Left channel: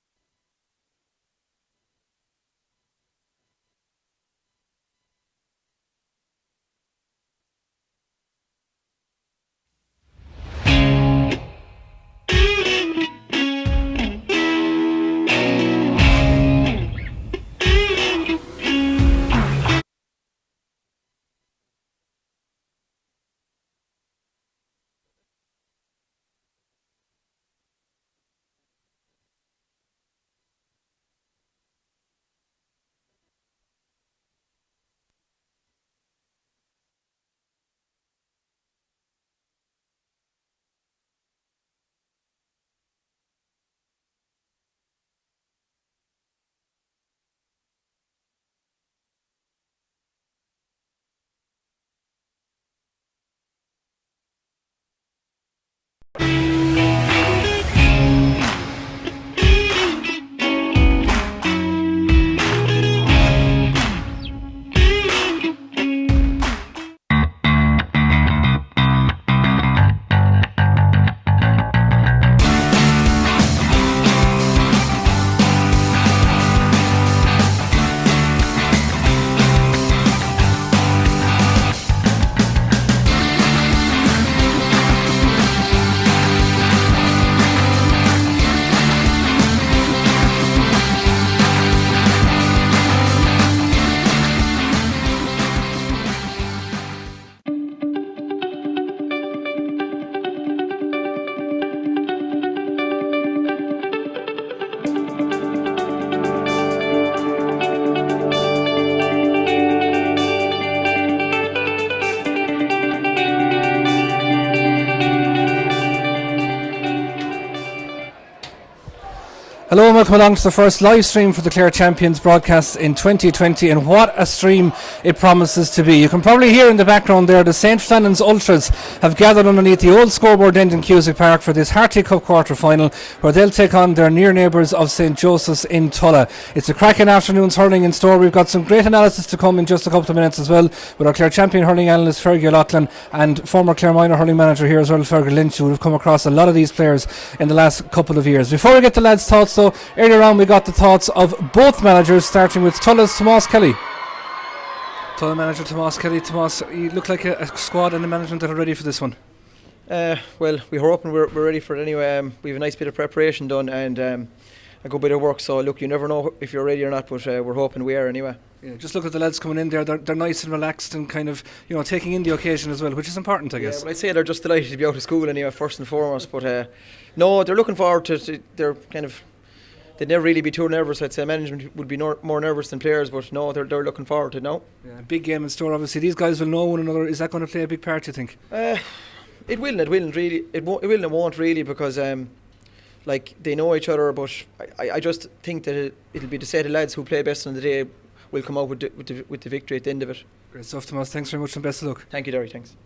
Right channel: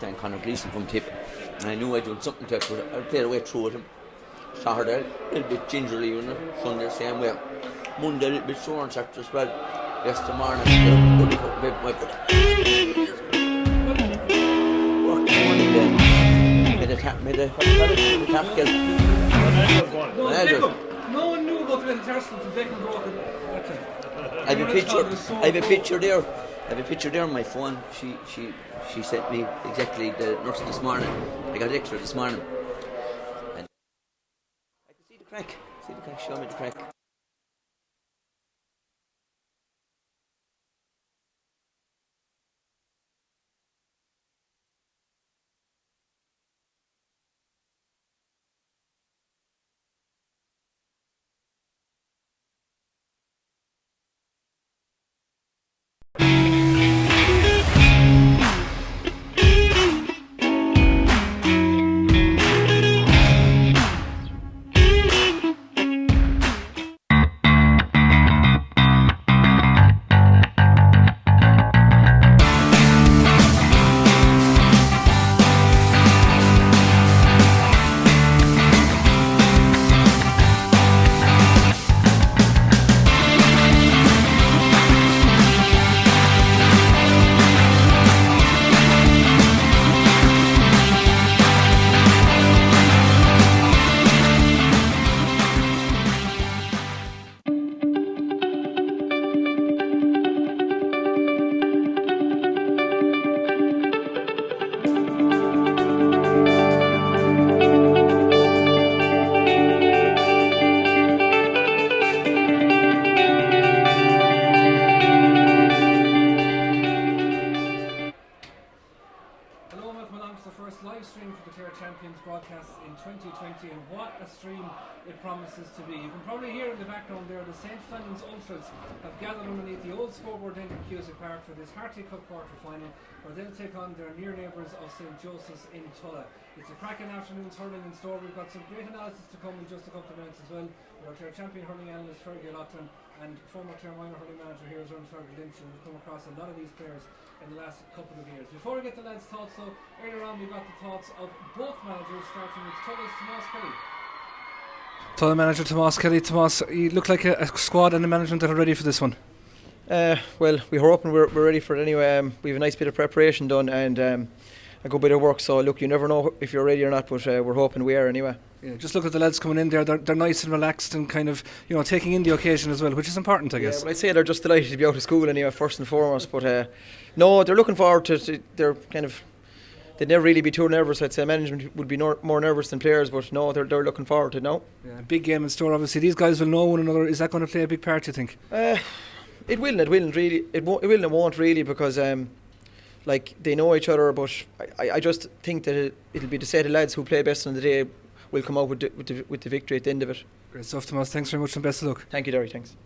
than Conor Gleeson from tip. And I knew I'd done something to it, but I played away through it and shot her there a little bit gingerly, you know. Sunday the same way. Monday a little bit sore and Saturday as well. Yesterday morning, my foot. No one knew about the Metatarsal until Declan broke it. I have a picture there. I have a picture there on my phone. She sent me exactly the nurse this morning. I got extra this morning. And I can see the crack. Show me the crack. Hello and welcome along to the first live stream for the Clare Champions broadcast in 2020, and what a stream it promises to be. You can probably hear in the background there the St Flannans Ultras have gathered underneath the old scoreboard end in Cusack Park for this Harty Cup quarter final, where they'll take on their near neighbours of St Joseph's in Tulla. It's a cracking afternoon's hurling in store. We've got some great analysis to come in just a couple of minutes as well with our Clare Champion hurling analyst Fergie O'Loughlin and former Clare Minor hurling manager here as well, Fergal Lynch, who have come across a lot of these players in the last couple of years. Before we get the lads' thoughts though, earlier on we got the thoughts of both managers, starting with Tulla's Tomás Kelly. Tulla manager Tomás Kelly. Tomás, you look like a squad and the management that are ready for this one. Well, we're hoping we're ready for it anyway. We have a nice bit of preparation done and a good bit of work, so look, you never know if you're ready or not, but we're hoping we are anyway. Yeah, just look at the lads coming in there. They're nice and relaxed and kind of, you know, taking in the occasion as well, which is important, I guess. Well, I'd say they're just delighted to be out of school anyway, first and foremost, but no, they're looking forward to they're kind of, they'd never really be too nervous. I'd say management would be more nervous than players, but no, they're looking forward to it now. Yeah, big game in store, obviously. These guys will know one another. Is that going to play a big part, you think? It will and won't really, because like, they know each other, but I just think that it'll be the set of lads who play best on the day will come out with the victory at the end of it. Great stuff, Tomás. Thanks very much and best of luck. Thank you, Derry. Thanks.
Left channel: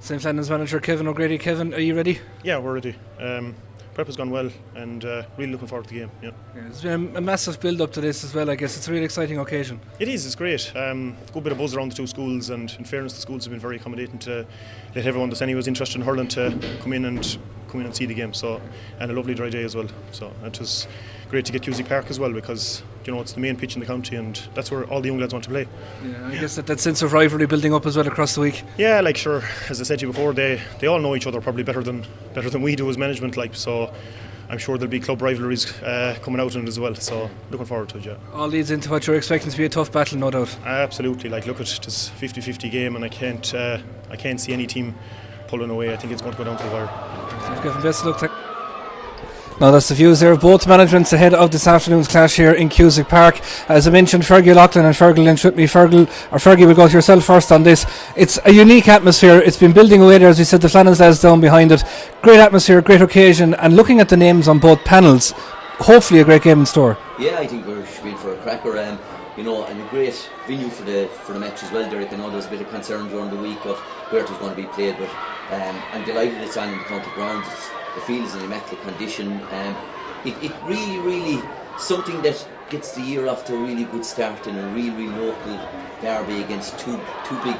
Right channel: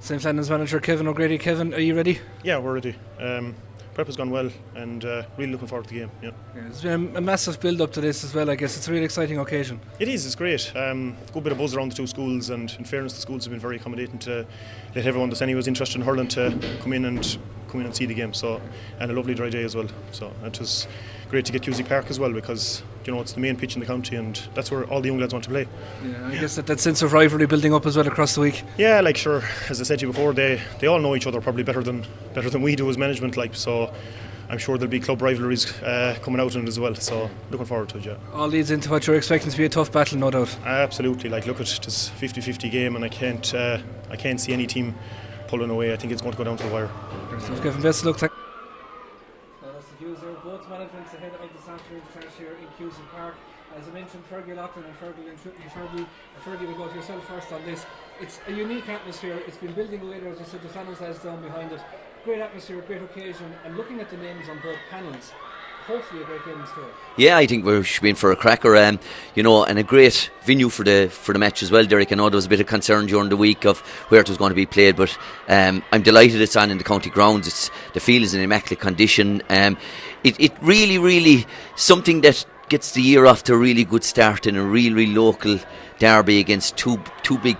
St Flannans manager Kevin O'Grady. Kevin, are you ready? Yeah, we're ready. Prep has gone well and really looking forward to the game. Yeah, there's been a massive build up to this as well. I guess it's a really exciting occasion. It is, it's great. Good bit of buzz around the two schools, and in fairness the schools have been very accommodating to let everyone that's anyone's interested in hurling to come in and see the game. So, and a lovely dry day as well. So it was great to get Cusack Park as well, because you know it's the main pitch in the county and that's where all the young lads want to play. Yeah, I guess that sense of rivalry building up as well across the week. Yeah, like sure, as I said to you before, they all know each other probably better than we do as management, like, so I'm sure there'll be club rivalries coming out in it as well, so looking forward to it. Yeah, all leads into what you're expecting to be a tough battle, no doubt. Absolutely, like look at this 50-50 game, and I can't see any team pulling away. I think it's going to go down to the wire. Kevin, best of luck. Now that's the views there of both managements ahead of this afternoon's clash here in Cusack Park. As I mentioned, Fergie O'Loughlin and Fergal Lynch with me. Fergie, we'll go to yourself first on this. It's a unique atmosphere. It's been building away there, as we said, the Flannans lads down behind it. Great atmosphere, great occasion, and looking at the names on both panels, hopefully a great game in store. Yeah, I think we should be in for a cracker, you know, and a great venue for the match as well, Derek. I know there was a bit of concern during the week of where it was going to be played, but I'm delighted it's on in the county grounds. The field is in immaculate condition. It really something that gets the year off to a really good start in a really local derby against two big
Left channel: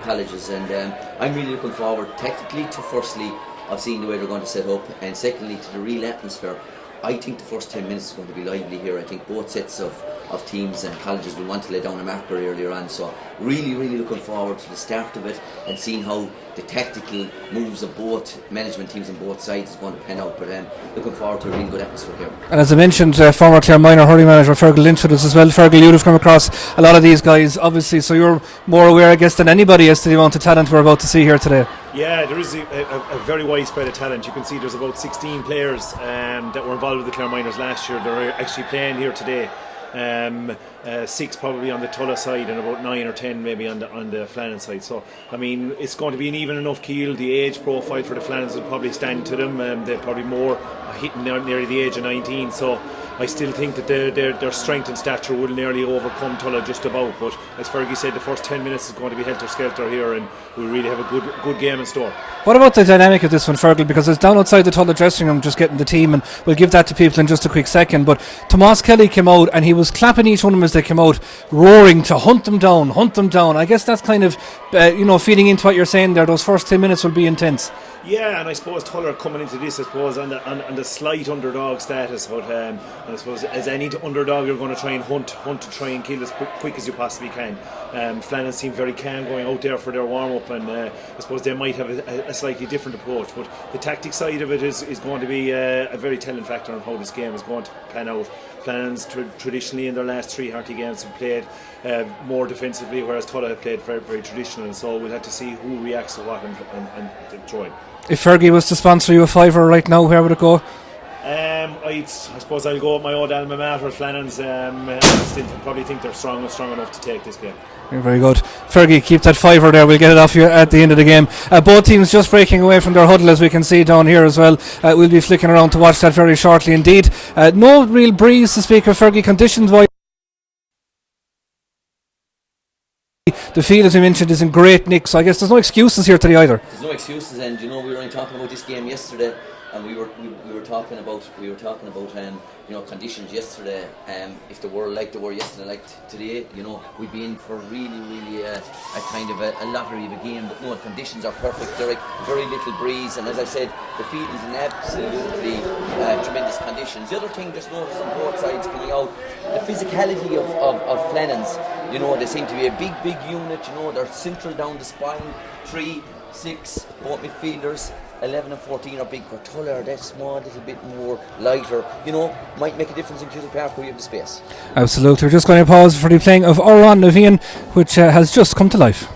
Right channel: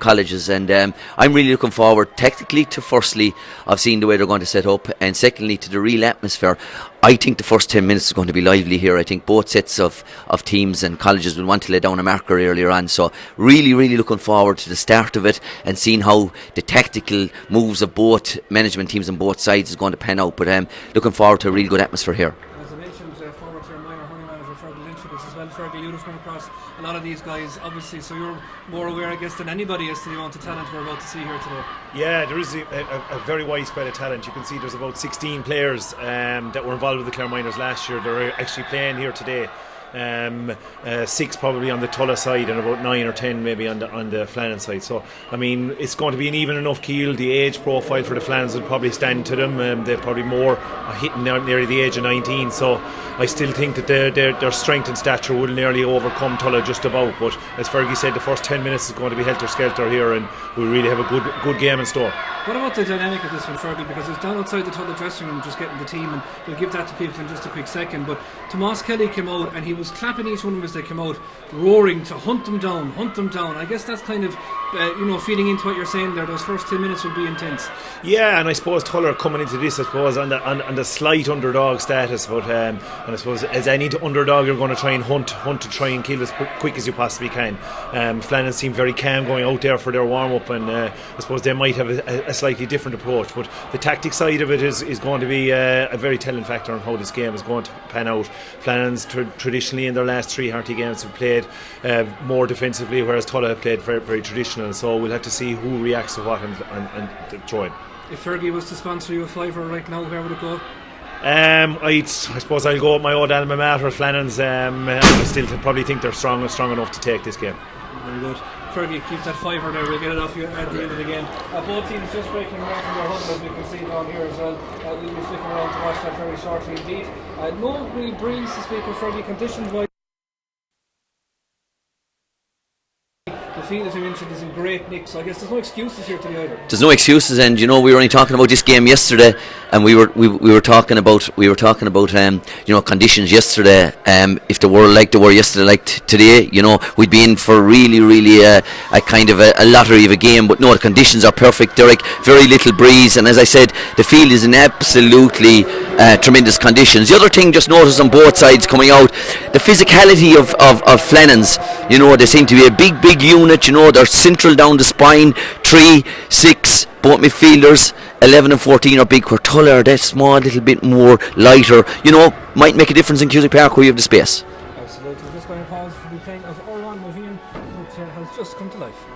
colleges, and I'm really looking forward technically to, firstly, of seeing the way they're going to set up, and secondly to the real atmosphere. I think the first 10 minutes is going to be lively here. I think both sets of teams and colleges will want to lay down a marker earlier on. So really, really looking forward to the start of it and seeing how the tactical moves of both management teams on both sides is going to pan out. But looking forward to a really good atmosphere here. And as I mentioned, former Clare Minor hurling manager Fergal Lynch with us as well. Fergal, you'd have come across a lot of these guys, obviously, so you're more aware, I guess, than anybody as to the amount of talent we're about to see here today. Yeah, there is a very wide spread of talent. You can see there's about 16 players that were involved with the Clare Minors last year. They're actually playing here today. 6 probably on the Tulla side and about 9 or 10 maybe on the Flannans side. So I mean, it's going to be an even enough keel. The age profile for the Flannans will probably stand to them. They're probably more hitting near the age of 19. So I still think that their strength and stature will nearly overcome Tulla just about. But as Fergie said, the first 10 minutes is going to be helter-skelter here, and we'll really have a good game in store. What about the dynamic of this one, Fergal? Because it's down outside the Tulla dressing room just getting the team, and we'll give that to people in just a quick second. But Tomas Kelly came out and he was clapping each one of them as they came out, roaring to hunt them down. I guess that's kind of feeding into what you're saying there. Those first 10 minutes will be intense. Yeah, and I suppose Tulla are coming into this, I suppose, on the slight underdog status. But and I suppose as any underdog, you're going to try and hunt to try and kill as quick as you possibly can. Flannans seem very calm going out there for their warm up, and I suppose they might have a slightly different approach. But the tactic side of it is going to be a very telling factor on how this game is going to pan out. Flannans traditionally in their last 3 Harty games have played more defensively, whereas Tulla have played very, very traditional. So we'll have to see who reacts to what and throw in. If Fergie was to sponsor you a fiver right now, where would it go? I suppose I'll go with my old alma mater, Flannans. I still probably think they're strong enough to take this game. Very good. Fergie, keep that fiver there. We'll get it off you at the end of the game. Both teams just breaking away from their huddle, as we can see down here as well. We'll be flicking around to watch that very shortly indeed. No real breeze to speak of, Fergie, conditions-wise. The field, as we mentioned, is in great nick, so I guess there's no excuses here today either. There's no excuses, and we were only talking about this game yesterday, and we were talking about conditions yesterday. If they were like they were yesterday, like today, we'd be in for really a kind of a lottery of a game. But no, the conditions are perfect, Derek. Very little breeze, and as I said, the field is in absolutely tremendous conditions. The other thing, just notice on both sides coming out, the physicality of Flannans. They seem to be a big unit. They're central down the spine. 3, 6, both midfielders. 11 and 14 are big. Where Tulla are that small, little bit more lighter. Might make a difference in Cusack Park where you have the space. Absolutely. We're just going to pause for the playing of Oran Navian, which has just come to life.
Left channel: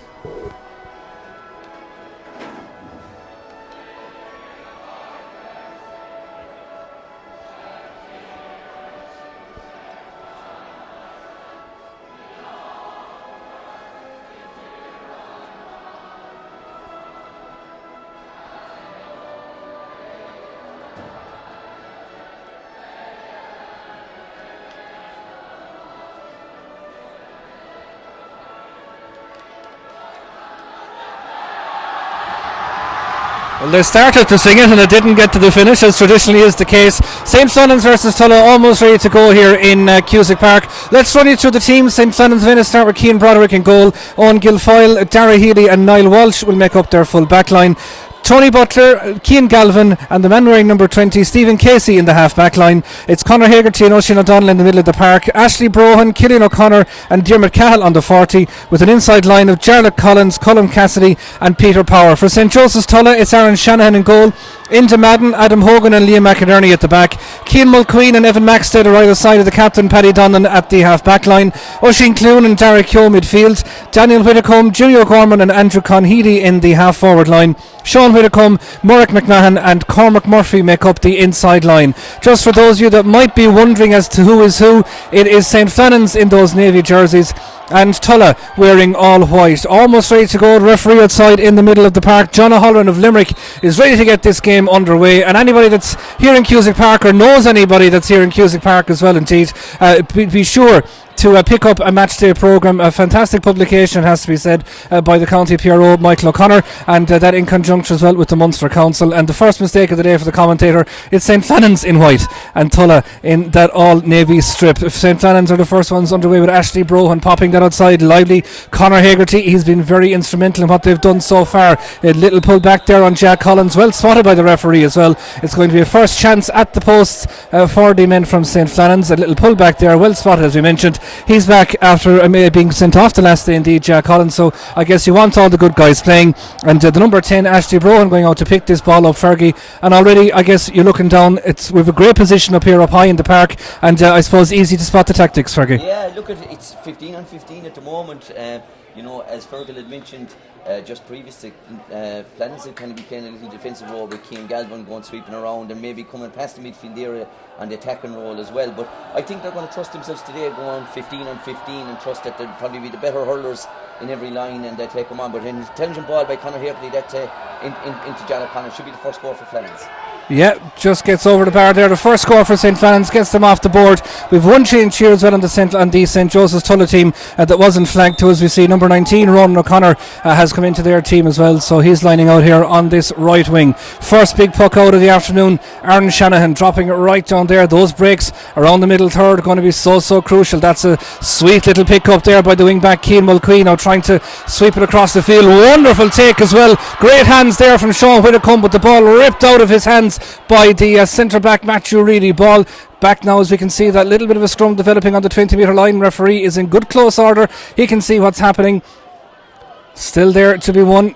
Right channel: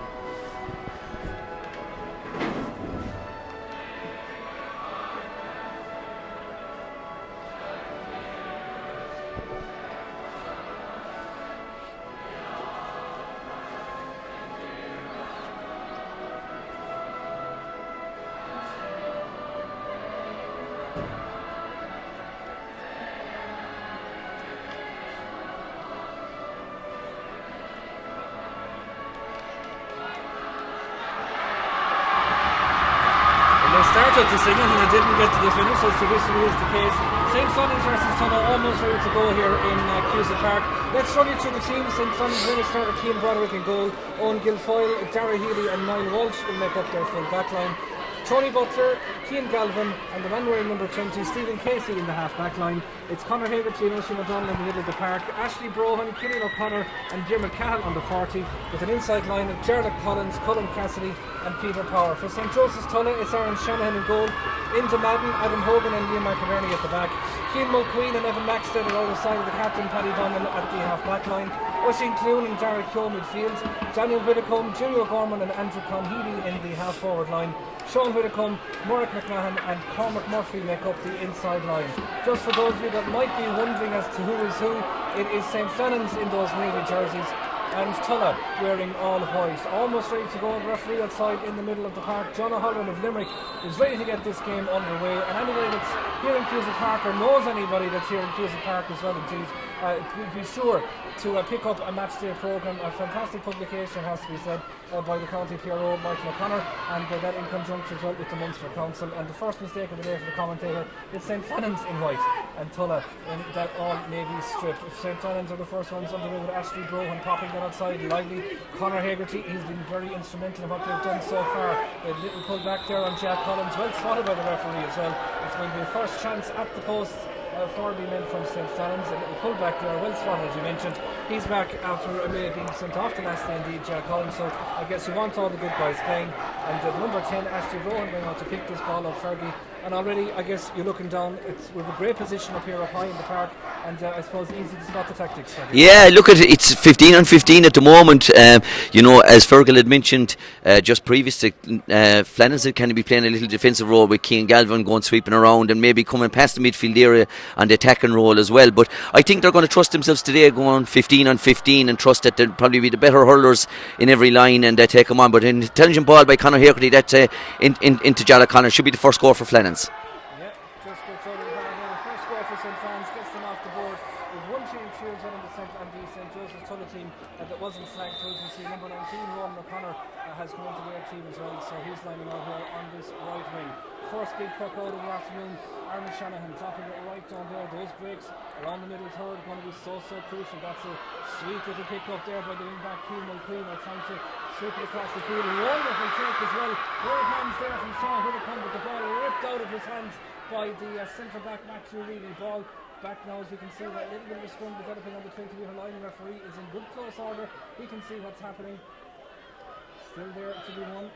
Well, they started to sing it and it didn't get to the finish, as traditionally is the case. St. Flannans versus Tulla, almost ready to go here in Cusack Park. Let's run you through the teams. St. Flannans going to start with Cian Broderick in goal. Owen Guilfoyle, Dara Healy and Niall Walsh will make up their full back line. Tony Butler, Cian Galvin and the man wearing number 20, Stephen Casey in the half back line. It's Conor Hegarty and Oisin O'Donnell in the middle of the park. Ashley Brohan, Killian O'Connor and Diarmuid Cahill on the 40, with an inside line of Jarlath Collins, Colm Cassidy and Peter Power. For St. Joseph's Tulla, it's Aaron Shanahan in goal. Into Madden, Adam Hogan and Liam McInerney at the back. Cian Mulqueen and Evan Maxted are either side of the captain, Paddy Donnan at the half back line. Oisin Clune and Derek Keogh midfield. Daniel Whitacombe, Jimmy O'Gorman and Andrew Conheady in the half forward line. Sean Whitacombe, Murrick McMahon and Cormac Murphy make up the inside line. Just for those of you that might be wondering as to who is who, it is St. Flannans in those navy jerseys and Tulla wearing all white. Almost ready to go. The referee outside in the middle of the park, John O'Halloran of Limerick, is ready to get this game underway, and anybody that's here in Cusack Park or knows anybody that's here in Cusack Park as well, indeed, be sure to pick up a match day programme. A fantastic publication, has to be said, by the county PRO Michael O'Connor, and that in conjunction as well with the Munster Council. And the first mistake of the day for the commentator is St. Flannans in white and Tulla in that all navy strip. St. Flannans are the first ones underway with Ashley Brohan popping that outside. Lively Conor Hagerty, he's been very instrumental in what they've done so far. A little pull back there on Jack Collins, well spotted by the referee as well. It's going to be a first chance at the posts for the men from St. Flannans. A little pull back there, well spotted as we mentioned. He's back after being sent off the last day indeed, Jack Collins, so I guess you want all the good guys playing. And the number 10 Ashley Brohan going out to pick this ball up, Fergie, and already I guess you're looking down. We've a great position up here up high in the park, and I suppose easy to spot the tactics, Fergie. Yeah, look at it, it's 15 on 15 at the moment. You know, as Fergal had mentioned just previously, Flannans can be playing a little defensive role with Cian Galvin going sweeping around and maybe coming past the midfield area and the attacking role as well. But I think they're going to trust themselves today, going 15 on 15, and trust that they'll probably be the better hurlers in every line and they take them on. But an intelligent ball by Conor Hagerty that's into Jarlath Conor should be the first goal for Flannans. Yeah, just gets over the bar there. The first score for St. Flannans gets them off the board. We've one change here as well on the St. Joseph's Tulla team that wasn't flagged to, as we see. Number 19, Ronan O'Connor, has come into their team as well, so he's lining out here on this right wing. First big puck out of the afternoon, Aaron Shanahan dropping it right down there. Those breaks around the middle third are going to be so crucial. That's a sweet little pick up there by the wing back Cian Mulqueen, now trying to sweep it across the field. Wonderful take as well. Great hands there from Sean Whitcomb, but the ball ripped out of his hands by the centre back Matthew Reedy. Ball back now, as we can see that little bit of a scrum developing on the 20 metre line. Referee is in good close order, he can see what's happening. Still there to be won.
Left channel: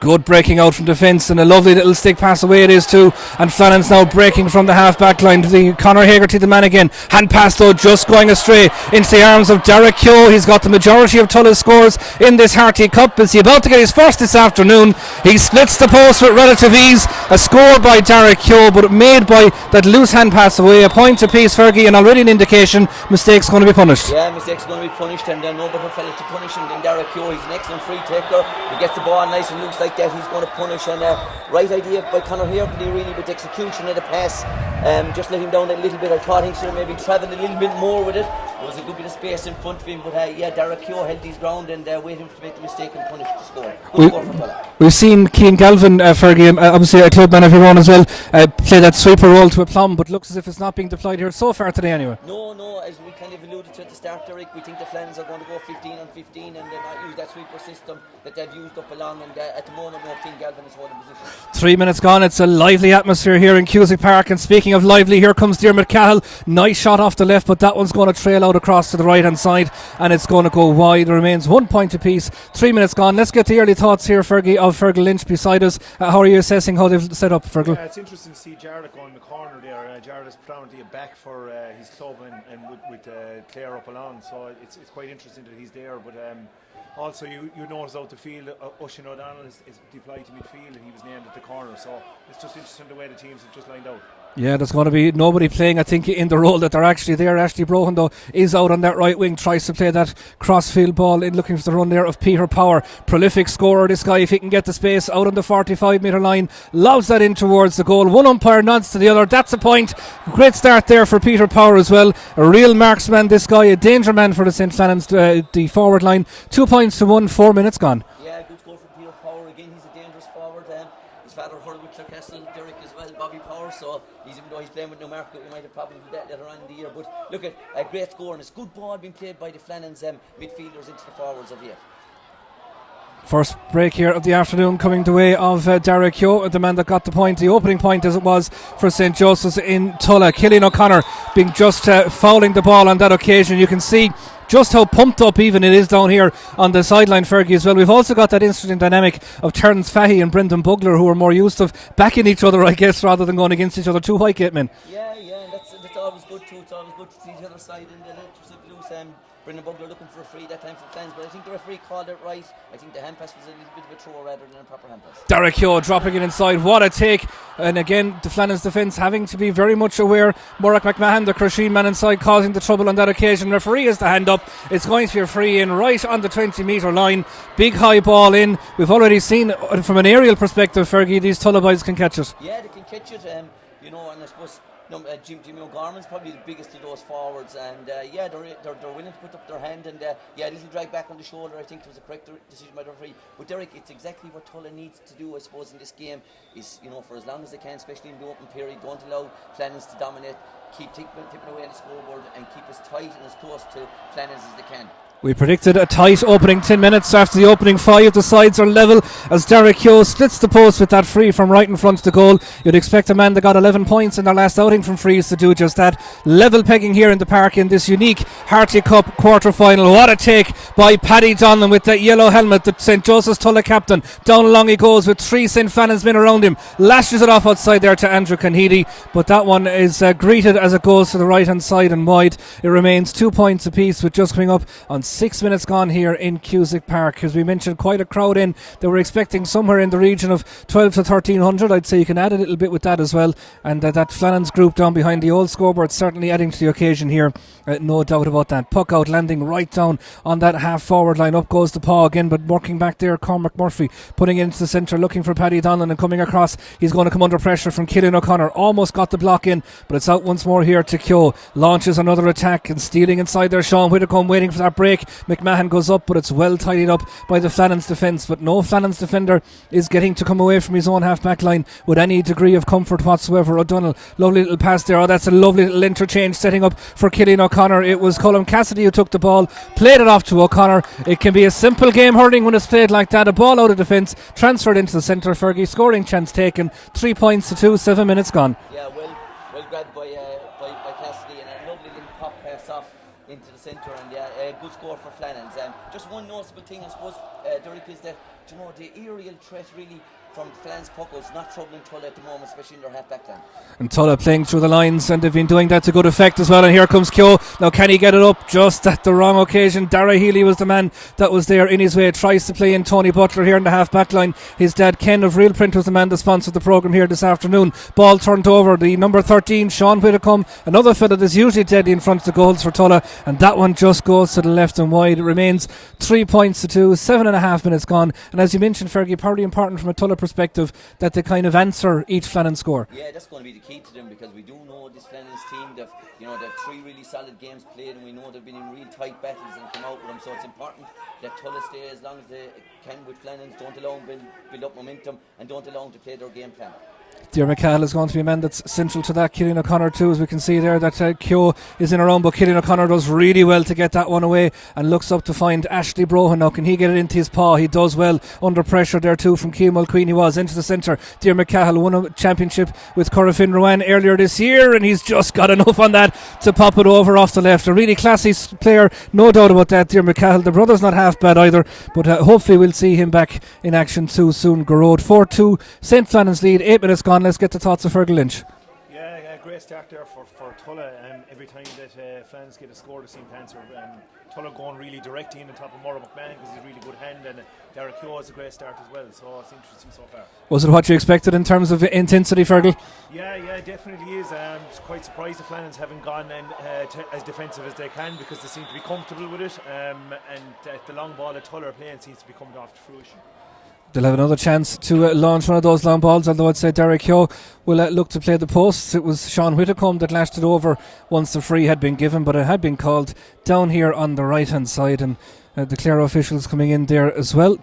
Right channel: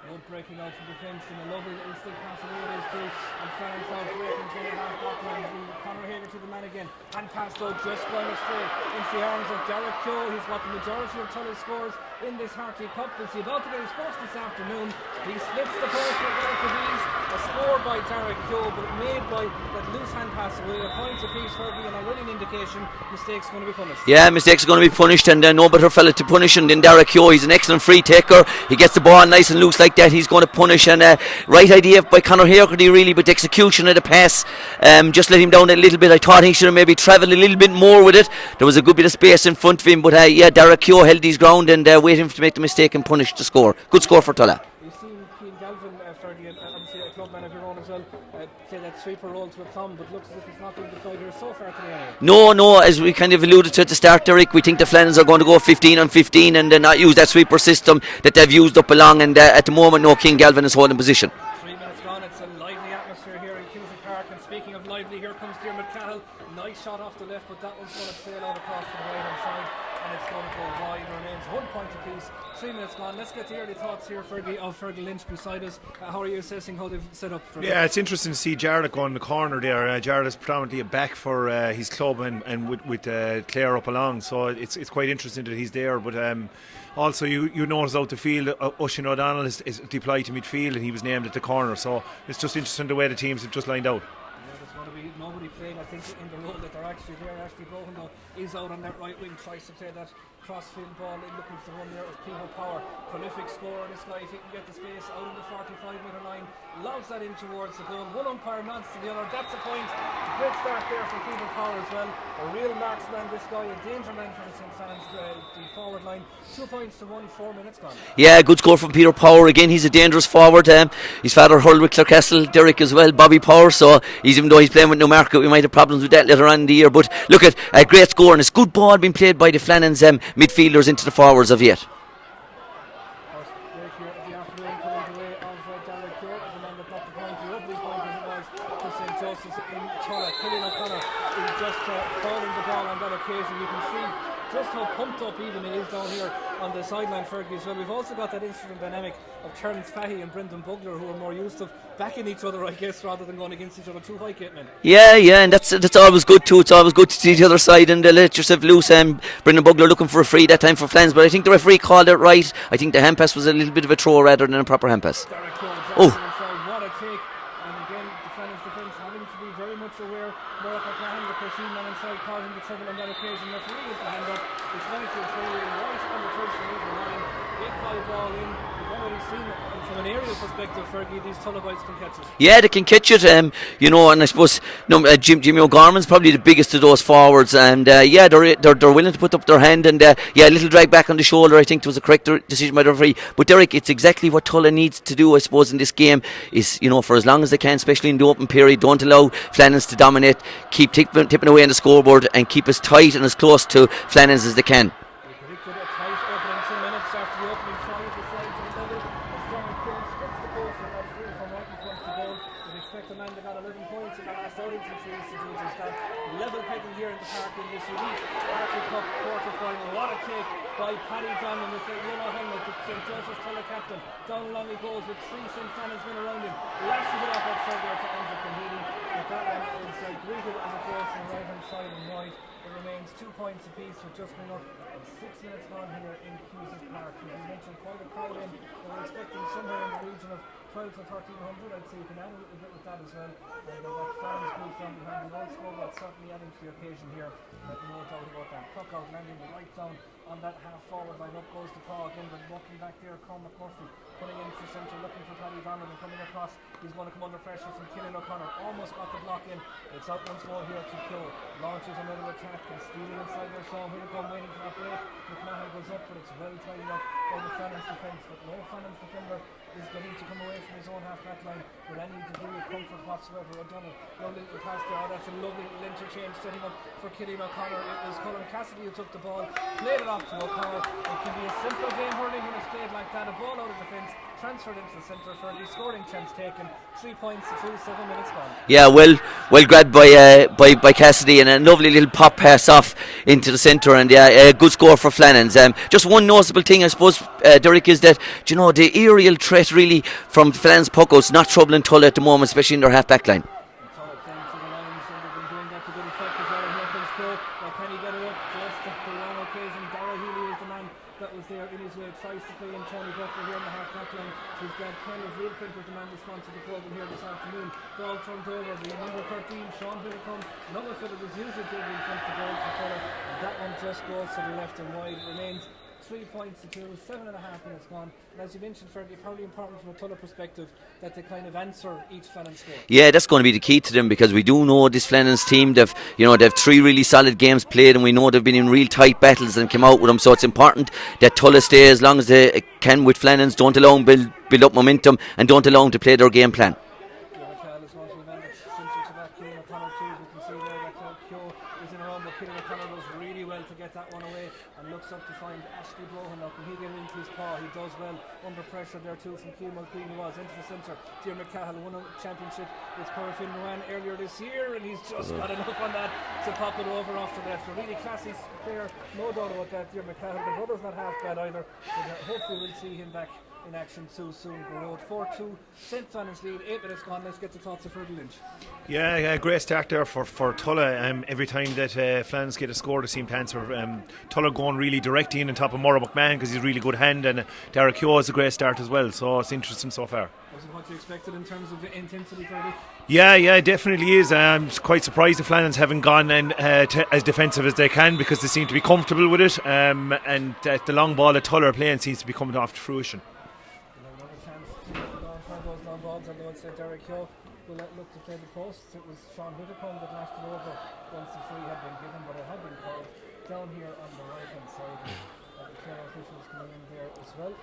Good breaking out from defence, and a lovely little stick pass away it is too. And Flannans now breaking from the half back line to the Conor Hagerty, the man again. Hand pass though just going astray into the arms of Derek Keogh. He's got the majority of Tulla's scores in this Harty Cup. Is he about to get his first this afternoon? He splits the post with relative ease. A score by Derek Keogh, but made by that loose hand pass away. A point apiece, Fergie, and already an indication mistakes going to be punished. Yeah, mistakes are going to be punished, and no better fella to punish him than Derek Keogh. He's an excellent free taker. He gets the ball nice and loose like that. He's going to punish, and right idea by Conor Hagerty really, but the execution of the pass just let him down a little bit. I thought he should have maybe travelled a little bit more with it. There was a good bit of space in front of him, but yeah, Derek Keogh held his ground and waited to make the mistake and punish the score. Good score for Tulla. We've seen Cian Galvin, Fergie, obviously a club man of your own as well, play that sweeper role to a plumb, but looks as if it's not being deployed here so far today anyway. No, as we kind of alluded to at the start, Derek, we think the Flannans are going to go 15 on 15 and not use that sweeper system that they've used up along, and at the moment no, Cian Galvin is holding position. 3 minutes gone. It's a lively atmosphere here in Cusack Park, and speaking of lively, here comes Diarmuid Cahill. Nice shot off the left, but that one's going to trail out across to the right hand side and it's going to go wide. There remains 1 point apiece. 3 minutes gone. Let's get the early thoughts here, Fergie, of Fergal Lynch beside us. How are you assessing how they've set up, Fergal? Yeah, it's interesting to see Jarlath go in the corner there. Jarlath is predominantly a back for his club, and with Clare up along, so it's quite interesting that he's there, but also, you notice out the field, Oisin O'Donnell is deployed to midfield and he was named at the corner. So it's just interesting the way the teams have just lined out. Yeah, there's going to be nobody playing, I think, in the role that they're actually there. Ashley Brohan, though, is out on that right wing, tries to play that crossfield ball in, looking for the run there of Peter Power. Prolific scorer, this guy, if he can get the space out on the 45 metre line, lobs that in towards the goal. One umpire nods to the other. That's a point. Great start there for Peter Power as well. A real marksman, this guy, a danger man for the St. Flannans, the forward line. 2 points to 1, 4 minutes gone. Yeah, good score from Peter Power. Again, he's a dangerous forward. His father hurled with Clarecastle, Derek as well, Bobby Power, so even though he's playing with Newmarket, we might have problems with that later on in the year, but look at a great score, and it's good ball being played by the Flannans midfielders into the forwards of yet. First break here of the afternoon coming the way of Derek Keogh, the man that got the point, the opening point as it was for St. Joseph's in Tulla. Cillian O'Connor being just fouling the ball on that occasion. You can see just how pumped up even it is down here on the sideline, Fergie, as well. We've also got that interesting dynamic of Terence Fahey and Brendan Bugler, who are more used to backing each other, I guess, rather than going against each other. Two Whitegate men. Yeah, and that's always good too. It's always good to see the other side and let yourself loose. Brendan Bugler looking for a free that time for Flannans, but I think the referee called it right. I think the hand pass was a little bit of a throw rather than a proper hand pass. Derek Keogh dropping it inside. What a take. And again, the Flannans defence having to be very much aware. Morag McMahon, the Crusheen man inside, causing the trouble on that occasion. Referee has the hand up. It's going to be a free in right on the 20-metre line. Big high ball in. We've already seen from an aerial perspective, Fergie, these Tulla boys can catch it. Yeah, they can catch it. And I suppose Jimmy O'Gorman's probably the biggest of those forwards. And they're willing to put up their hand. And a little drag back on the shoulder, I think it was a correct decision by the referee. But Derek, it's exactly what Tulla needs to do, I suppose, in this game. Is for as long as they can, especially in the open period, don't allow Flannans to dominate, keep tipping away on the scoreboard and keep as tight and as close to Flannans as they can. We predicted a tight opening 10 minutes. After the opening 5, the sides are level as Derek Keogh splits the post with that free from right in front of the goal. You'd expect a man that got 11 points in their last outing from frees to do just that. Level pegging here in the park in this unique Harty Cup quarter-final. What a take by Paddy Donlan with that yellow helmet, the St. Joseph's Tulla captain. Down along he goes with 3 St. Flannans men around him. Lashes it off outside there to Andrew Conheady, but that one is greeted as it goes to the right-hand side and wide. It remains 2 points apiece with just coming up on 6 minutes gone here in Cusack Park. As we mentioned, quite a crowd in. They were expecting somewhere in the region of 12 to 1300. I'd say you can add a little bit with that as well. And that Flannans group down behind the old scoreboard certainly adding to the occasion here. No doubt about that. Puck out, landing right down on that half forward line. Up goes the paw again, but working back there, Cormac Murphy putting it into the centre, looking for Paddy Donlan and coming across. He's going to come under pressure from Cillian O'Connor. Almost got the block in, but it's out once more here to Keogh. Launches another attack and stealing inside there. Sean Whitacombe waiting for that break. McMahon goes up, but it's well tidied up by the Flannans defence. But no Flannans defender is getting to come away from his own half back line with any degree of comfort whatsoever. O'Donnell, lovely little pass there. Oh, that's a lovely little interchange setting up for Cillian O'Connor. It was Colm Cassidy who took the ball, played it off to O'Connor. It can be a simple game hurling when it's played like that. A ball out of defence, transferred into the centre. Fergie, scoring chance taken. 3 points to 2, 7 minutes gone. Yeah, well grabbed by Cassidy, and a lovely little pop pass off into the centre, and a good score for Flannans. Just one noticeable thing, I suppose, Derek, is that the aerial threat really from Flannans puckouts not troubling Tulla at the moment, especially in their half back line. And Tulla playing through the lines, and they've been doing that to good effect as well. And here comes Keogh. Now can he get it up just at the wrong occasion? Dara Healy was the man that was there in his way. Tries to play in Tony Butler here in the half back line. His dad Ken of Real Print was the man that sponsored the programme here this afternoon. Ball turned over. The number 13 Sean Whitacombe, another fella that's usually dead in front of the goals for Tulla, and that one just goes to the left and wide. It remains 3 points to 2, 7.5 minutes gone. And as you mentioned, Fergie, probably important from a Tulla perspective that they kind of answer each Flannans score. Yeah, that's going to be the key to them, because we do know this Flannans team, they've 3 really solid games played, and we know they've been in real tight battles and came out with them. So it's important that Tulla stay as long as they can with Flannans. Don't allow them build up momentum, and don't allow them to play their game plan. Dear McCall is going to be a man that's central to that. Cillian O'Connor too, as we can see there that Keogh is in around, but Cillian O'Connor does really well to get that one away and looks up to find Ashley Brohan. Now can he get it into his paw? He does well under pressure there too from Keane Mulqueen. He was into the centre. Dear McCall won a championship with Corofin Rowan earlier this year, and he's just got enough on that to pop it over off the left. A really classy player, no doubt about that. Dear McCall, the brother's not half bad either, but hopefully we'll see him back in action too soon. Garrod 4-2 St. Flannans lead, 8 minutes gone. Let's get the thoughts of Fergal Lynch. Yeah, great start there for Tulla. Every time that Flannans get a score, they seem to answer. Tulla going really direct in on top of Morag McMahon because he's a really good hand, and Derek Keogh is a great start as well. So it's interesting so far. Was it what you expected in terms of intensity, Fergal? Yeah, it definitely is. I'm quite surprised the Flannans haven't gone as defensive as they can, because they seem to be comfortable with it. And the long ball that Tulla are playing seems to be coming off to fruition. They'll have another chance to launch one of those long balls, although I'd say Derek Keogh will look to play the posts. It was Sean Whitacombe that lashed it over once the free had been given, but it had been called down here on the right hand side, and the Clare officials coming in there as well.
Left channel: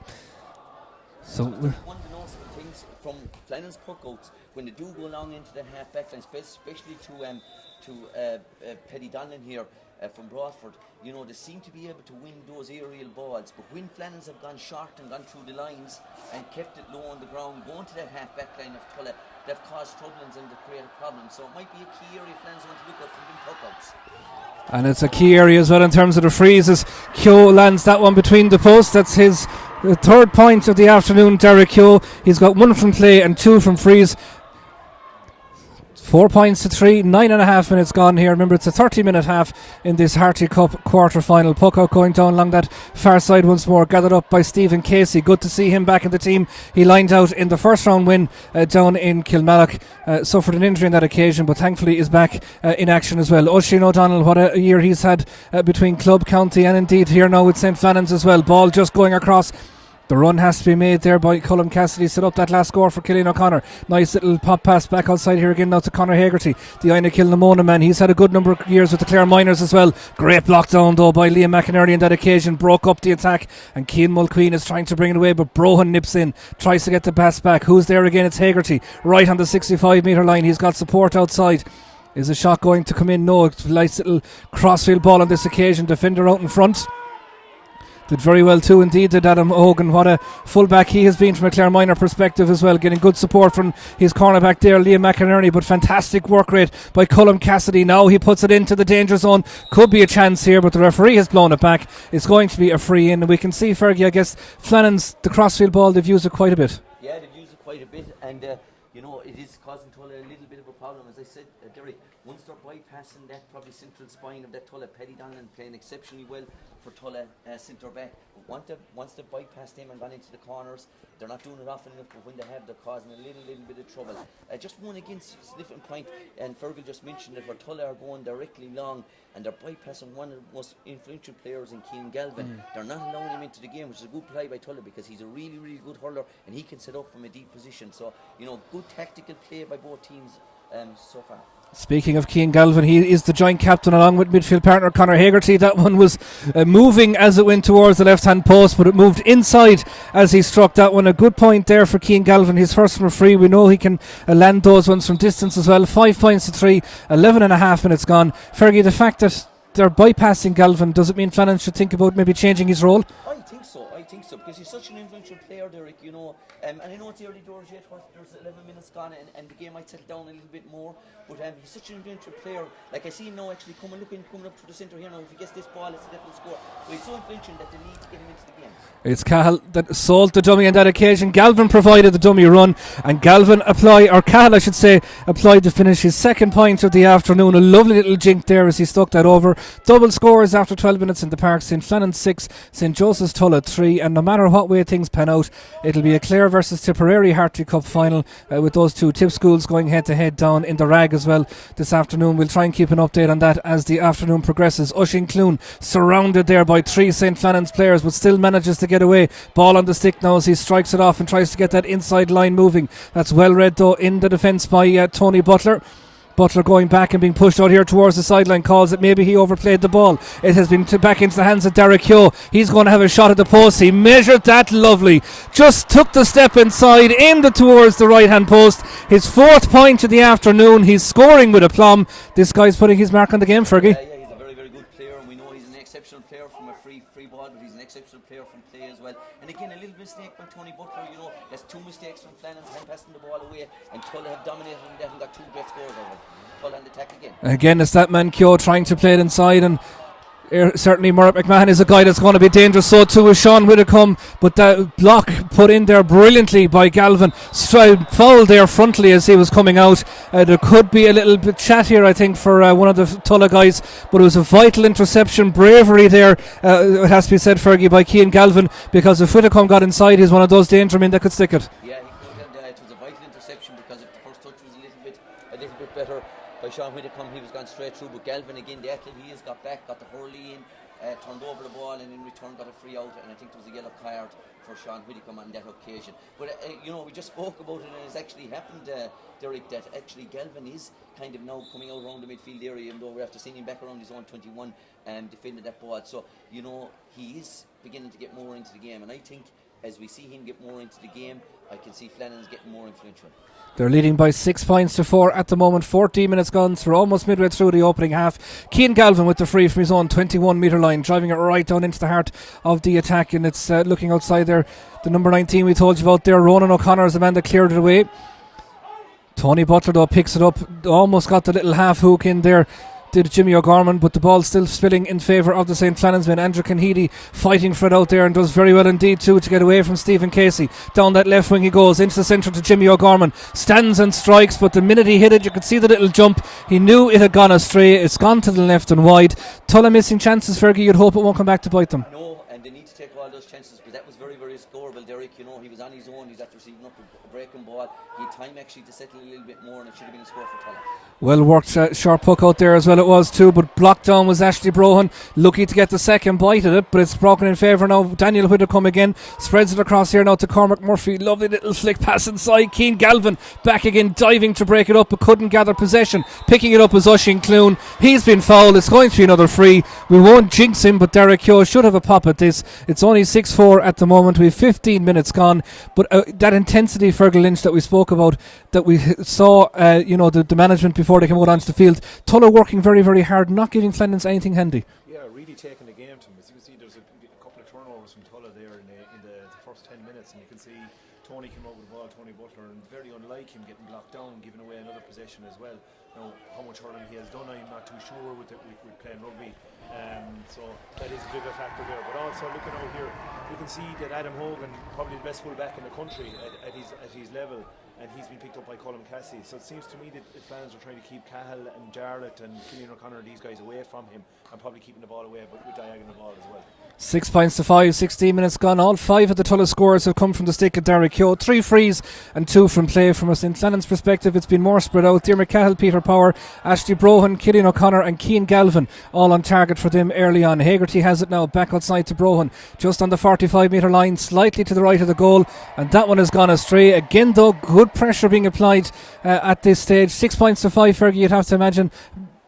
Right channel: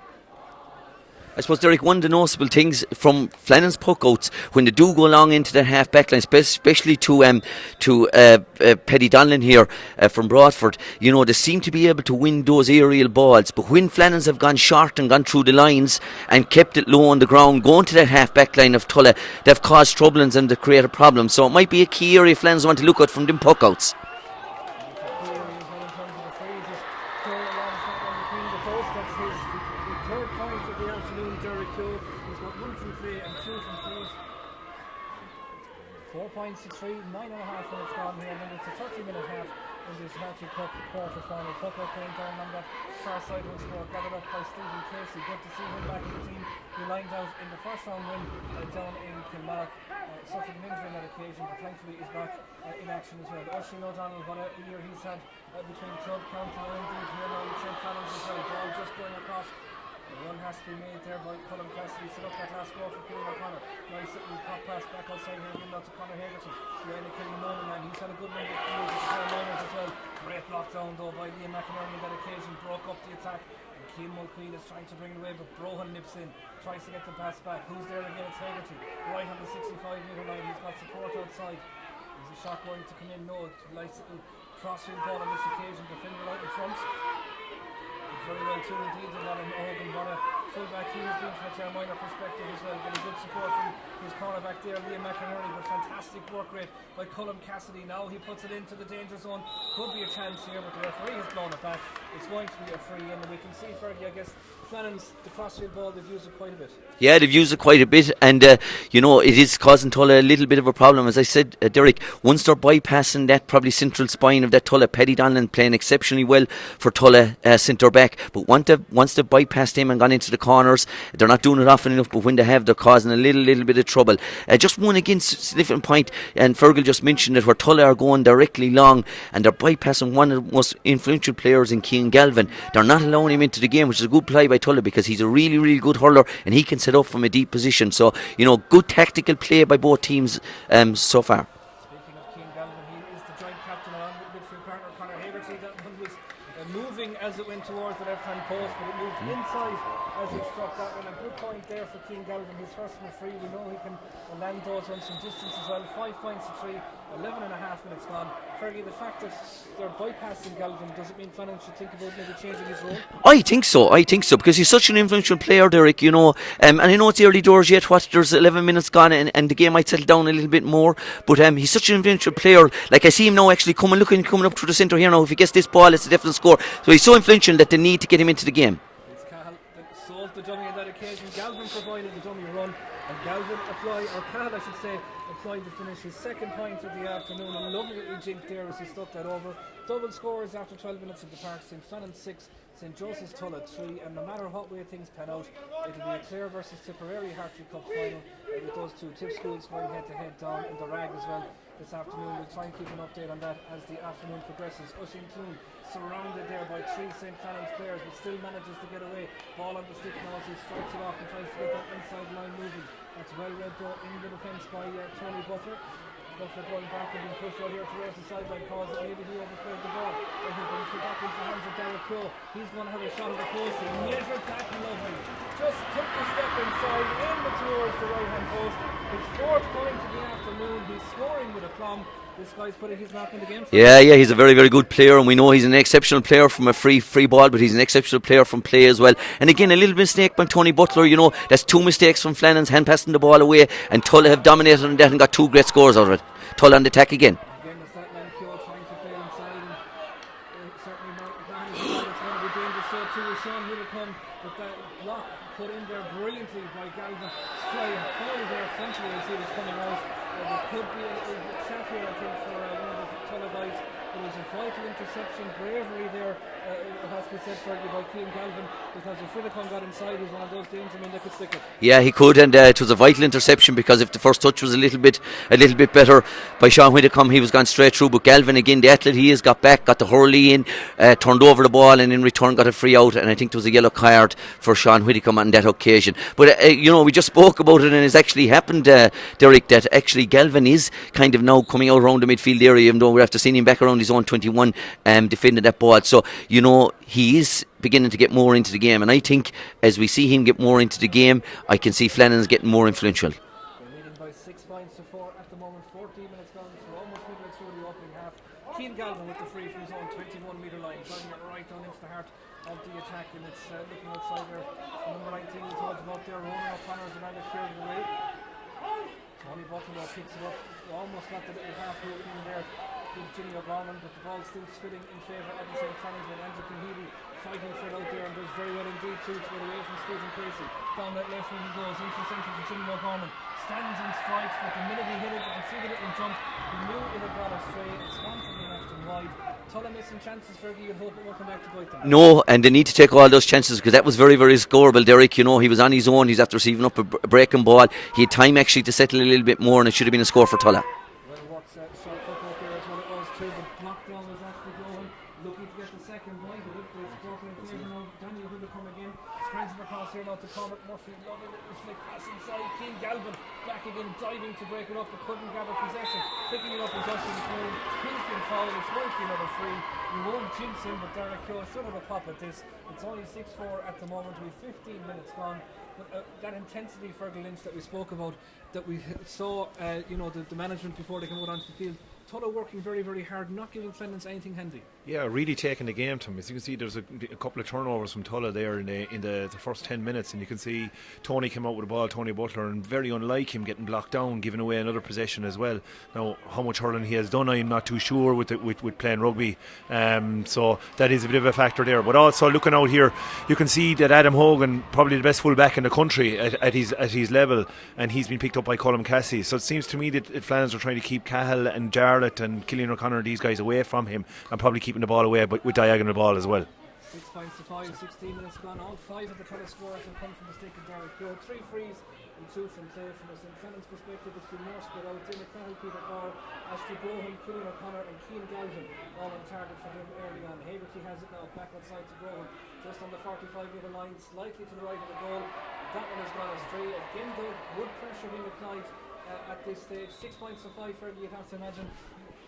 I suppose, Derek, one of the noticeable things from Flannans puckouts when they do go along into their half back line, especially to Paddy Donlan here from Broadford, they seem to be able to win those aerial balls. But when Flannans have gone short and gone through the lines and kept it low on the ground, going to that half back line of Tulla, they've caused troubles and they've created problems. So it might be a key area Flannans want to look at from them puckouts. And it's a key area as well in terms of the frees, as Keogh lands that one between the posts. That's his third point of the afternoon, Derek Keogh. He's got 1 from play and 2 from frees. 4 points to 3, 9.5 minutes gone here. Remember, it's a 30-minute half in this Harty Cup quarter-final. Puck out going down along that far side once more, gathered up by Stephen Casey. Good to see him back in the team. He lined out in the first round win down in Kilmallock. Suffered an injury on that occasion, but thankfully is back in action as well. Oisin O'Donnell, what a year he's had between club, county and indeed here now with St. Flannans as well. Ball just going across. The run has to be made there by Colm Cassidy. Set up that last score for Cillian O'Connor. Nice little pop pass back outside here again now to Conor Hegarty, the Aina Kilnamona man. He's had a good number of years with the Clare Miners as well. Great block down though by Liam McInerney on that occasion. Broke up the attack and Cian Mulqueen is trying to bring it away, but Brohan nips in, tries to get the pass back. Who's there again? It's Hegarty right on the 65 metre line. He's got support outside. Is a shot going to come in? No. Nice little crossfield ball on this occasion. Defender out in front. Did very well too indeed, did Adam Hogan. What a fullback he has been from a Clare Minor perspective as well, getting good support from his cornerback there, Liam McInerney, but fantastic work rate by Colm Cassidy. Now he puts it into the danger zone. Could be a chance here, but the referee has blown it back. It's going to be a free in, and we can see, Fergie, I guess Flannans, the crossfield ball, they've used it quite a bit. Yeah, they've used it quite a bit, and it is causing Tulla a little bit of a problem. As I said, Derek, once they're bypassing that probably central spine of that Tulla, Paddy Donlan playing exceptionally well for Tulla centre back, but once they've bypassed him and gone into the corners, they're not doing it often enough, but when they have, they're causing a little bit of trouble. Just one against different point, and Fergal just mentioned it, where Tulla are going directly long, and they're bypassing one of the most influential players in Cian Galvin. They're not allowing him into the game, which is a good play by Tulla, because he's a really, really good hurler, and he can set up from a deep position. So, good tactical play by both teams so far. Speaking of Cian Galvin, he is the joint captain along with midfield partner Conor Hegarty. That one was moving as it went towards the left-hand post, but it moved inside as he struck that one. A good point there for Cian Galvin, his first from a free. We know he can land those ones from distance as well. 5 points to 3, 11.5 minutes gone. Fergie, the fact that they're bypassing Galvin, does it mean Flannans should think about maybe changing his role? I think so, because he's such an influential player, Derek, and I know it's early doors yet, there's 11 minutes gone and the game might settle down a little bit more, but he's such an influential player. Like, I see him now actually coming up through the centre here now. If he gets this ball, it's a definite score. So he's so influential that they need to get him into the game. It's Cahill that sold the dummy on that occasion. Galvin provided the dummy run, and Cahill applied to finish his second point of the afternoon. A lovely little jink there as he stuck that over. Double scores after 12 minutes in the park. St. Flannans 6, St. Joseph's Tulla 3, and no matter what way things pan out, it'll be a Clare versus Tipperary Harty Cup final with those two Tip schools going head to head down in the Rag as well this afternoon. We'll try and keep an update on that as the afternoon progresses. Oisin Clune surrounded there by 3 St. Flannans players, but still manages to get away. Ball on the stick now as he strikes it off and tries to get that inside line moving. That's well read though in the defence by Tony Butler. Butler going back and being pushed out here towards the sideline, calls it maybe he overplayed the ball. It has been back into the hands of Derek Heo. He's going to have a shot at the post. He measured that lovely, just took the step inside, aimed it towards the right hand post. His 4th point of the afternoon. He's scoring with aplomb. This guy's putting his mark on the game for Yeah, he's a very, very good player, and we know he's an exceptional player from a free ball, but he's an exceptional player from play as well. And again, a little mistake by Tony Butler, that's 2 mistakes from Flannans, hand passing the ball away, and Tulla have dominated on that and got 2 great scores out of it. Tulla on the attack again. Again, it's that man Keogh trying to play it inside, and certainly Murray McMahon is a guy that's going to be dangerous. So too is Sean Whitcomb, but that block put in there brilliantly by Galvin. Fouled there frontally as he was coming out. There could be a little bit chat here, I think, for one of the Tulla guys, but it was a vital interception. Bravery there, it has to be said, Fergie, by Cian Galvin, because if Whitcomb got inside, he's one of those danger men that could stick it. Yeah, he could, and it was a vital interception, because if the first touch was a little bit better by Sean Whitcomb, he was gone straight through. But Galvin, again, the athlete he is, got back, got the hurley in, turned over the ball, and in return got a free out, and I think there was a yellow card for Sean Whitcomb on that occasion. But we just spoke about it, and it's actually happened, Derek, that actually Galvin is kind of now coming out around the midfield area, even though we're after seeing him back around his own 21 defending that ball. So he is beginning to get more into the game, and I think as we see him get more into the game, I can see Flannans getting more influential. They're leading by 6 points to 4 at the moment. 14 minutes gone, so we're almost midway through the opening half. Cian Galvin with the free from his own 21 metre line, driving it right down into the heart of the attack, and it's looking outside there. The number 19 we told you about there, Ronan O'Connor, is the man that cleared it away. Tony Butler though picks it up, almost got the little half hook in there. did Jimmy O'Gorman, but the ball still spilling in favour of the St. Flannans men. Andrew Kenheady fighting for it out there and does very well indeed too to get away from Stephen Casey. Down that left wing he goes, into the centre to Jimmy O'Gorman, stands and strikes, but the minute he hit it you could see the little jump. He knew it had gone astray. It's gone to the left and wide. Tulla missing chances, Fergie. You'd hope it won't come back to bite them. No, and they need to take all those chances, because that was very, very scoreable, Derek. You know, he was on his own. He's after receiving up a breaking ball. He had time actually to settle a little bit more, and it should have been a score for Tulla. Well worked, sharp puck out there as well it was too, but blocked down was Ashley Brohan, lucky to get the second bite at it, but it's broken in favour now. Daniel Whitcomb again, spreads it across here now to Cormac Murphy. Lovely little flick pass inside. Keane Galvin back again, diving to break it up but couldn't gather possession. Picking it up was Oisin Clune. He's been fouled. It's going to be another free. We won't jinx him, but Derek Keogh should have a pop at this. It's only 6-4 at the moment. We've 15 minutes gone, but that intensity, Fergal Lynch, that we spoke about, that we saw the management before they came out onto the field, Tulla working very, very hard, not giving Flannans anything handy. Yeah, really taking the game to him. As you can see, there's a couple of turnovers from Tulla there in the first 10 minutes, and you can see Tony came out with the ball, Tony Butler, and very unlike him, getting blocked down, giving away another possession as well. Now, how much hurling he has done, I'm not too sure with playing rugby, so that is a bit of a factor there. But also looking out here, you can see that Adam Hogan, probably the best full-back in the country at his level, and he's been picked up by Colm Cassie. So it seems to me that Flannans are trying to keep Cahill and Jarlath and Killian O'Connor, these guys, away from him, and probably keeping the ball away, but with diagonal ball as well. 6 points to 5, 16 minutes gone. All 5 of the Tulla scores have come from the stick of Derek Keogh. 3 frees and 2 from play. From a St. Flannan's perspective, it's been more spread out. Diarmaid Cahill, Peter Power, Ashley Brohan, Killian O'Connor and Keane Galvin all on target for them early on. Hagerty has it now, back outside to Brohan, just on the 45 metre line, slightly to the right of the goal, and that one has gone astray. Again though, good pressure being applied at this stage. 6 points to 5, Fergie, you'd have to imagine.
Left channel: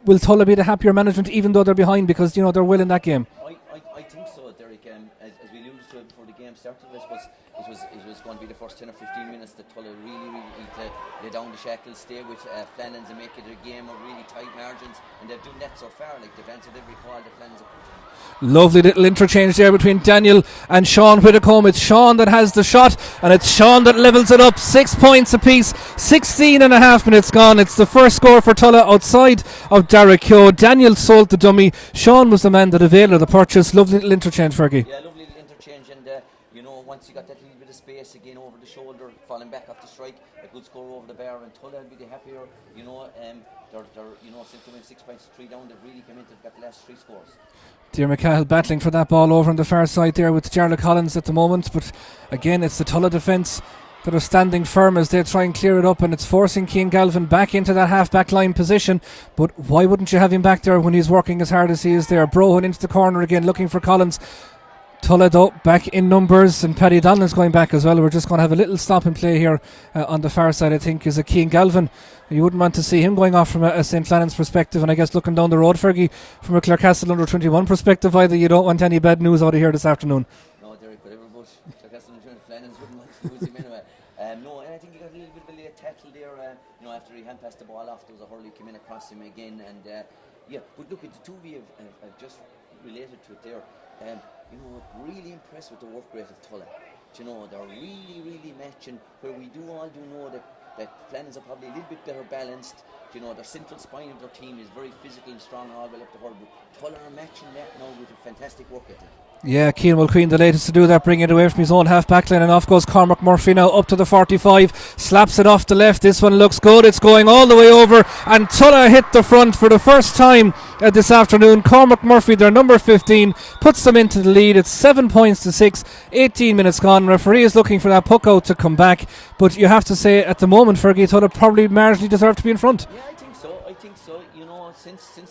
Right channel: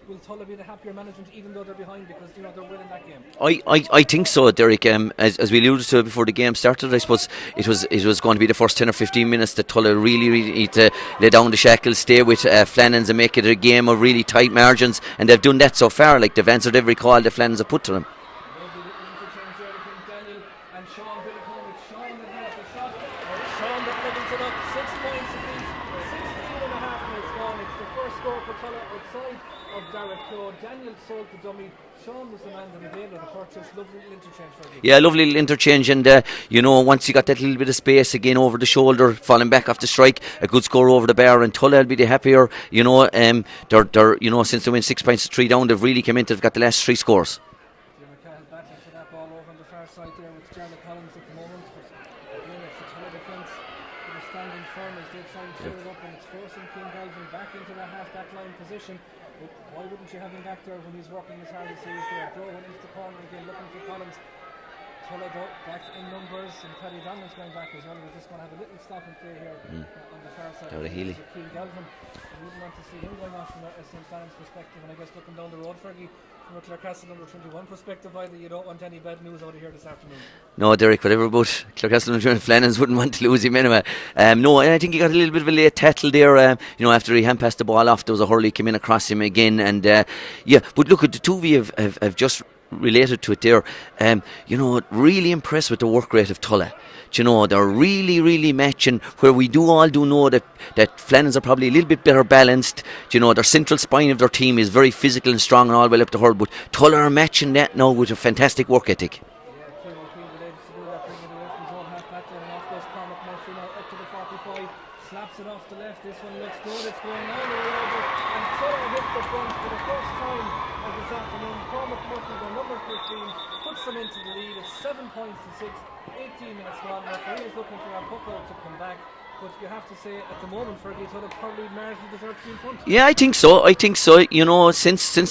Will Tulla be the happier management even though they're behind, because they're well in that game? I think so, Derek. As we alluded to before the game started, I suppose it was going to be the first 10 or 15 minutes that Tulla really need to lay down the shackles, stay with Flannans and make it a game of really tight margins, and they've done that so far. Like, they've answered every call that Flannans have put to them. Lovely little interchange there between Daniel and Sean Whitcomb. It's Sean that has the shot, and it's Sean that levels it up. 6 points apiece, 16 and a half minutes gone. It's the first score for Tulla outside of Derek Keogh. Daniel sold the dummy. Sean was the man that availed of the purchase. Lovely little interchange, Fergie. Yeah, lovely little interchange, and once you got that little bit of space again over the shoulder, falling back off the strike, a good score over the bar, and Tulla will be the happier. They're since they went 6 points to 3 down, they've really come in. They've got the last 3 scores. Diarmaid Cahill battling for that ball over on the far side there with Jarlath Collins at the moment, but again it's the Tulla defence that are standing firm as they try and clear it up, and it's forcing Keane Galvin back into that half-back line position. But why wouldn't you have him back there when he's working as hard as he is there? Brohan into the corner again, looking for Collins. Tulla though back in numbers, and Paddy Donlan's going back as well. We're just going to have a little stop and play here on the far side, I think, is a Keane Galvin. You wouldn't want to see him going off from a St. Flannan's perspective, and I guess looking down the road, Fergie, from a Clarecastle under 21 perspective, either you don't want any bad news out of here this afternoon. No, Derek, whatever about Clarecastle and Flannans, wouldn't want to lose him anyway. No, and I think he got a little bit of a late tattle there. After he hand passed the ball off, there was a hurley came in across him again, and but look, at the two of you have just related to it there. Really impressed with the work rate of Tulla. They're really, really matching, where we all do know that Flannans are probably a little bit better balanced. Their central spine of their team is very physical and strong and all well up the hurl, but Tulla are matching that now with a fantastic work ethic. Yeah, Keane Mulqueen the latest to do that, bring it away from his own half-back line, and off goes Cormac Murphy now up to the 45, slaps it off the left. This one looks good, it's going all the way over, and Tulla hit the front for the first time this afternoon. Cormac Murphy, their number 15, puts them into the lead. It's 7 points to 6, 18 minutes gone. Referee is looking for that puck out to come back, but you have to say at the moment, Fergie, Tulla probably marginally deserve to be in front. Yeah, I think so. Since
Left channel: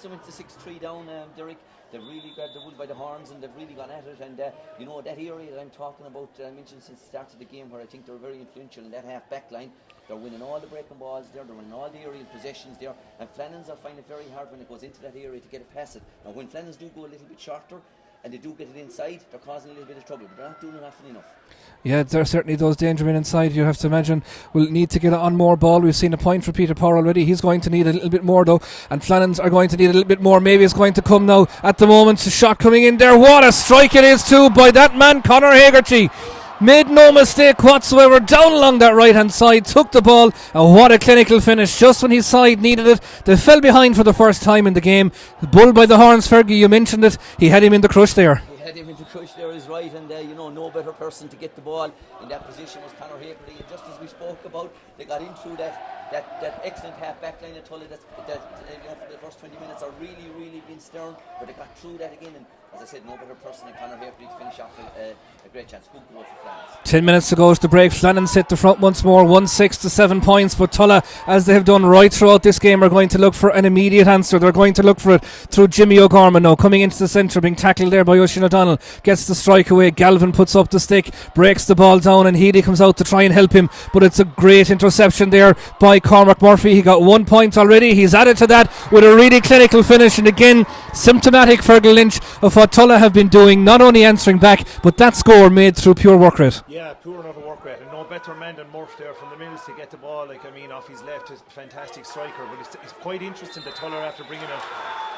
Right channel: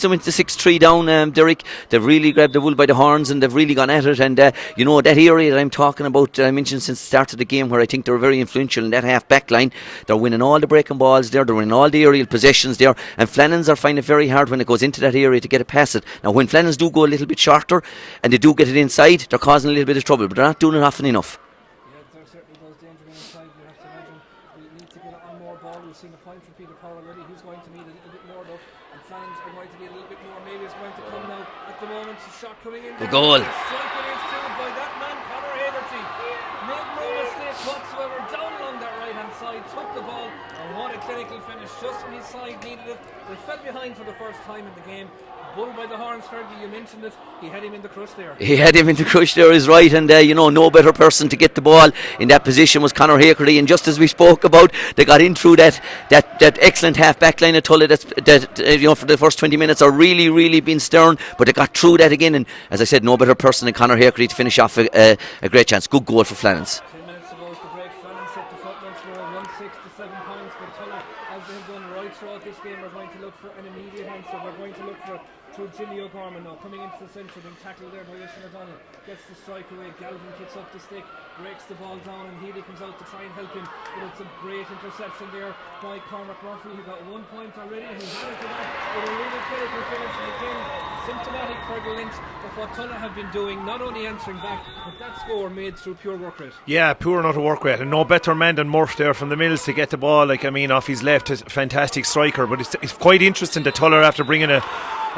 they went to 6-3 down, Derek, they've really grabbed the wool by the horns, and they've really gone at it. And that area that I'm talking about, I mentioned since the start of the game, where I think they're very influential in that half back line. They're winning all the breaking balls there, they're winning all the aerial possessions there, and Flannans are finding it very hard when it goes into that area to get it past it. Now, when Flannans do go a little bit shorter and they do get it inside, they're causing a little bit of trouble, but they're not doing it often enough. Yeah, there are certainly those danger men inside. You have to imagine will need to get on more ball. We've seen a point for Peter Power already. He's going to need a little bit more though, and Flannans are going to need a little bit more. Maybe it's going to come now at the moment. A shot coming in there. What a strike it is too by that man Conor Hagerty. made no mistake whatsoever, down along that right hand side, took the ball, and what a clinical finish just when his side needed it. They fell behind for the first time in the game. Bull by the horns, Fergie, you mentioned it, he had him in the crush there. He had him in the crush there, is right, and no better person to get the ball in that position was Conor Harty, and just as we spoke about, they got in through that excellent half back line of Tulla that for the first 20 minutes are really been stern, but they got through that again, and as I said, no better person than Conor Harty to finish off a great chance. Good goal for Flannans. 10 minutes to go to the break. Flannans hit the front once more, 1-6 to 7 points, but Tulla, as they have done right throughout this game, are going to look for an immediate answer. They're going to look for it through Jimmy O'Gorman now, coming into the centre, being tackled there by Oisin O'Donnell, gets the strike away. Galvin puts up the stick, breaks the ball down, and Healy comes out to try and help him, but it's a great interception there by Cormac Murphy. He got 1 point already. He's added to that with a really clinical finish, and again symptomatic, Fergal Lynch, of what Tulla have been doing, not only answering back, but that score made through pure work rate. Yeah, poor not to work rate, and no better man than Murph there from the Mills to get the ball, off his left. A fantastic striker, but it's quite interesting that Tulla, after bringing a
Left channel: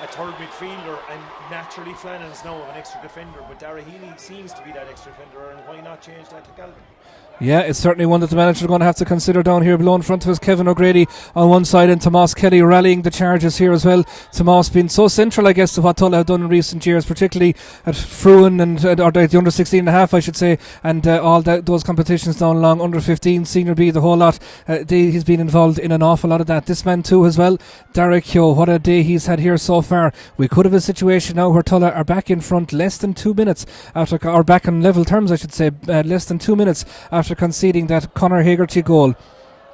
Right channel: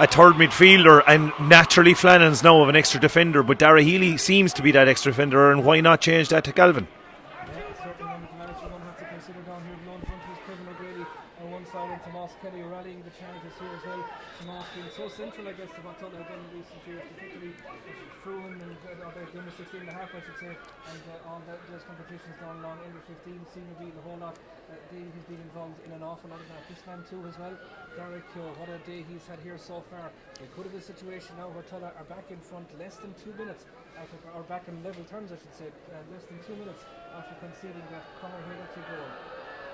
third midfielder, and naturally Flannans now of an extra defender, but Dara Healy seems to be that extra defender, and why not change that to Galvin? Yeah, it's certainly one that the manager is going to have to consider down here below. In front of us, Kevin O'Grady on one side, and Tomas Kelly rallying the charges here as well. Tomas being so central, I guess, to what Tulla have done in recent years, particularly at Fruin and or the under 16 and a half, I should say, and all those competitions down along, under 15, senior B, the whole lot. He's been involved in an awful lot of that. This man too as well, Derek Keogh, what a day he's had here so far. We could have a situation now where Tulla are back in front less than 2 minutes after, or back on level terms I should say, less than 2 minutes after conceding that Conor Hegarty goal.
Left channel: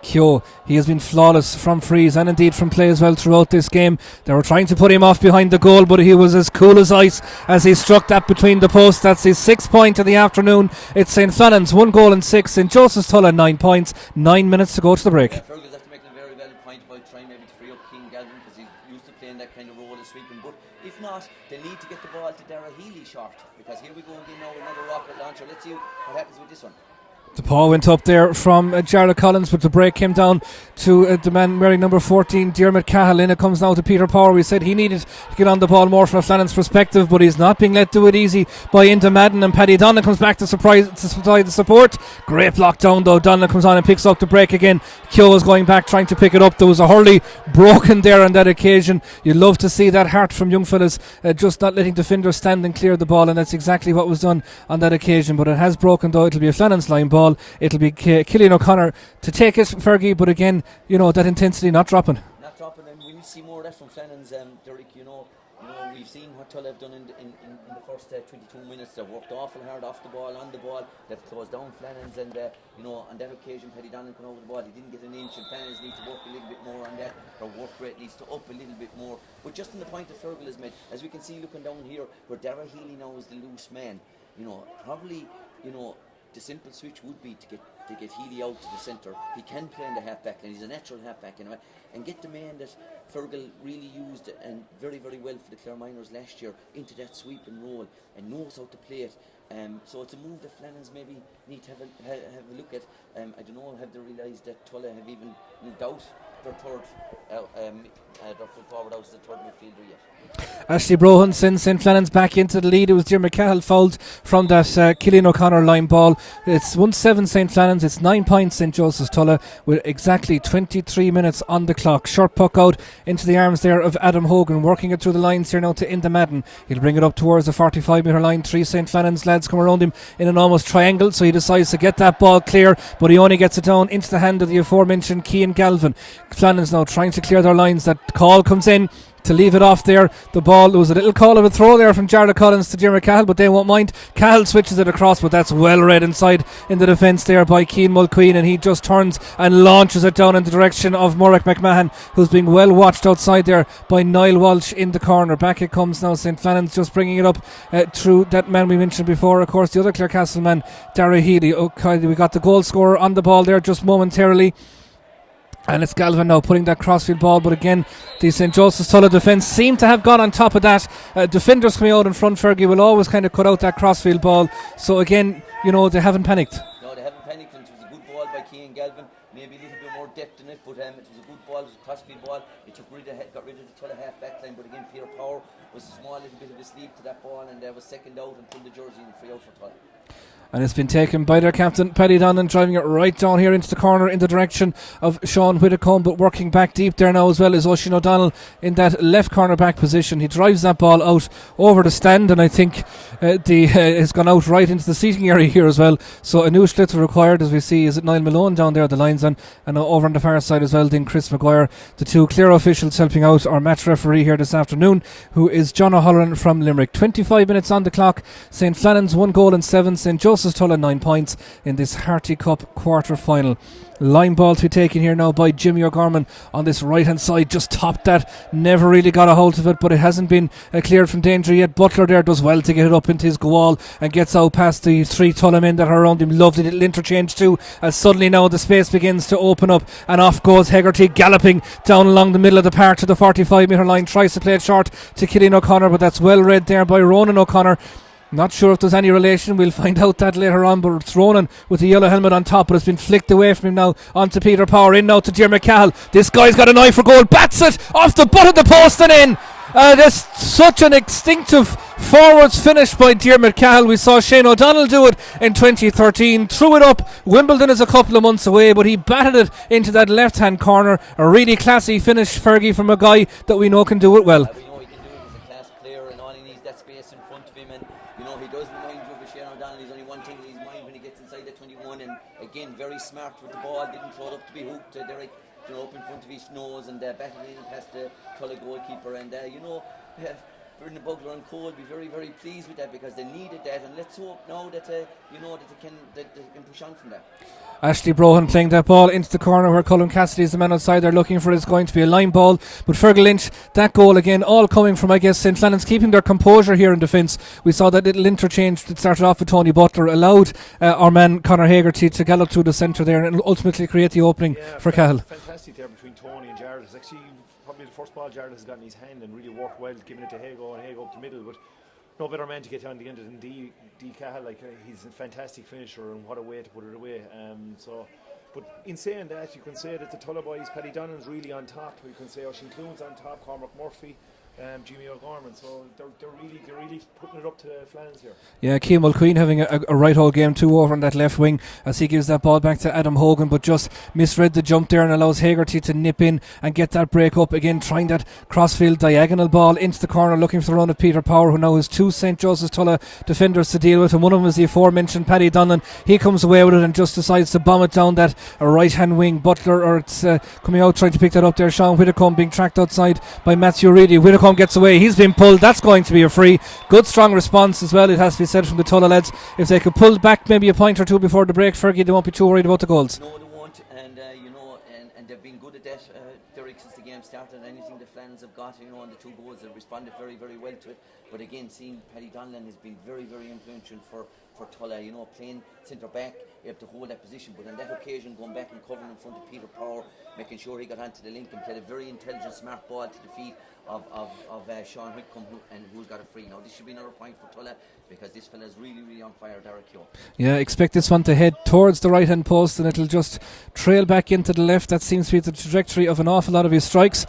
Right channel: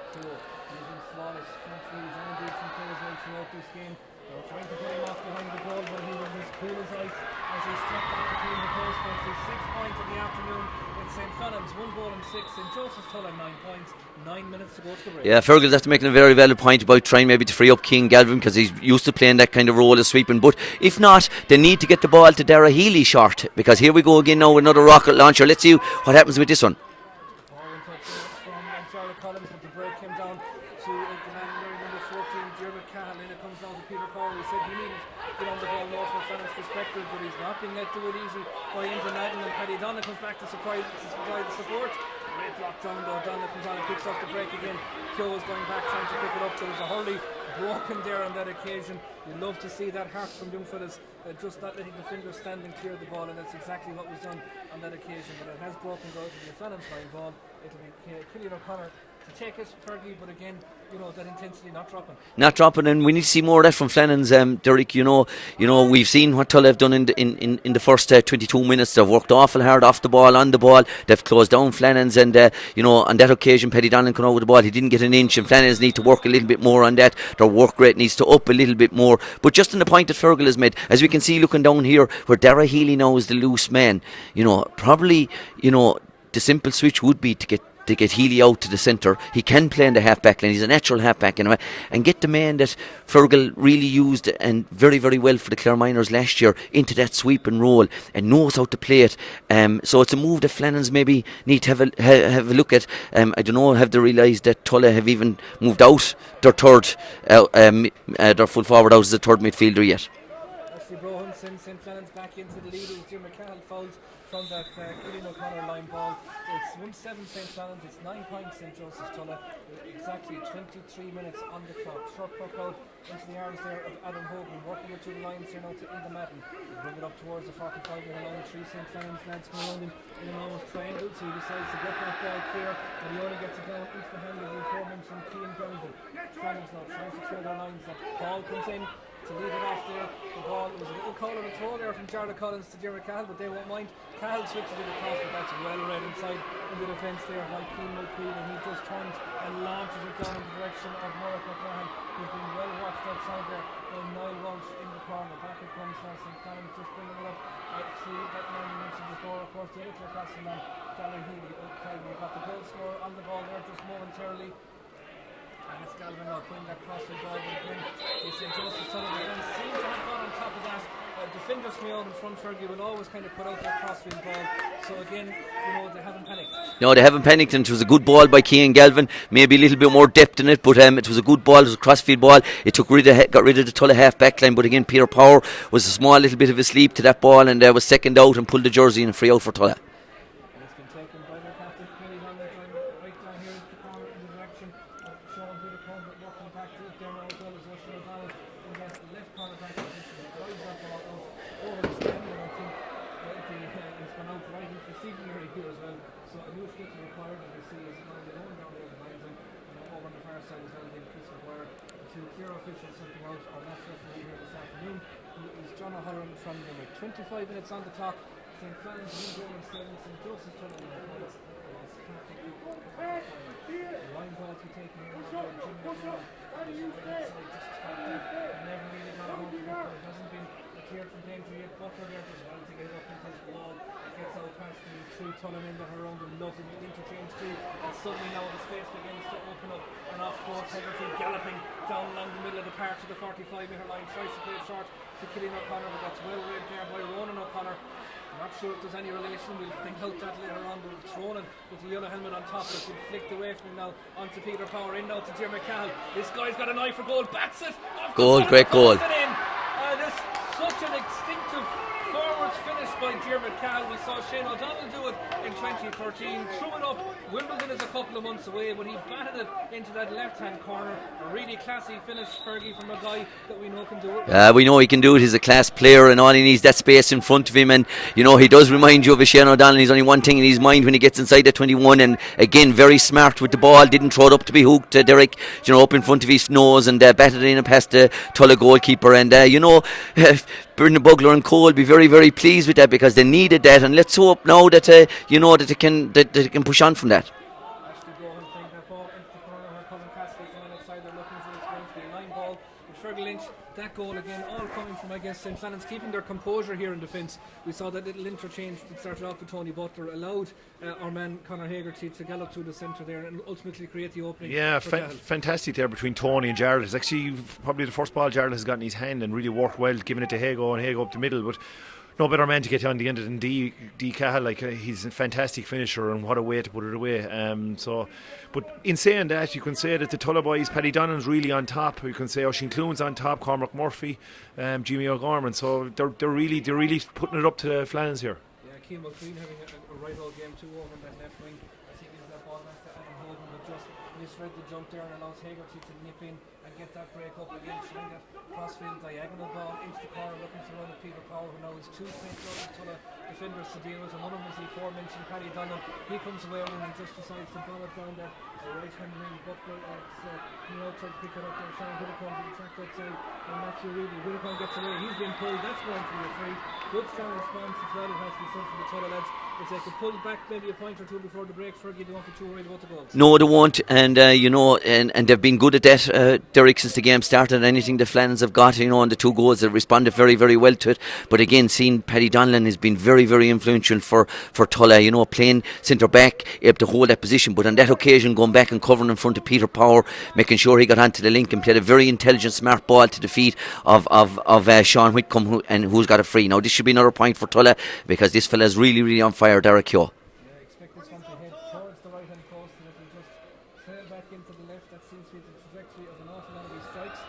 Keogh, he has been flawless from frees and indeed from play as well throughout this game. They were trying to put him off behind the goal, but he was as cool as ice as he struck that between the posts. That's his 6th point of the afternoon. It's St. Flannans 1 goal and 6, St. Joseph's Tulla 9 points, 9 minutes to go to the break. Yeah, Fergal's after making a very valid point about trying maybe to free up Keane Galvin, because he's used to playing that kind of role as sweeping, but if not, they need to get the ball to Dara Healy short, because here we go again now with another rocket launcher. Let's see what happens with this one. The ball went up there from Jarlath Collins, but the break came down to the man wearing number 14, Diarmuid Cahill. In it comes now to Peter Power. We said he needed to get on the ball more from a Flannans perspective, but he's not being let do it easy by Inda Madden, and Paddy Donnelly comes back to supply the support. Great block down though. Donnelly comes on and picks up the break again. Keogh is going back trying to pick it up. There was a hurley broken there on that occasion. You love to see that heart from young fellas, just not letting defenders stand and clear the ball, and that's exactly what was done on that occasion. But it has broken though. It'll be a Flannans line ball. It'll be Killian O'Connor to take it, Fergie, but again, that intensity not dropping, and we need to see more of that from Flannans. Derek, we've seen what Tulla have done in the first 22 minutes. They've worked awful hard off the ball, on the ball. They've closed down Flannans, and on that occasion Paddy Donlan came out with the ball. He didn't get an inch, and Flannans need to work a little bit more on that. Their work rate needs to up a little bit more. But just on the point that Fergal has made, as we can see looking down here, where Dara Healy now is the loose man, probably the simple switch would be to get Healy out to the centre. He can play in the half-back line. He's a natural half-back anyway, and get the man that Fergal really used and very, very well for the Clare Miners last year into that sweeping role and knows how to play it. So it's a move that Flannans maybe need to have a look at. I don't know, have they realised that Tulla have even moved out their third, their full forward out as the third midfielder yet? Ashley Brohan sends St. Flannans back into the lead. It was Diarmuid Cahill fouled from that Killian O'Connor line ball. It's 1-7 St. Flannans. It's 9 points St. Joseph's Tulla with exactly 23 minutes on the clock. Short puck out into the arms there of Adam Hogan, working it through the lines here now to Inda Madden. He'll bring it up towards the 45 metre line. 3 St. Flannans lads come around him in an almost triangle, so he decides to get that ball clear, but he only gets it down into the hand of the aforementioned Cian Galvin. Flannans now trying to clear their lines. That call comes in to leave it off there. The ball, there was a little call of a throw there from Jarlath Collins to Diarmuid Cahill, but they won't mind. Cahill switches it across, but that's well read inside in the defence there by Cian Mulqueen, and he just turns and launches it down in the direction of Morag McMahon, who's being well watched outside there by Niall Walsh in the corner. Back it comes now. St. Flannans just bringing it up through that man we mentioned before, of course, the other Clarecastle man, Dara Healy. Okay, we got the goal scorer on the ball there just momentarily. And it's Galvin now putting that crossfield ball, but again the St. Joseph's Tulla defence seem to have gone on top of that. Defenders coming out in front, Fergie, will always kind of cut out that crossfield ball, so again they haven't panicked. No, they haven't panicked, and it was a good ball by Cian Galvin. Maybe a little bit more depth in it, but it was a good ball. It was a crossfield ball. It got rid of the Tulla half back line, but again Peter Power was a small little bit of a sleep to that ball, and was second out and pulled the jersey and free out for Tulla. And it's been taken by their captain, Paddy Donlan, driving it right down here into the corner in the direction of Sean Whitacombe, but working back deep there now as well is Oisin O'Donnell in that left corner back position. He drives that ball out over the stand, and I think has gone out right into the seating area here as well. So a new sliotar required, as we see. Is it Niall Malone down there, the linesman, and over on the far side as well, then Chris Maguire, the two clear officials helping out our match referee here this afternoon, who is John O'Halloran from Limerick. 25 minutes on the clock. St. Flannans 1 goal and 7. St. Joseph's Tulla 9 points in this Harty Cup quarter final. Line ball to be taken here now by Jimmy O'Gorman on this right hand side. Just topped that, never really got a hold of it, but it hasn't been cleared from danger yet. Butler there does well to get it up into his goal and gets out past the 3 Tulla men that are around him. Lovely little interchange too, as suddenly now the space begins to open up, and off goes Hegarty galloping down along the middle of the park to the 45 metre line. Tries to play it short to Cillian O'Connor, but that's well read there by Ronan O'Connor. Not sure if there's any relation, we'll find out that later on, but it's Ronan with the yellow helmet on top, but it's been flicked away from him now onto Peter Power, in now to Diarmuid Cahill. This guy's got an eye for goal, bats it off the butt of the post and in. That's such an instinctive forwards finish by Diarmuid Cahill. We saw Shane O'Donnell do it in 2013, threw it up. Wimbledon is a couple of months away, but he batted it into that left hand corner. A really classy finish, Fergie, from a guy that we know can do it well. We know he can do it. He's a class player, and all he needs that space in front of him, and you know he does remind you of a Shane O'Donnell. He's only one thing in his mind when he gets inside the 21, and again very smart with the ball, didn't throw it up to be hooked, Derek, you know, up in front of his nose, and batted it in and past the Tulla goalkeeper. And Brendan Bugler and Cole be very, very pleased with that, because they needed that, and let's hope now that that they can push on from that. Ashley Brohan playing that ball into the corner where Colin Cassidy is the man outside. They're looking for it. It's going to be a line ball, but Fergal Lynch, that goal again, all coming from, I guess, St. Flannans keeping their composure here in defence. We saw that little interchange that started off with Tony Butler, allowed our man Conor Hegarty to gallop through the centre there and ultimately create the opening for Cahill. Fantastic there between Tony and Jared. It's actually probably the first ball Jared has got in his hand and really worked well, giving it to Hago, and Hago up the middle, but no better man to get on the end than D Cahill. He's a fantastic finisher, and what a way to put it away. But in saying that, you can say that the Tulla boys, Paddy Donlan's really on top. You can say Oisin Clune's on top, Cormac Murphy, Jimmy O'Gorman. So they're really putting it up to the Flannans here. Yeah, Keane Mulqueen having a right hold game too over on that left wing as he gives that ball back to Adam Hogan, but just misread the jump there and allows Hegarty to nip in and get that break up again, trying that crossfield diagonal ball into the corner, looking for the run of Peter Power, who now has 2 St. Joseph's Tulla defenders to deal with, and one of them is the aforementioned Paddy Donlan. He comes away with it and just decides to bomb it down that right hand wing. Butler, or it's coming out trying to pick that up there. Sean Whitacombe being tracked outside by Matthew Reedy. Whitacombe gets away, he's been pulled, that's going to be a free. Good strong response as well, it has to be said, from the Tulla lads. If they could pull back maybe a point or two before the break, Fergie, they won't be too worried about the goals. No, they won't, and and they've been good at that, Derek, since the game started. Anything the Flannans have got, and the 2 goals, they've responded very, very well to it. But again, seeing Paddy Donlan has been very, very influential for Tulla, playing centre back, able to hold that position, but on that occasion going back and covering in front of Peter Power, making sure he got onto the link and played a very intelligent, smart ball to the feet of Sean Whitcomb, who's got a free. Now this should be another point for Tulla, because this fella's really, really on fire, Derek Keogh. Yeah, expect this one to head towards the right hand post, and it'll just trail back into the left. That seems to be the trajectory of an awful lot of his strikes.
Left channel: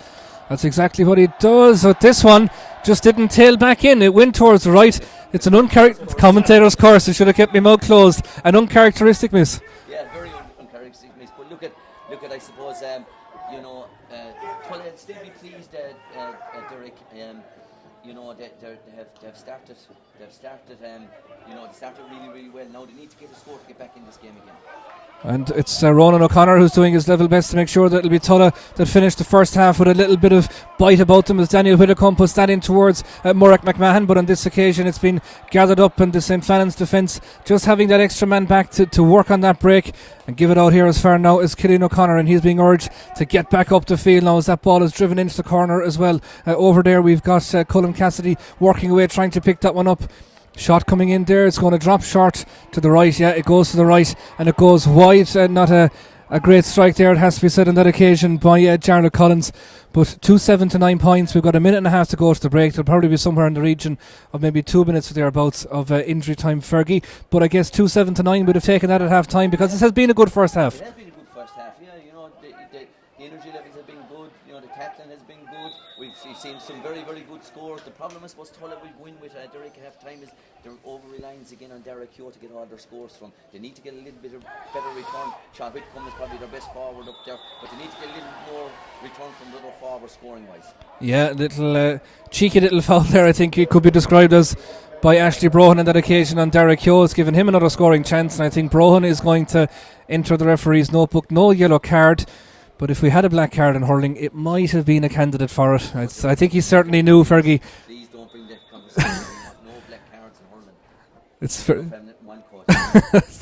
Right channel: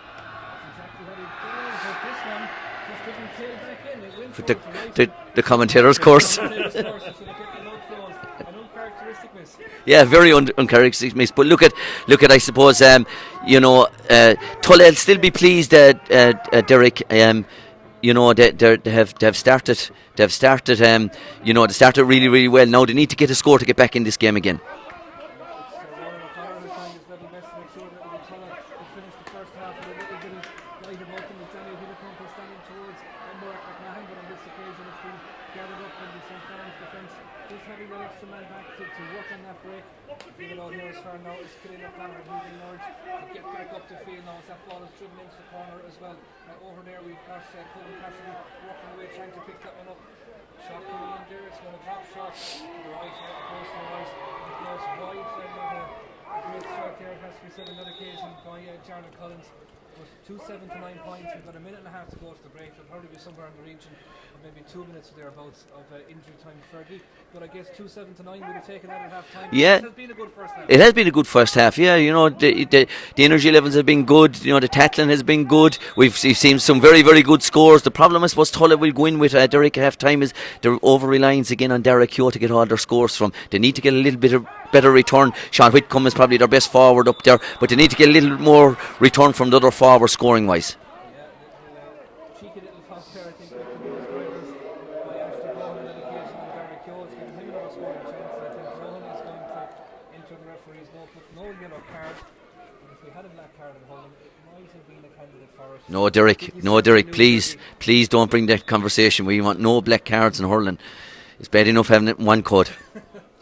That's exactly what he does. But this one just didn't tail back in. It went towards the right. It's an commentator's course. Commentator's course. I should have kept my mouth closed. An uncharacteristic miss. Yeah, very uncharacteristic miss. But look at. I suppose Tulla will still be pleased, Derek. They have started. They started really, really well. Now they need to get a score to get back in this game again. And it's Ronan O'Connor who's doing his level best to make sure that it'll be Tulla that finished the first half with a little bit of bite about them, as Daniel Whitacombe puts that in towards Murroch McMahon. But on this occasion it's been gathered up, and the St. Flannans defence just having that extra man back to work on that break and give it out here as far now as Cillian O'Connor, and he's being urged to get back up the field now as that ball is driven into the corner as well. Over there we've got Colin Cassidy working away, trying to pick that one up. Shot coming in there, it's going to drop short to the right. Yeah, it goes to the right and it goes wide. Not a great strike there, it has to be said, on that occasion by Jarlath Collins. But 2-7 to 9 points. We've got a minute and a half to go to the break. There'll probably be somewhere in the region of maybe 2 minutes or thereabouts of injury time, Fergie. But I guess 2-7 to 9 would have taken that at half time, because it has been a good first half. It has been a good first half, yeah. You know, the energy levels have been good. You know, the tackling has been good. We've seen some very, very good scores. The problem I suppose Tulla will go in with Derek at half time is they're over reliance again on Derek Keogh to get all their scores from. They need to get a little bit of better return. Sean Whitcomb is probably their best forward up there, but they need to get a little more return from the other forward scoring wise. Yeah, little cheeky little foul there, I think it could be described as, by Ashley Brohan on that occasion on Derek Keogh. It's given him another scoring chance, and I think Brohan is going to enter the referee's notebook. No yellow card, but if we had a black card in hurling, it might have been a candidate for it. No, Derek, I think he certainly knew, Fergie. Please don't bring that conversation. We want no black cards in hurling. It's bad enough having it in one code.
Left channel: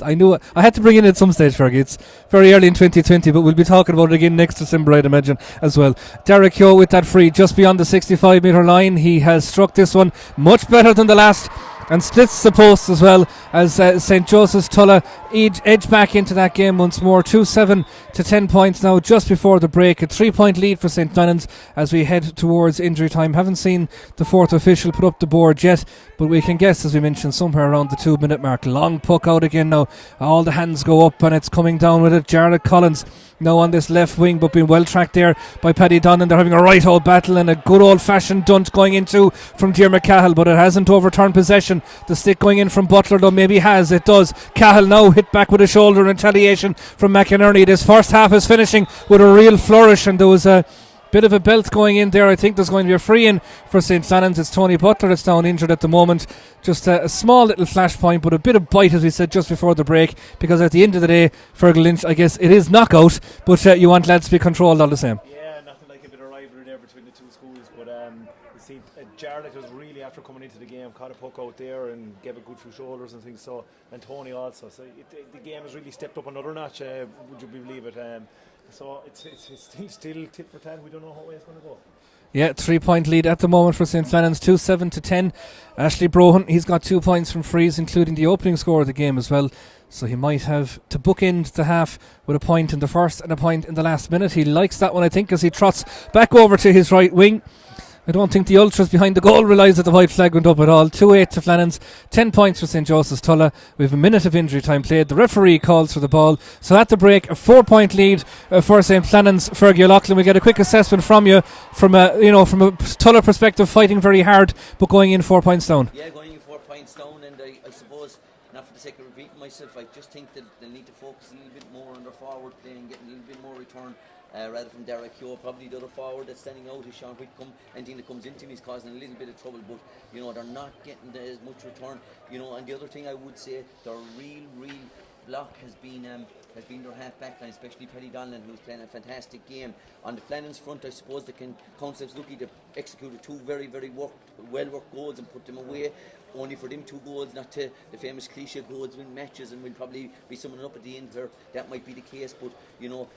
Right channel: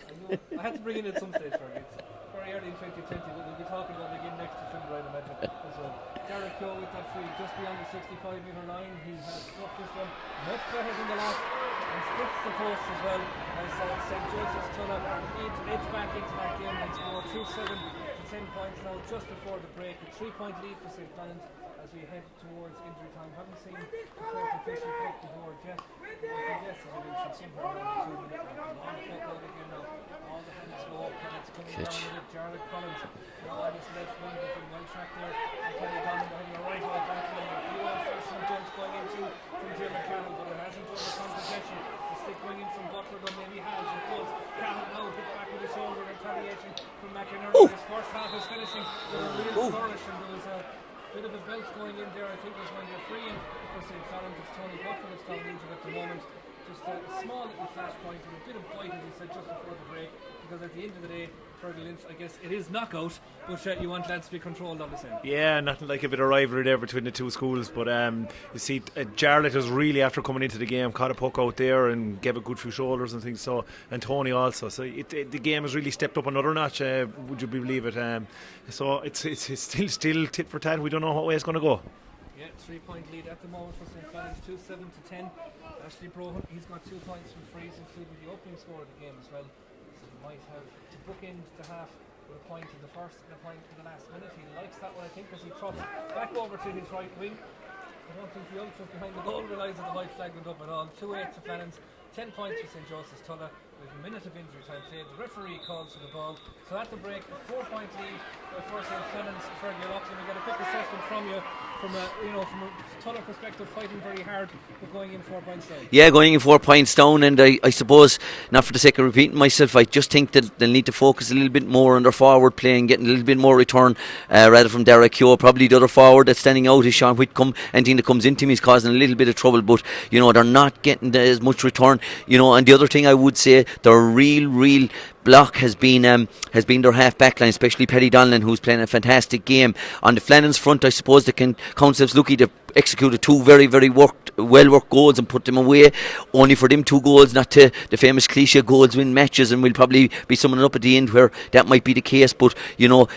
I knew it. I had to bring it in at some stage, Fergie. It's very early in 2020, but we'll be talking about it again next December, I'd imagine, as well. Derek Keogh with that free just beyond the 65 metre line. He has struck this one much better than the last, and splits the post as well, as St. Joseph's Tulla edge back into that game once more. 2-7 to 10 points now just before the break. A 3-point lead for St. Flannans as we head towards injury time. Haven't seen the fourth official put up the board yet, but we can guess, as we mentioned, somewhere around the 2 minute mark. Long puck out again now. All the hands go up and it's coming down with it. Jared Collins now on this left wing, but being well tracked there by Paddy Donnan. They're having a right old battle, and a good old fashioned dunt going into from Diarmuid Cahill, but it hasn't overturned possession. The stick going in from Butler, though, maybe has. It does. Cahill now hit back with a shoulder in retaliation from McInerney. This first half is finishing with a real flourish, and there was a bit of a belt going in there. I think there's going to be a free in for St. Flannans. It's Tony Butler that's down injured at the moment. Just a small little flashpoint, but a bit of bite, as we said just before the break, because at the end of the day, Fergal Lynch, I guess it is knockout, but you want lads to be controlled all the same. Yeah, nothing like a bit of rivalry there between the two schools, but you see, Jarlath was really, after coming into the game, caught a puck out there and gave a good few shoulders and things, so, and Tony also, so the game has really stepped up another notch, would you believe it? So it's still tit for tat. We don't know what way it's going to go. Yeah, 3-point lead at the moment for St. Flannans, 2-7 to 10. Ashley Brohan, he's got 2 points from frees, including the opening score of the game as well. So he might have to bookend the half with a point in the first and a point in the last minute. He likes that one, I think, as he trots back over to his right wing. I don't think the ultras behind the goal realised that the white flag went up at all. 2-8 to Flannans, 10 points for St. Joseph's Tulla. We have a minute of injury time played. The referee calls for the ball. So at the break, a 4-point lead for St. Flannans. Fergie O'Loughlin, we get a quick assessment from you from a Tulla perspective, fighting very hard, but going in 4 points down. Yeah, going in 4 points down, and I suppose, not for the sake of repeating myself, I just think that they'll need to focus a little bit more on their forward play and getting a little bit more return rather from Derek Keogh. Probably the other forward that's standing out is Sean Whitcomb. Anything that comes into him is causing a little bit of trouble, but they're not getting as much return. And the other thing I would say, their real block has been their half back line, especially Paddy Donlan, who's playing a fantastic game. On the Flannans front, I suppose they can count themselves lucky to execute 2 very, very well worked goals and put them away, only for them 2 goals not to the famous cliche goals win matches, and we'll probably be summing up at the end where that might be the case. But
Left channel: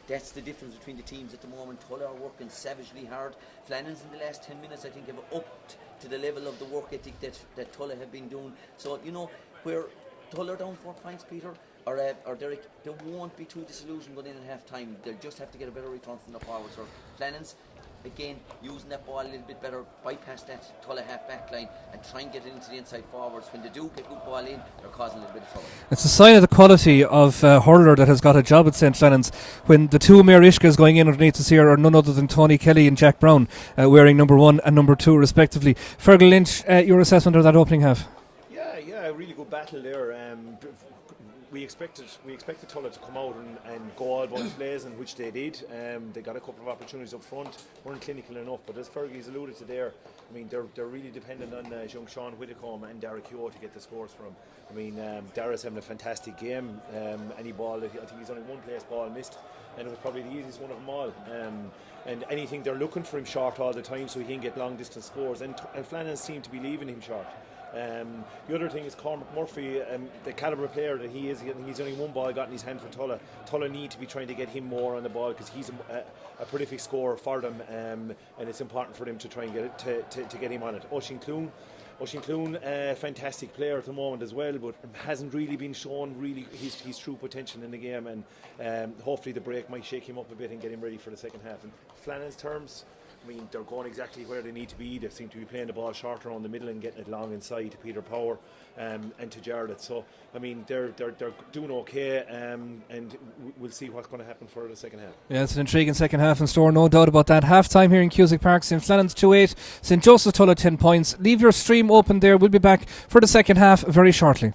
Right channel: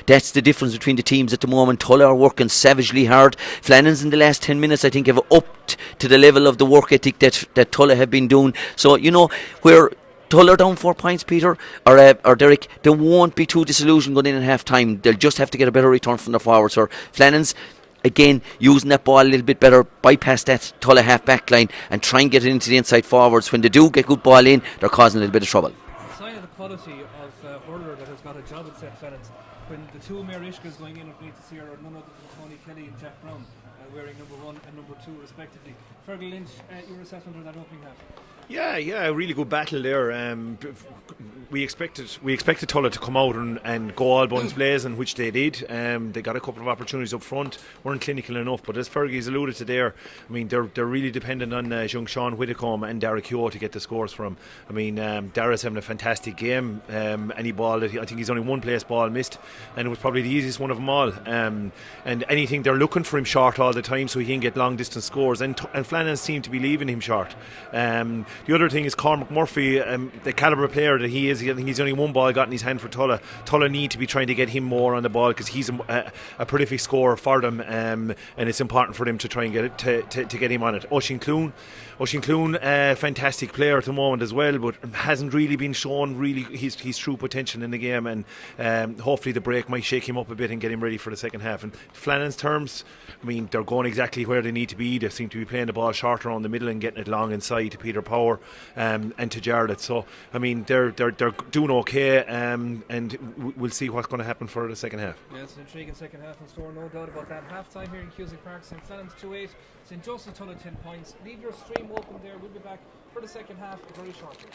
that's the difference between the teams at the moment. Tulla are working savagely hard. Flannans in the last 10 minutes I think have upped to the level of the work ethic that Tulla have been doing. So where Tulla down 4 points, Peter or Derek, they won't be too disillusioned going in at half time. They'll just have to get a better return from their forwards. Or Flannans, again, using that ball a little bit better, bypass that Tulla half back line and try and get it into the inside forwards. When they do get good ball in, they're causing a little bit of trouble. It's a sign of the quality of hurler that has got a job at St. Flannans when the 2 Mayor Ishkas going in underneath us here are none other than Tony Kelly and Jack Brown, wearing number 1 and number 2 respectively. Fergal Lynch, your assessment of that opening half? Yeah, a really good battle there. We expected Tulla to come out and go all guns blazing, which they did. They got a couple of opportunities up front, weren't clinical enough. But as Fergie's alluded to there, I mean, they're really dependent on young Sean Whitcomb and Derek Keogh to get the scores from. I mean, Dara's having a fantastic game. Any ball that I think he's only one place ball missed, and it was probably the easiest one of them all. And anything, they're looking for him short all the time so he can get long distance scores. And Flannans seem to be leaving him short. The other thing is Cormac Murphy, the calibre player that he is. I think he's only one ball got in his hand for Tulla. Tulla need to be trying to get him more on the ball because he's a prolific scorer for them, and it's important for them to try and get it to get him on it. Oisin Clune, fantastic player at the moment as well, but hasn't really been shown really his true potential in the game, and hopefully the break might shake him up a bit and get him ready for the second half. And Flannan's terms, I mean, they're going exactly where they need to be. They seem to be playing the ball short around the middle and getting it long inside to Peter Power and to Jarlath. So, I mean, they're doing okay, and we'll see what's going to happen for the second half. Yeah, it's an intriguing second half in store, no doubt about that. Half time here in Cusack Park, St. Flannans 2-8, St. Joseph Tulla 10 points. Leave your stream open there. We'll be back for the second half very shortly.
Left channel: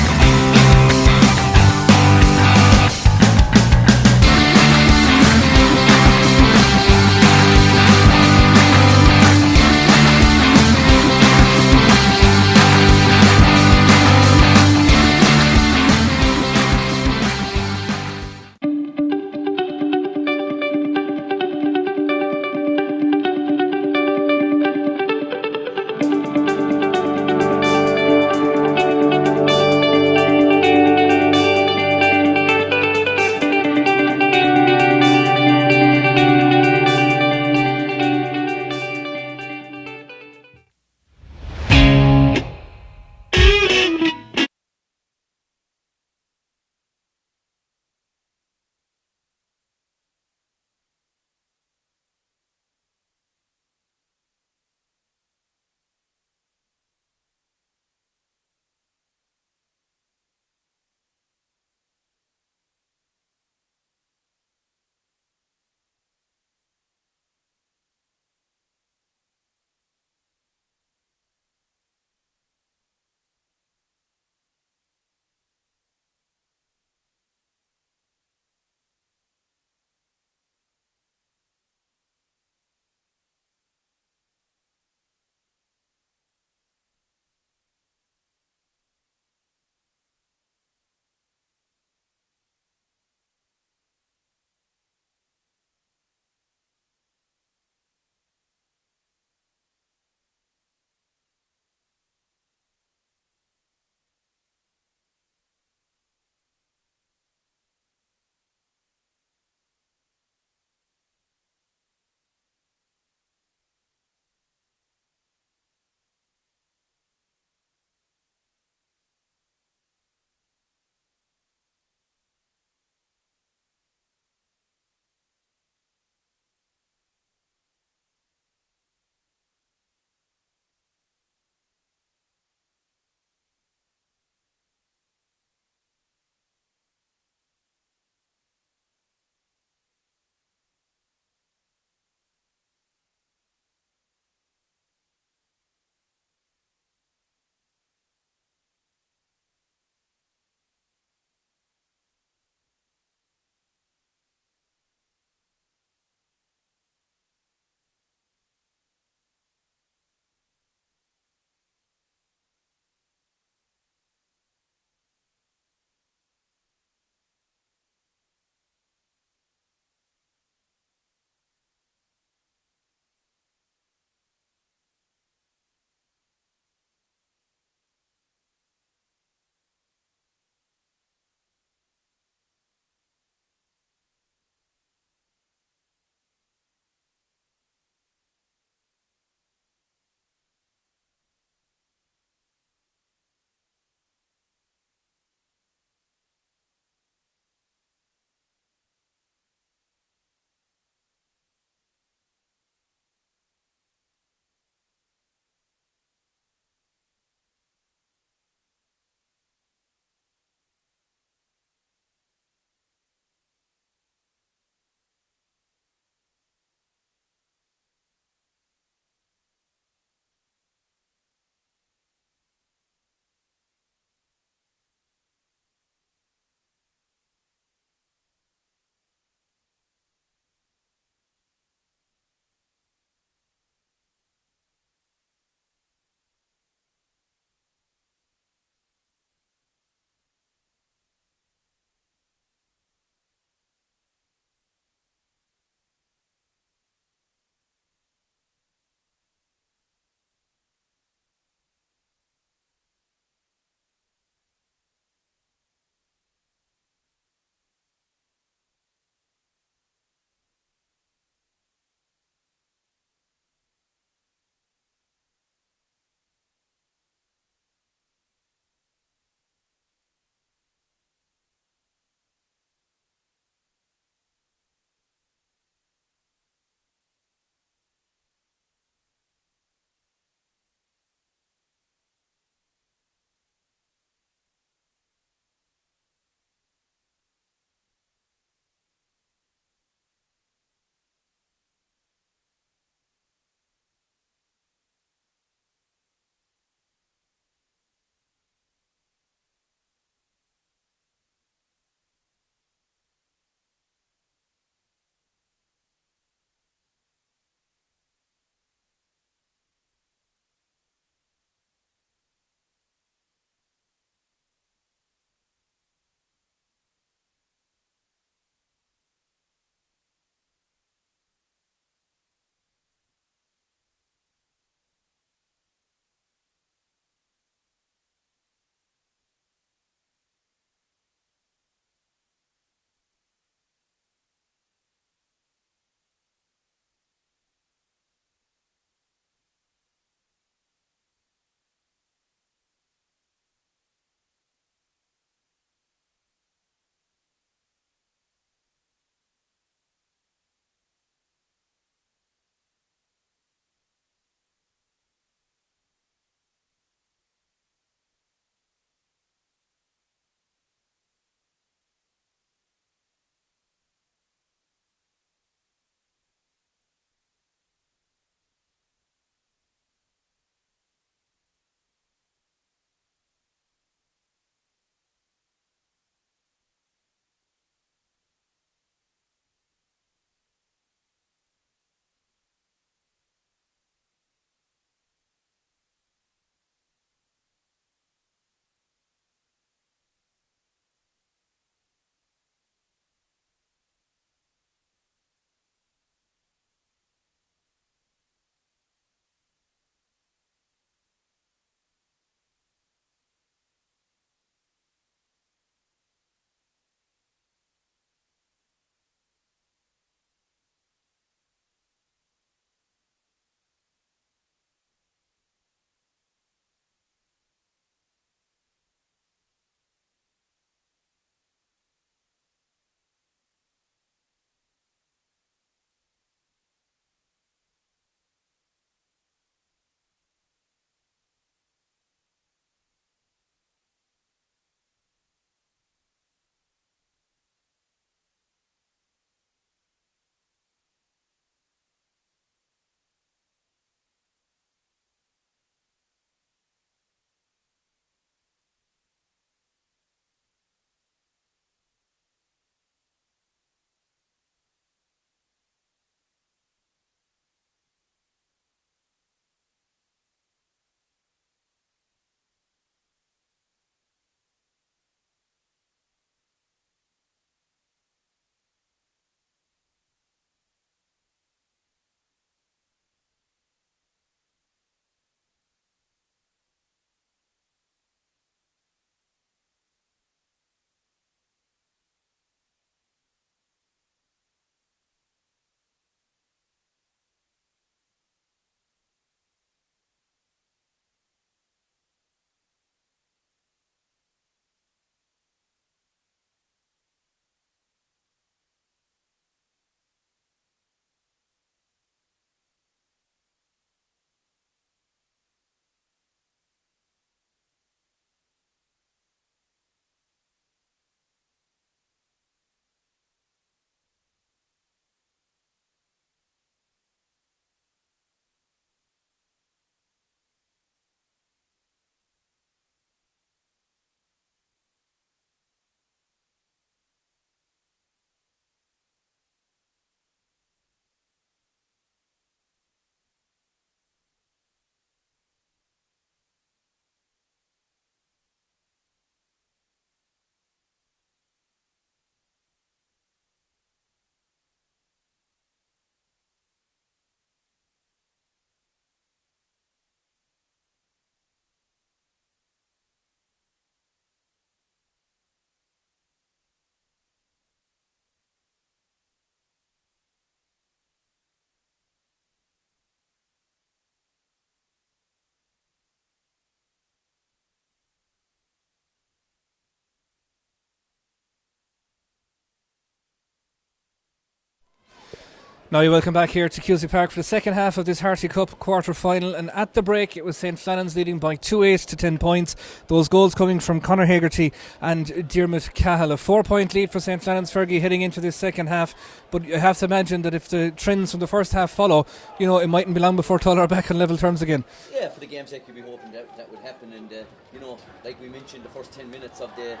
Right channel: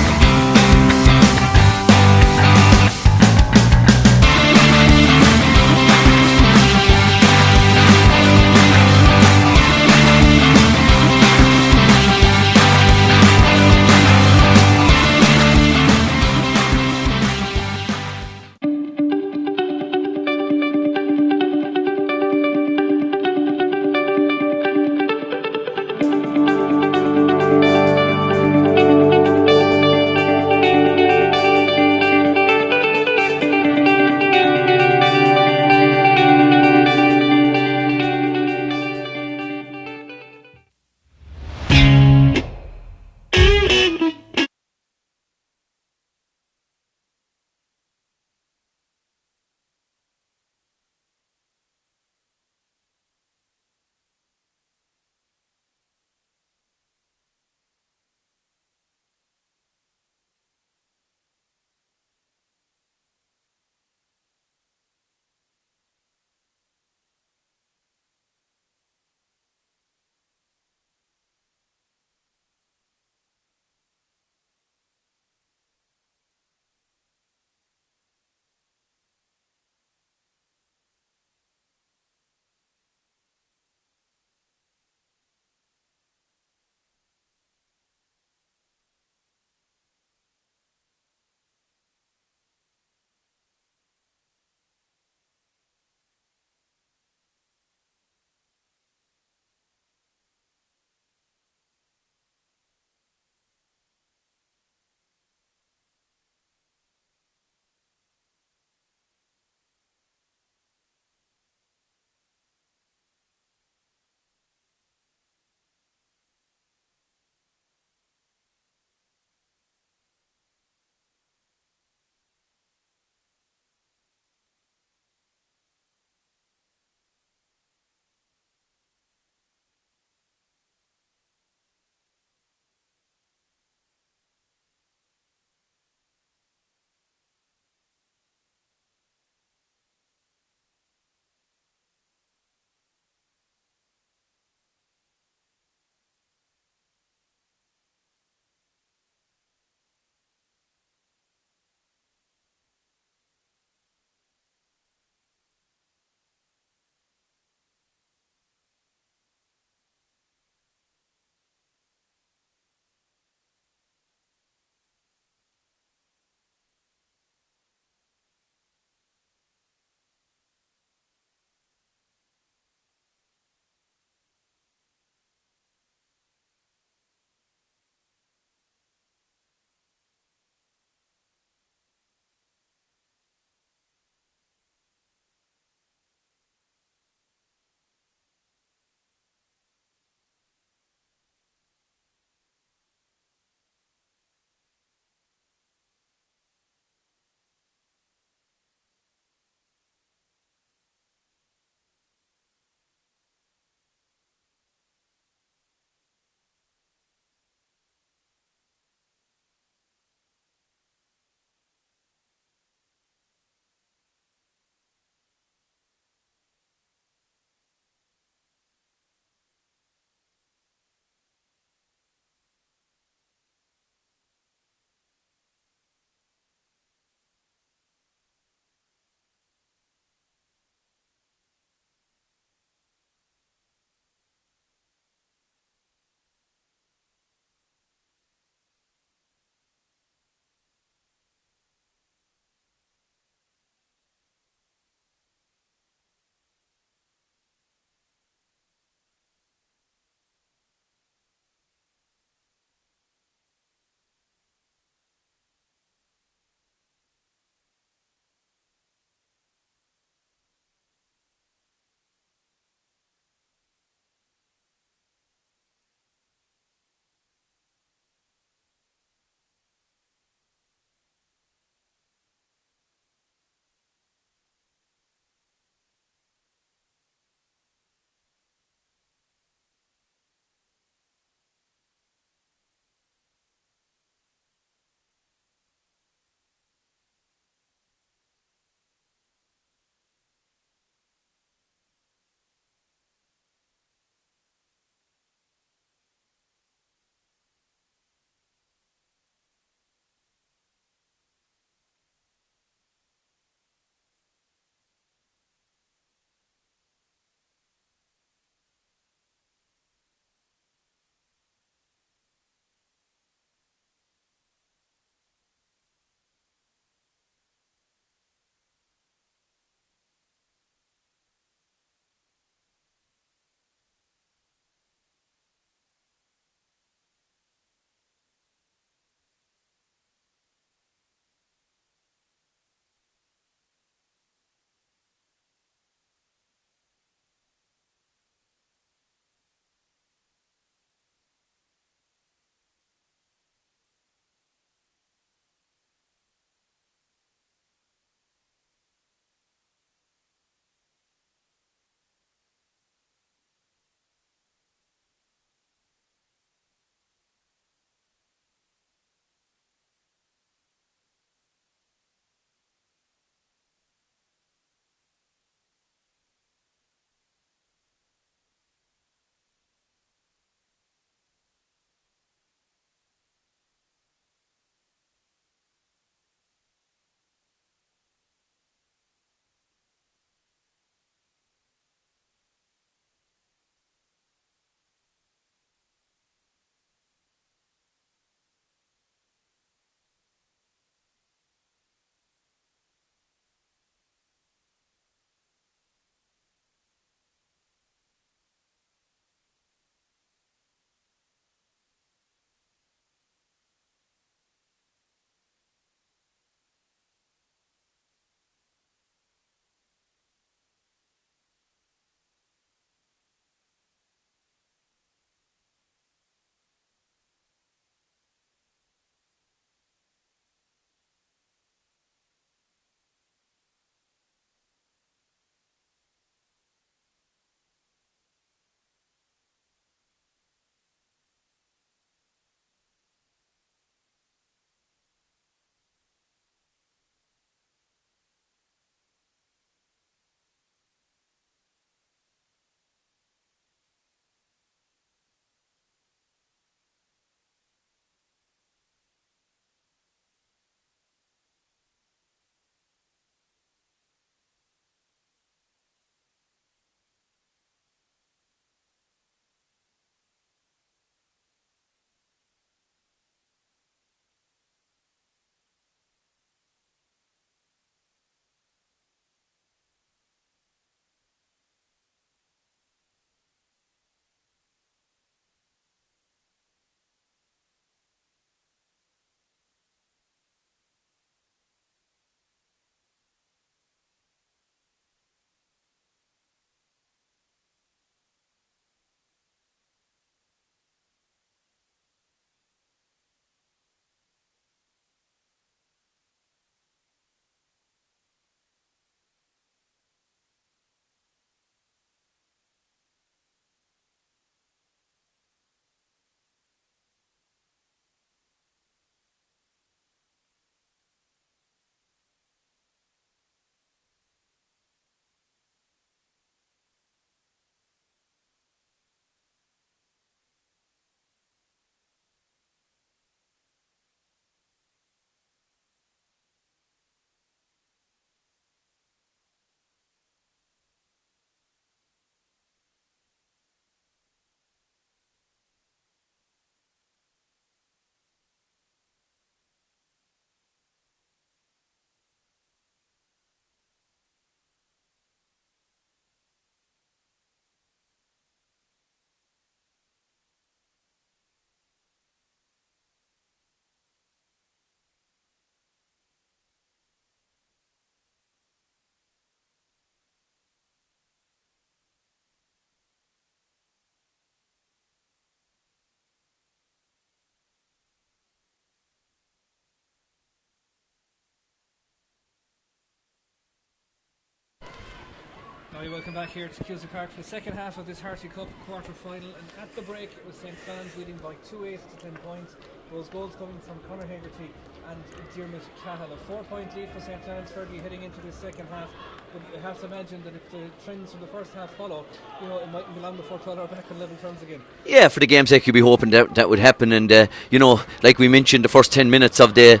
Now you're welcome back here to Cusack Park for the second half of this Harty Cup quarter-final, and at the break it was St. Flannans leading by 2-8 to 10 points. Those goals coming from Conor Hegarty and Diarmuid Cahill. A 4-point lead for St. Flannans, Fergie, heading into this second half, but you have to imagine that if the trends from the first half follow, you know, it mightn't be long before Tulla are back on level terms again. Yeah, for the game's sake you'd be hoping that would happen, and you know, like we mentioned, the first 10 minutes of the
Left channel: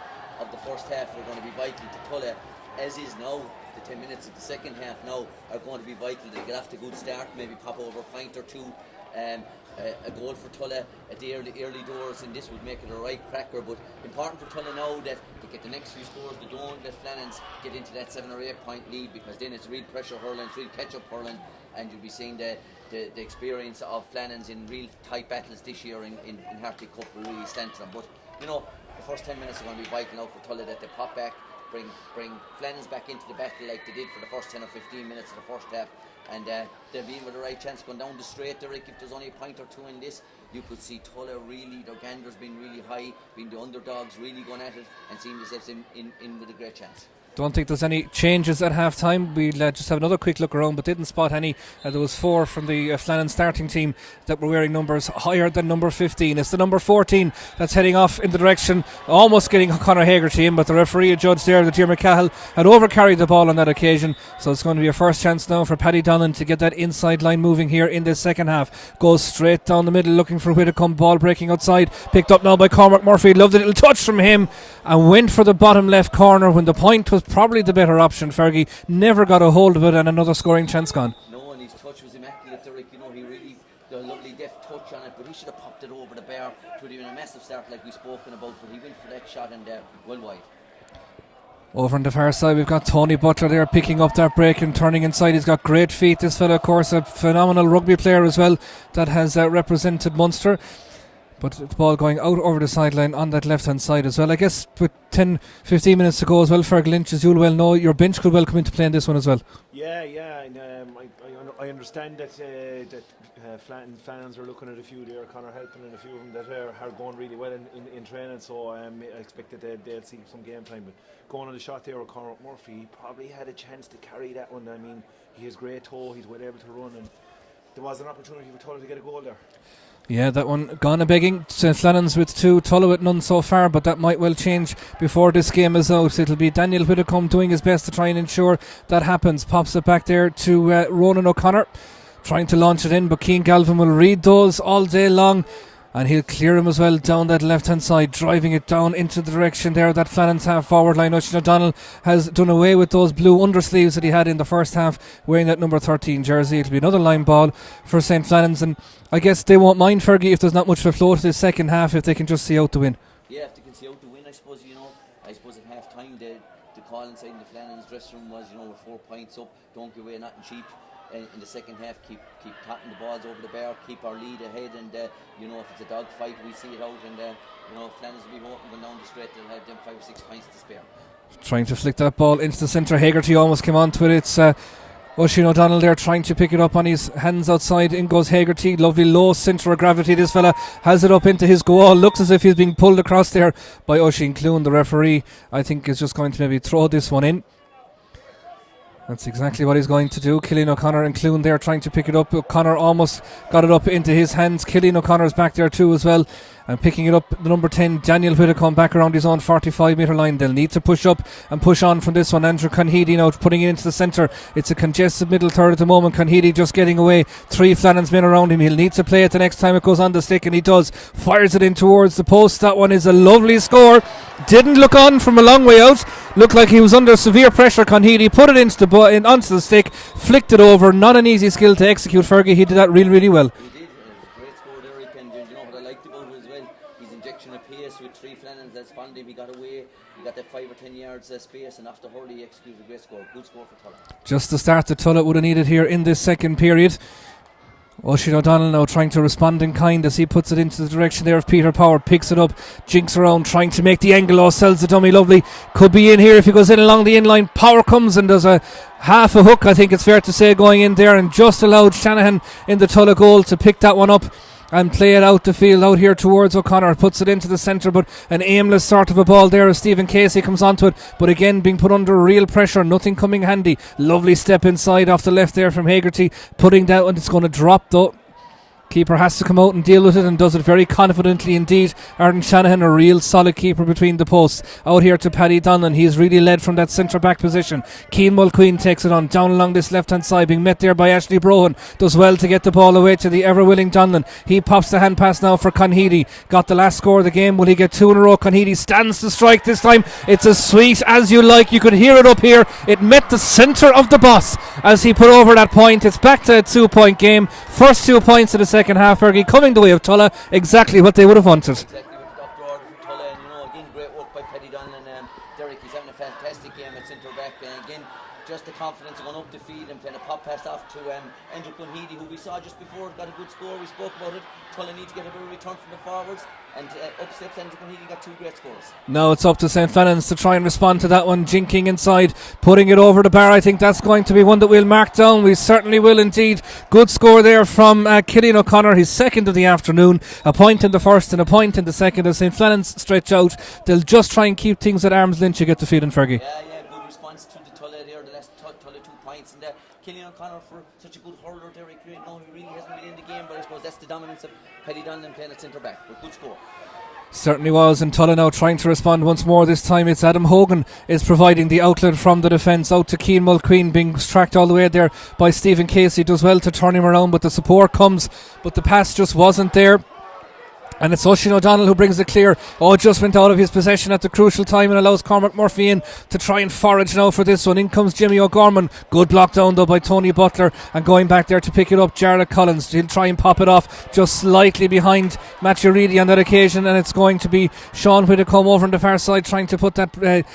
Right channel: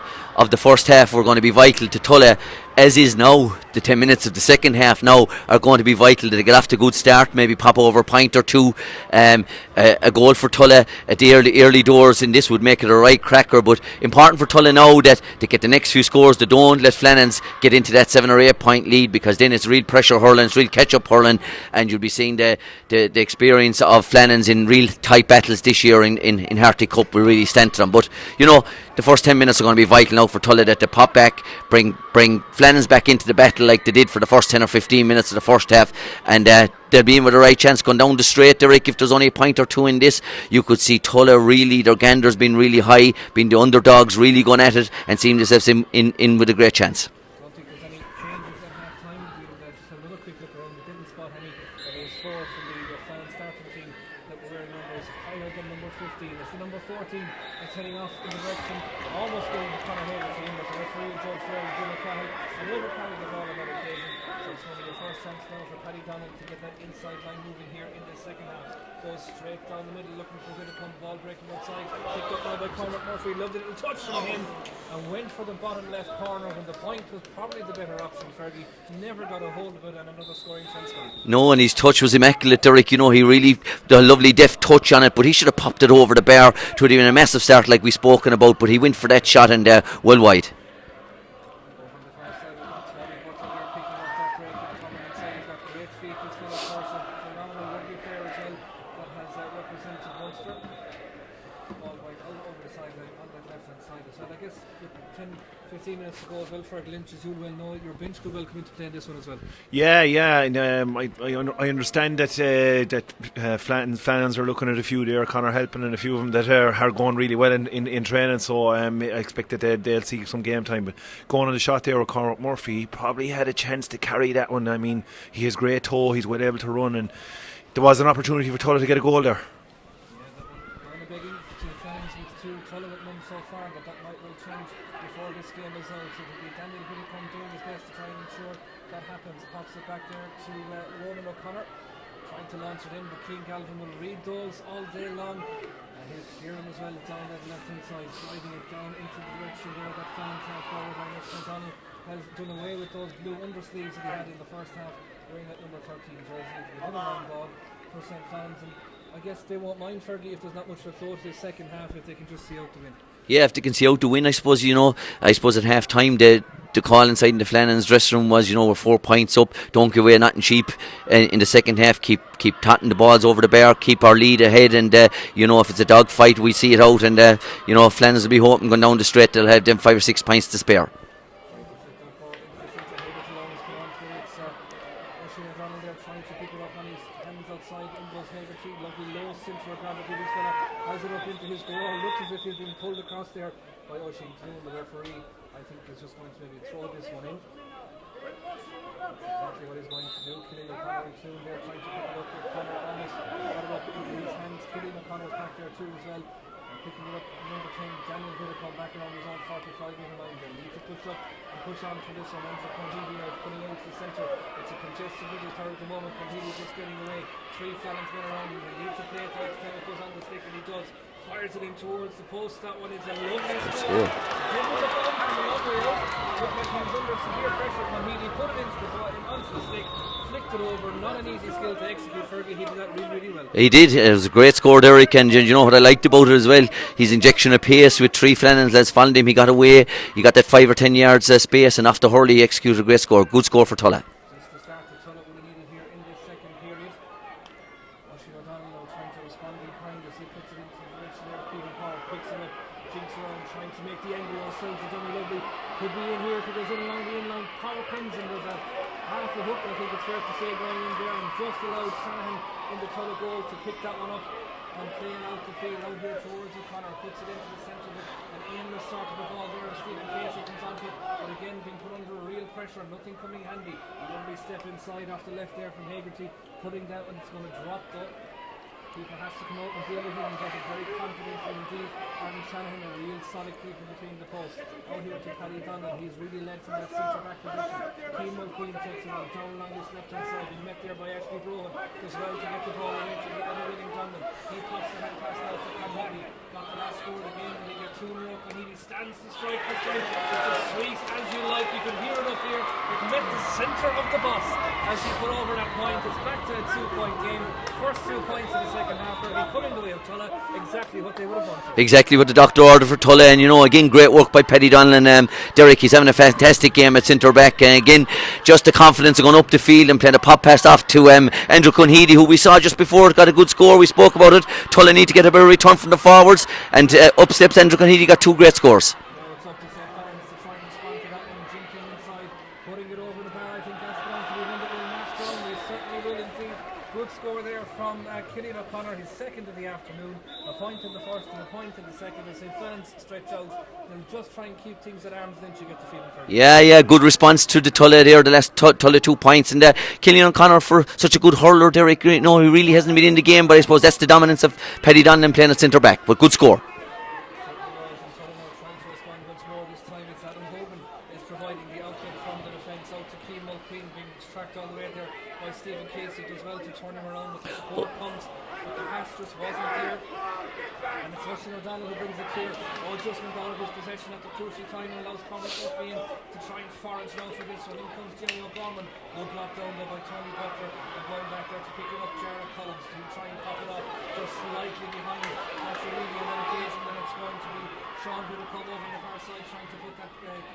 first half were going to be vital to Tulla, as is now. The 10 minutes of the second half now are going to be vital to get off to a good start, maybe pop over a point or two. A goal for Tulla at the early doors, and this would make it a right cracker. But important for Tulla now that they get the next few scores. They don't let Flannans get into that 7 or 8 point lead, because then it's real pressure hurling, it's real catch up hurling, and you'll be seeing the experience of Flannans in real tight battles this year in Harty Cup will really stand to them. But you know, the first 10 minutes are going to be vital now for Tulla, that they pop back, bring Flannans back into the battle like they did for the first 10 or 15 minutes of the first half, and they'll be in with a right chance going down the straight, Derek. If there's only a point or two in this, you could see Tulla really, their ganders being really high, being the underdogs, really going at it and seeing themselves in with a great chance. Don't think there's any changes at half time. We'll just have another quick look around, but didn't spot any. There was 4 from the Flannans starting team that were wearing numbers higher than number 15. It's the number 14 that's heading off in the direction, almost getting Conor Hegarty in, but the referee adjudged there that Diarmuid Cahill had overcarried the ball on that occasion. So it's going to be a first chance now for Paddy Donlan to get that inside line moving here in this second half. Goes straight down the middle looking for Whitcomb, ball breaking outside, picked up now by Cormac Murphy. Loved a little touch from him and went for the bottom left corner when the point was probably the better option. Fergie never got a hold of it, and another scoring chance gone. No, and his touch was immaculate, Derek. You know, he really did a lovely deft touch on it, but he should have popped it over the bar to have been a massive start like we've spoken about, but he went for that shot and well wide. Over on the far side we've got Tony Butler there picking up that break and turning inside. He's got great feet, this fella, of course, a phenomenal rugby player as well that has represented Munster. But the ball going out over the sideline on that left hand side as well. I guess with 10-15 minutes to go as well, Ferg Lynch, as you'll well know, your bench could well come into play in this one as well. Yeah, and I understand that Flannans are looking at a few there, Conor helping, and a few of them that are going really well in training, so I expect that they'll see some game time. But going on the shot there with Cormac Murphy, he probably had a chance to carry that one. I mean, he has great toe, he's well able to run, and there was an opportunity for Tulla to get a goal there. Yeah, that one gone a begging. Flannans with 2, Tulla with none so far, but that might well change before this game is out. It'll be Daniel Whitcomb doing his best to try and ensure that happens. Pops it back there to Ronan O'Connor, trying to launch it in, but Keane Galvin will read those all day long, and he'll clear him as well down that left hand side, driving it down into the direction there that Flannans half forward line. Oisin O'Donnell has done away with those blue undersleeves that he had in the first half, wearing that number 13 jersey. It'll be another line ball for St. Flannans, and I guess they won't mind, Fergie, if there's not much of a flow to this second half, if they can just see out the win. Yeah, if they can see out the win, I suppose, you know. I suppose at half time the call inside in the Flannans dressing room was, you know, we're 4 points up, don't give away nothing cheap in the second half, keep totting the balls over the bar, keep our lead ahead, and you know, if it's a dog fight we see it out, and you know, Flannans will be hoping going down the straight they'll have them 5 or 6 points to spare. Trying to flick that ball into the centre. Hegarty almost came on to it. It's Oisin O'Donnell there trying to pick it up on his hands outside. In goes Hegarty. Lovely low centre of gravity. This fella has it up into his goal. Looks as if he's being pulled across there by Oisin Clune. The referee, I think, is just going to maybe throw this one in. That's exactly what he's going to do. Cillian O'Connor and Clune there trying to pick it up. O'Connor almost got it up into his hands. Cillian O'Connor's back there too as well. And picking it up, the number 10, Daniel Whitcomb, back around his own 45 metre line. They'll need to push up and push on from this one. Andrew Conheady now putting it into the centre. It's a congested middle third at the moment. Conheady just getting away. 3 Flannans men around him. He'll need to play it the next time it goes on the stick, and he does. Fires it in towards the post. That one is a lovely score. Didn't look on from a long way out. Looked like he was under severe pressure. Conheady put it into onto the stick, flicked it over. Not an easy skill to execute, Fergie. He did that really, really well. He did. It was a great score, Derek, and you know what I liked about it as well? His injection of pace with 3 Flannans lads followed him. He got away. He got that 5 or 10 yards space, and after hurley he executed a great score. Good score for Tulla. Just the start that Tulla would have needed here in this second period. Oisin O'Donnell now trying to respond in kind as he puts it into the direction there of Peter Power. Picks it up, jinks around, trying to make the angle. Oh, sells the dummy lovely. Could be in here if he goes in along the in-line. Power comes and does a half a hook, I think it's fair to say, going in there, and just allowed Shanahan in the Tulla goal to pick that one up. and play it out the field out here towards O'Connor. Puts it into the centre, but an aimless sort of a ball there as Stephen Casey comes onto it, but again being put under real pressure, nothing coming handy. Lovely step inside off the left there from Hagerty, putting down, and it's going to drop though. Keeper has to come out and deal with it, and does it very confidently indeed. Arden Shanahan, a real solid keeper between the posts. Out here to Paddy Donlan. He's really led from that centre back position. Cian Mulqueen takes it on down along this left hand side, being met there by Ashley Brohan. Does well to get the ball away to the ever willing Donlan. He pops the hand pass now for Conheady. Got the last score of the game. Will he get 2 in a row? Conheady stands to strike this time. It's as sweet as you like. You could hear it up here. It met the centre of the bus as he put over that point. It's back to a 2-point game. First 2 points of the second half, Fergie, coming the way of Tulla. Exactly what they would have wanted. Exactly what the doctor ordered for Tulla. And again, great work by Paddy Donlan. Derek, he's having a fantastic game at centre back, and again, just the confidence of going up the field and playing a pop pass off to Andrew Conheady, who we saw just before got a good score. We spoke about it. Tulla need to get a better return from the forwards, and up steps Andrew Conheady, got 2 great scores. Now it's up to St. Flannans to try and respond to that one. Jinking inside, putting it over the bar. I think that's going to be one that we'll mark down. We certainly will indeed. Good score there from Killian O'Connor, his second of the afternoon. A point in the first and a point in the second. As St. Flannans stretch out, they'll just try and keep things at arm's length. You get the feeling, Fergie. Yeah, good response to the Tulla there, the last Tulla 2 points. And Killian O'Connor, for such a good hurler, Derek, he really hasn't been in the game, but I suppose that's the dominance of Paddy Donlan playing at centre back. But good score. Certainly was, and Tulla now trying to respond once more. This time it's Adam Hogan is providing the outlet from the defence out to Cian Mulqueen, being tracked all the way there by Stephen Casey. Does well to turn him around, but the support comes, but the pass just wasn't there. And it's Oisin O'Donnell who brings it clear. Just went out of his possession at the crucial time and allows Cormac Murphy in to try and forage now for this one. In comes Jimmy O'Gorman. Good block down though by Tony Butler, and going back there to pick it up, Jarlath Collins. He'll try and pop it off just slightly behind Matthew Reedy on that occasion, and it's going to be Sean Whitacombe over on the far side trying to put that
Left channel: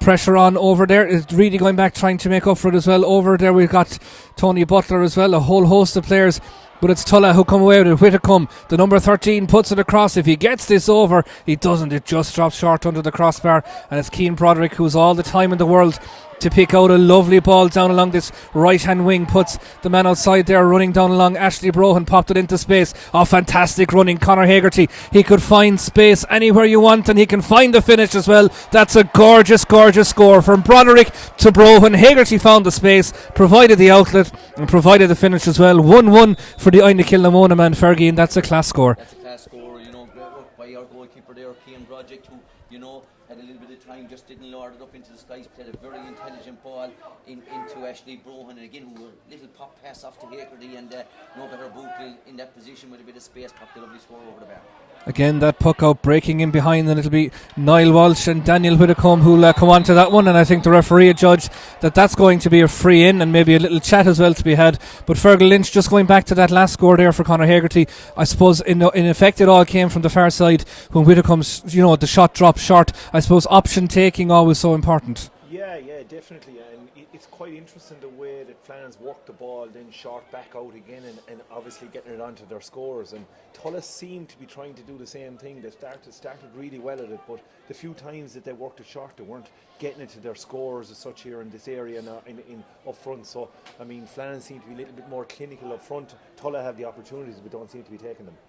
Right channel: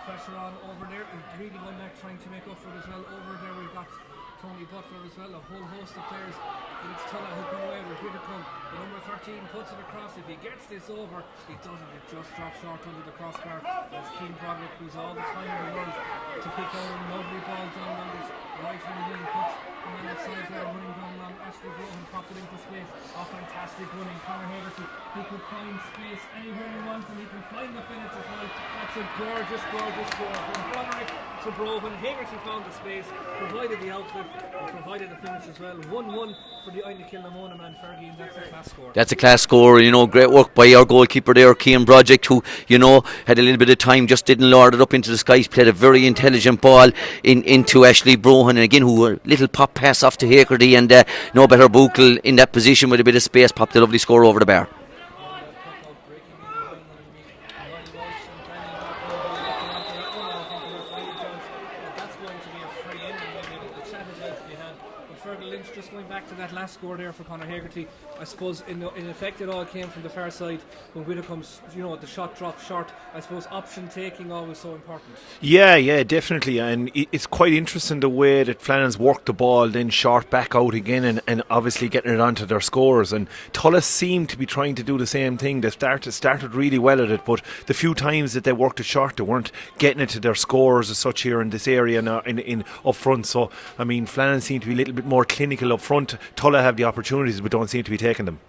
pressure on over there. It's really going back trying to make up for it as well. Over there we've got Tony Butler as well, a whole host of players. But it's Tulla who come away with it. Whitacombe, the number 13, puts it across. If he gets this over, he doesn't. It just drops short under the crossbar. And it's Cian Broderick, who's all the time in the world to pick out a lovely ball down along this right hand wing. Puts the man outside there running down along. Ashley Brohan popped it into space. Fantastic running Conor Hagerty. He could find space anywhere you want, and he can find the finish as well. That's a gorgeous score from Broderick to Brohan. Hagerty found the space, provided the outlet, and provided the finish as well. 1-1 for the Aina Kilnamona man, Fergie, and that's a class score. That's a class score. Great work by our goalkeeper there, Cian Broderick, who had a little bit of time, just didn't lord it up into the skies. Played a very intelligent ball into Ashley Brohan, and again, who a little pop pass off to Hagerty, and no better Buchel in that position with a bit of space, popped a lovely score over the bar. Again, that puck out breaking in behind, and it'll be Niall Walsh and Daniel Whitacombe who'll come on to that one, and I think the referee judged that that's going to be a free in, and maybe a little chat as well to be had. But Fergal Lynch, just going back to that last score there for Conor Hagerty, I suppose in effect it all came from the far side when Whitacombe's, the shot dropped short. I suppose option taking always so important. Yeah, definitely, and it's quite interesting the way that Flannans worked the ball, then short back out again, and obviously getting it onto their scores. And Tullis seemed to be trying to do the same thing. They started really well at it, but the few times that they worked it short, they weren't getting it to their scores as such here in this area in up front. So I mean, Flannans seem to be a little bit more clinical up front. Tulla have the opportunities but don't seem to be taking them.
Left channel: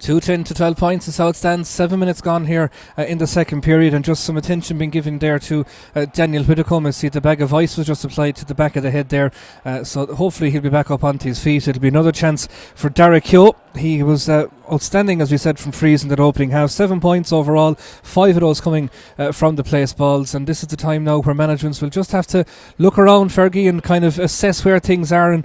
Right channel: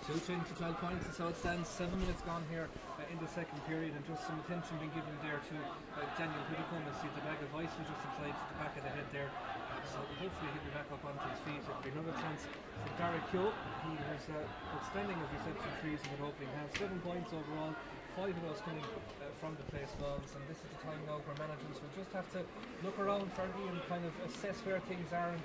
2-10 to 12 points is how it stands. 7 minutes gone here in the second period, and just some attention being given there to Daniel Whitacombe. I see the bag of ice was just applied to the back of the head there, so hopefully he'll be back up onto his feet. It'll be another chance for Derek Heo. He was outstanding, as we said, from frees in that opening half. 7 points overall, 5 of those coming from the place balls, and this is the time now where managements will just have to look around, Fergie, and kind of assess where things are, and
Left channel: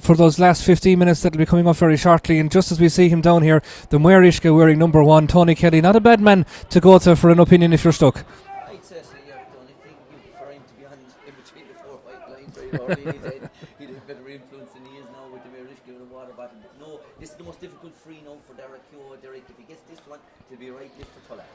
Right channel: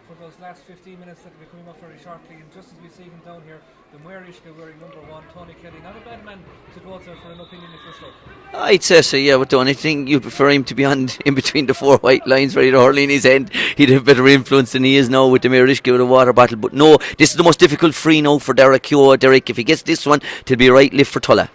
for those last 15 minutes that will be coming up very shortly. And just as we see him down here, the Muirishka wearing number 1, Tony Kelly, not a bad man to go to for an opinion if you're stuck. I'd say so, yeah, but the only thing you'd prefer him to be on in between the 4 white lines ready to hurl in his end. He'd have better influence than he is now with the Muirishka with a water bottle. But no, this is the most difficult free now for Derek Heo. Derek, if he gets this one, it'll be a right lift for Tulla.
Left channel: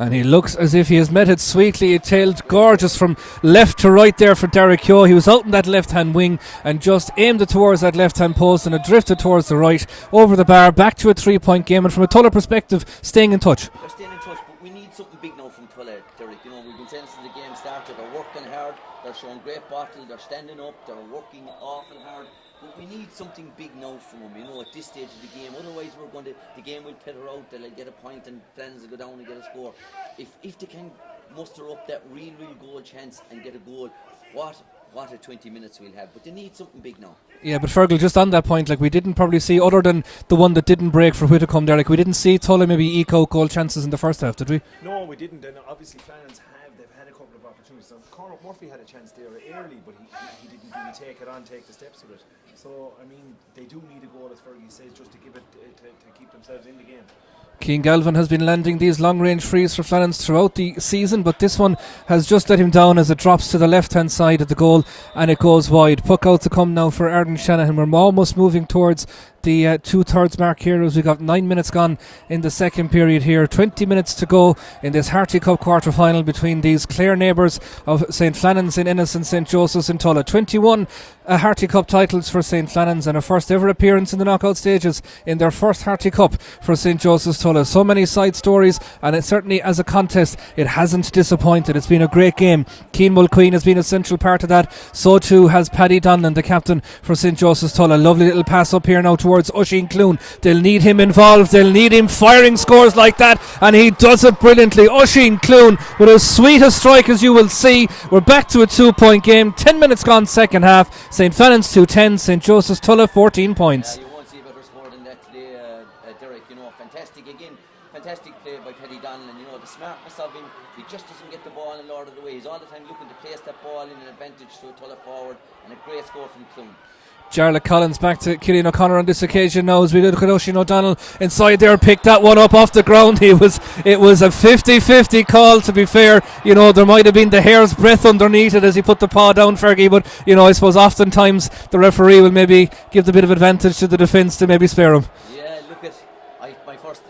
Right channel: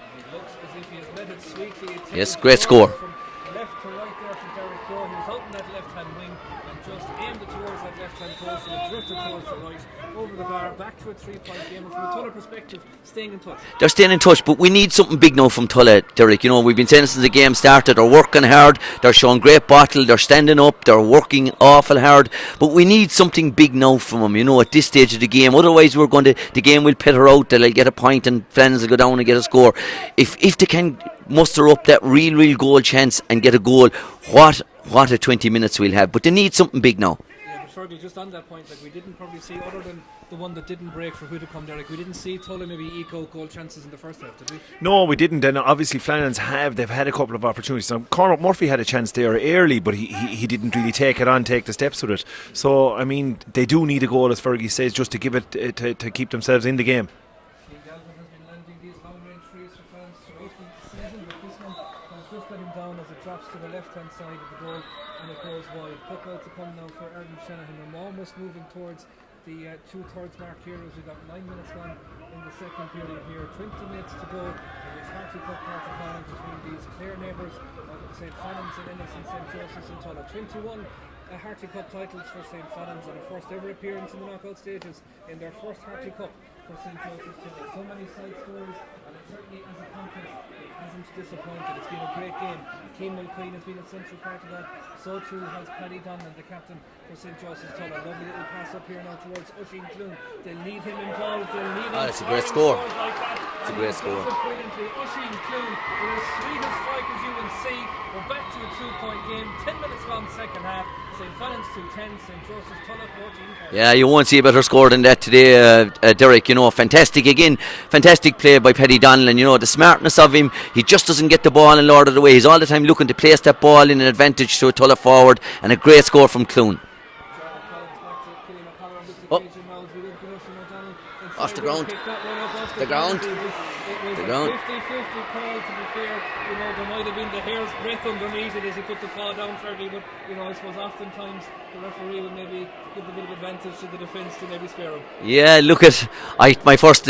And he looks as if he has met it sweetly. He tailed great gorgeous score. from left to right there for Derek Yo. He was out in that left-hand wing and just aimed it towards that left-hand post, and it drifted towards the right, over the bar, back to a 3-point game. And from a Tulla perspective, staying in touch. They're staying in touch, but we need something big now from Tulla, Derek. You know, we've been saying since the game started, they're working hard, they're showing great battle, they're standing up, they're working awful hard, but we need something big now from them, you know, at this stage of the game. Otherwise the game will peter out, they'll get a point and Flannans will go down and get a score. If they can muster up that real goal chance and get a goal, what a 20 minutes we'll have. But they need something big now. Yeah, but Fergal, just on that point, like, we didn't probably see, other than the one that didn't break for Whitacombe there, like, we didn't see Tulla maybe eke out goal chances in the first half, did we? No, we didn't. And obviously Flannans they've had a couple of opportunities. Now, Cormac Murphy had a chance there early, but he didn't really take the steps with it. So I mean, they do need a goal, as Fergie says, just to give it to keep themselves in the game. Keane Galvin has been landing these long-range frees for Flannans throughout the season, but this one has just let him down as it drops to the left-hand side of the goal and it goes wide. Puck out to come now for Arden Shanahan. We're almost moving towards the 2/3 mark here, as we got 9 minutes gone in the second period here. 20 minutes to go in this Harty Cup quarter final between these Clare neighbours of St Flannans in Ennis and St Joseph's in Tulla. 21 Harty Cup titles for St Flannans and a first ever appearance in the knockout stages in their first Harty Cup for St Joseph's Tulla. So many side stories, and it certainly, as a contest, it hasn't disappointed. It's been a great game. Cian Mulqueen has been a central part of that. So too has Paddy Donlan, the captain for St Joseph's Tulla. Lovely little pass up here now towards Oisin Clune. They'll need him involved, they'll need him firing scores like that, and he does it brilliantly. Oisin Clune with as sweet a strike as you will see. We're back to a 2-point game. 10 minutes gone second half. St Flannans 2-10, St Joseph's Tulla 14 points. Yeah, you won't see a better score than that today, Derek. You know, fantastic play by Paddy Donlan. You know, the smartness of him, he just doesn't get the ball in Lord of the way. He's all the time looking to place that ball in an advantage to a Tulla forward, and a great score from Clune. Jarlath Collins back to Cillian O'Connor on this occasion now as we look at Oisin O'Donnell inside there, picked that one up off the ground. It was a 50-50 call, to be fair. You know, there might have been the hair's breadth underneath it as he put the paw down, Fergie, but you know, I suppose oftentimes the referee will maybe give the bit of advantage to the defence to maybe spare him. Yeah, look at my first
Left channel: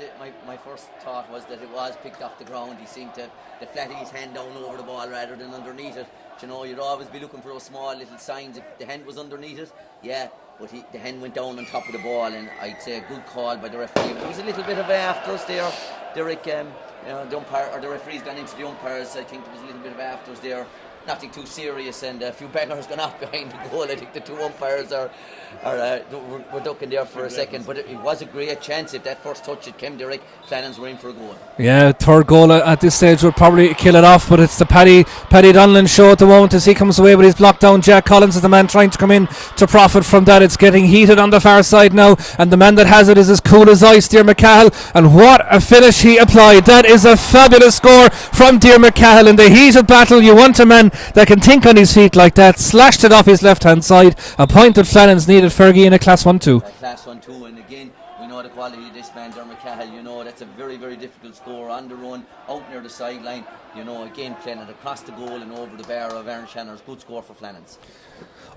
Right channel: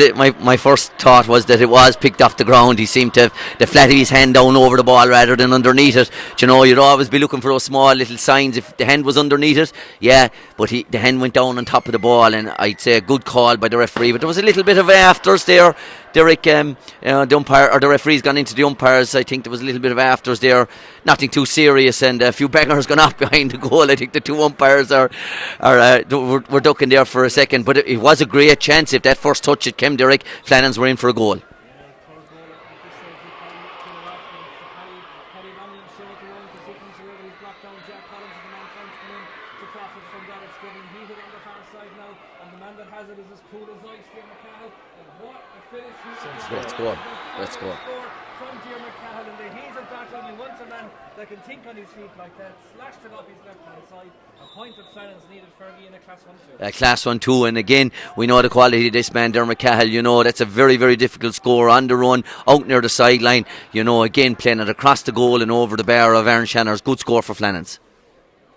thought was that it was picked off the ground. He seemed to have the flat of his hand down over the ball rather than underneath it. Do you know, you'd always be looking for those small little signs if the hand was underneath it. Yeah, but the hand went down on top of the ball, and I'd say a good call by the referee. But there was a little bit of afters there, Derek. The umpire or the referee's gone into the umpires. I think there was a little bit of afters there. Nothing too serious, and a few bangers gone off behind the goal. I think the two umpires were ducking there for a second, but it was a great chance. If that first touch had came, Derek, Flannans were in for a goal. Yeah, third goal at this stage would probably kill it off, but it's the Paddy Donlan show at the moment as he comes away with his block down. Jack Collins is the man trying to come in to profit from that. It's getting heated on the far side now, and the man that has it is as cool as ice, Dear McCahill, and what a finish he applied. That is a fabulous score from Dear McCahill in the heated battle. You want a man that can think on his feet like that. Slashed it off his left hand side. A point that Flannans needed, Fergie, in a Class 1-2. Class 1-2, and again we know the quality of this man, Dermot Cahill. You know, that's a very, very difficult score on the run, out near the sideline. You know, again playing it across the goal and over the bar of Aaron Shanner's. Good score for Flannans.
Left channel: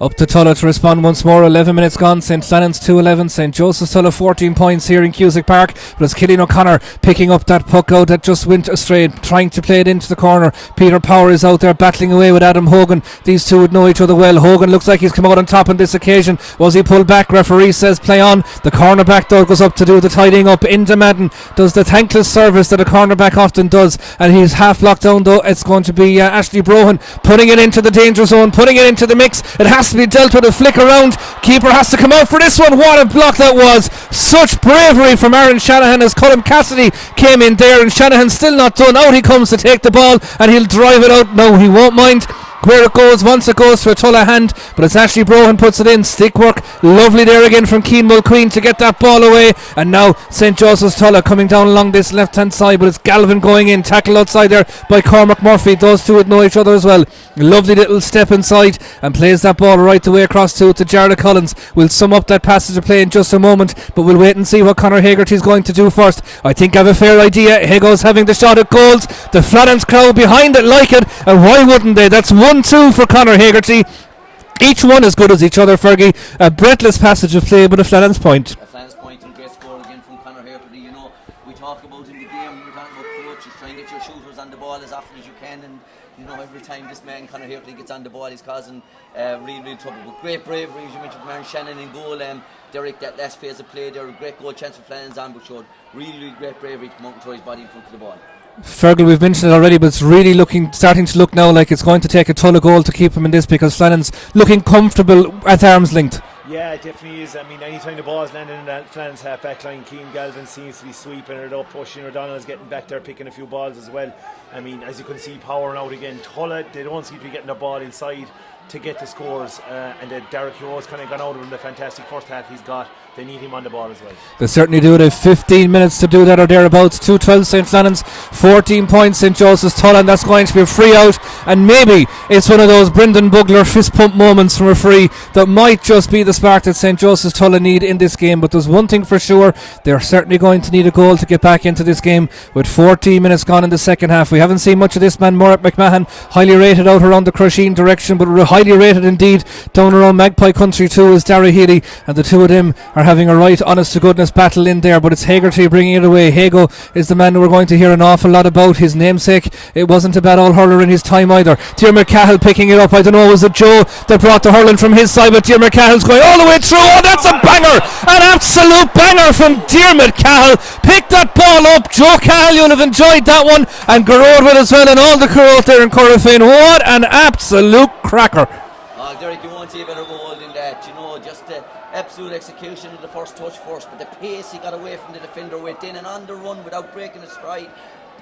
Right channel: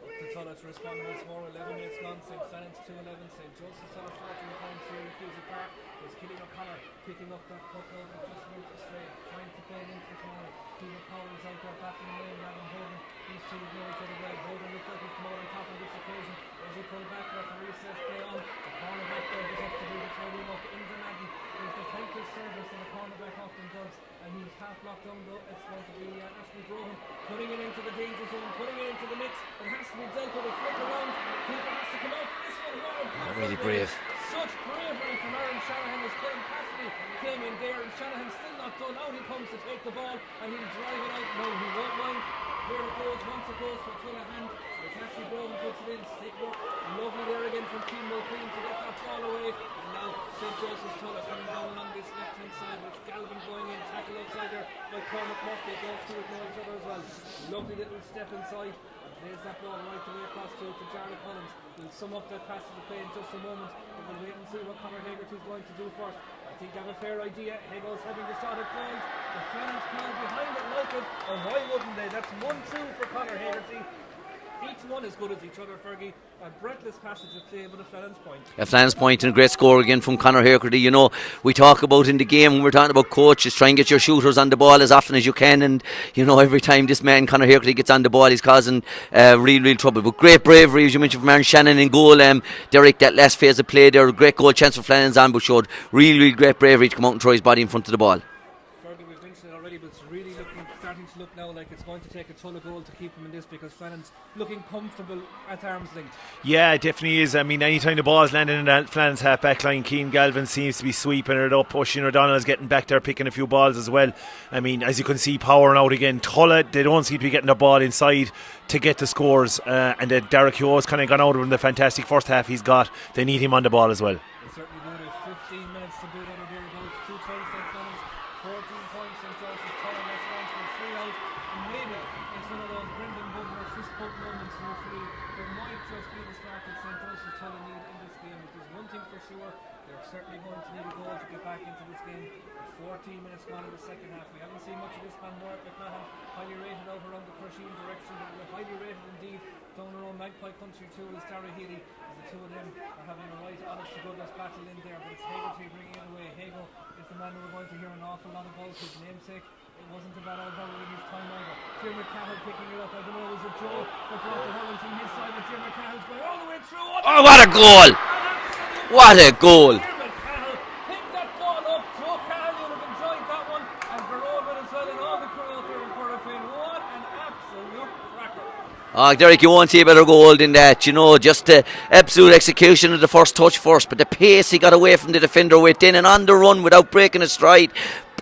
Up to Tulla to respond once more. 11 minutes gone. St Flannans 2-11. St Joseph's Tulla 14 points here in Cusack Park. But it's Cillian O'Connor picking up that puck out that just went astray, trying to play it into the corner. Peter Power is out there battling away with Adam Hogan. These two would know each other well. Hogan looks like he's come out on top on this occasion. Was he pulled back? Referee says play on. The cornerback though goes up to do the tidying up. Into Madden does the thankless service that a cornerback often does, and he's half blocked down though. It's going to be Ashley Brohan putting it into the danger zone, putting it into the mix. It has to be dealt with. A flick around. Keeper has to come out for this one. What a block that was. Such bravery from Aaron Shanahan as Colm Cassidy came in there, and Shanahan still not done. Out he comes to take the ball, and he'll drive it out. No, he won't mind where it goes once it goes to a Tulla hand, but it's Ashley Brohan puts it in. Stick work, lovely there again from Cian Mulqueen to get that ball away, and now St Joseph's Tulla coming down along this left hand side, but it's Galvin going in, tackle outside there by Cormac Murphy. Those two would know each other as well. Lovely little step inside and plays that ball right the way across to Jarlath Collins. We'll sum up that passage of play in just a moment, but we'll wait and see what Conor Hegarty is going to do first. I think I have a fair idea. Higgles having the shot at goals, the Flannans crowd behind it like it, and why wouldn't they? That's 1-2 for Conor Hegarty. Each one as good as each other, Fergie. A breathless passage of play, but a Flannans point. A Flannans point and a great score again from Conor Hagerty. You know, we talk about in the game when we're talking about coaches, try and get your shooters on the ball as often as you can. And, you know, every time this man, Conor Hagerty, gets on the ball, he's causing real trouble. But great bravery, as you mentioned, from Aaron Shannon in goal. Derek, that last phase of play there, a great goal chance for Flannans on, but showed really great bravery to come out and throw his body in front of the ball. Fergal, we've mentioned it already, but it's really starting to look now like it's going to take a ton of goal to keep him in this, because Flannan's looking comfortable at arm's length. Yeah, it definitely is. I mean, anytime the ball's landing in that Flannans half back line, Keane Galvin seems to be sweeping it up. Oisin O'Donnell is getting back there, picking a few balls as well. I mean, as you can see, powering out again. Tulla, they don't seem to be getting the ball inside to get the scores, and then Derek Hughes kind of gone out of the fantastic first half he's got. They need him on the ball as well. They certainly do. They have 15 minutes to do that or thereabouts. 2-12 St. Flannans, 14 points St. Joseph's Tulla, and that's going to be a free out, and maybe it's one of those Brendan Bugler fist pump moments from a free that might just be the spark that St. Joseph's Tulla need in this game. But there's one thing for sure, they're certainly going to need a goal to get back into this game with 14 minutes gone in the second half. We haven't seen much of this man, Morat McMahon, highly rated out around the Crusheen direction, but highly rated indeed down around Magpie Country too is Dara Healy, and the two of them are having a right honest to goodness battle in there, but it's Hagerty bringing it away. Hago is the man who we're going to hear an awful lot about. His namesake, it wasn't a bad all hurler in his time either. Diarmuid Cahill picking it up. I don't know, was it Joe that brought the hurling from his side, but Diarmuid Cahill's going all the way through. Oh, that's a banger, an absolute banger from Diarmuid Cahill. Pick that ball up, Joe Cahill, you'll have enjoyed that one, and Garrod with as well, and all the crew out there in Corofin. What an absolute cracker. Derek, you won't see a better goal than that. You know, just the absolute execution of the first touch first, but the pace he got away from the defender with, then and on the run without breaking a stride.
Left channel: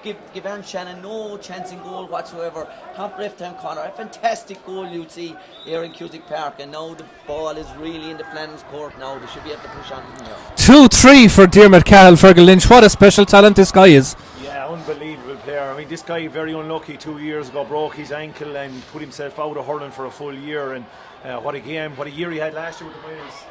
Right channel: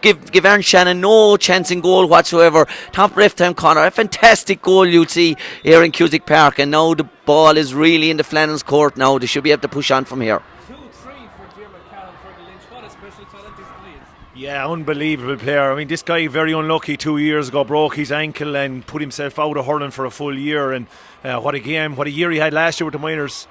Give Aaron Shannon no chance in goal whatsoever. Top left time corner, a fantastic goal you'd see here in Cusick Park, and now the ball is really in the Flannans court now. They should be able to push on from here. 2-3 for Diarmuid Cahill. Fergal Lynch, what a special talent this guy is. Yeah, unbelievable player. I mean, this guy very unlucky 2 years ago, broke his ankle and put himself out of hurling for a full year, and what a year he had last year with the minors.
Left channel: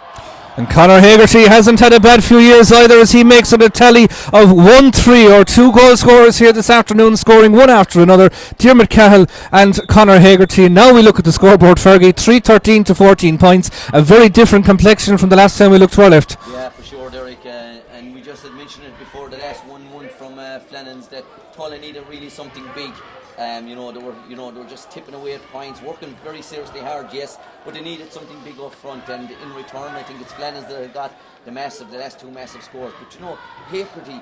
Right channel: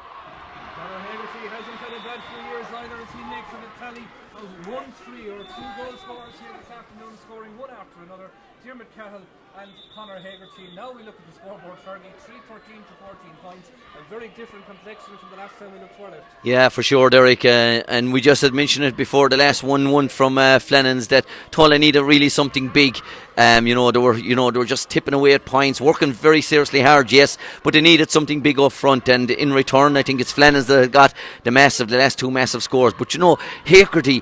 And Conor Hagerty hasn't had a bad few years either, as he makes it a tally of 1-3 or 2 goal scorers here this afternoon, scoring one after another. Diarmuid Cahill and Conor Hagerty. Now we look at the scoreboard, Fergie, 3-13 to 14 points. A very different complexion from the last time we looked to our left. Yeah, for sure, Derek. And we just had mentioned it before, the last 1-1 from Flannans, that Tulla needed really something big. They were just tipping away at points, working very seriously hard, yes, but they needed something big up front, and in return I think it's Flannans that got the last 2 massive scores. But you know, Hagerty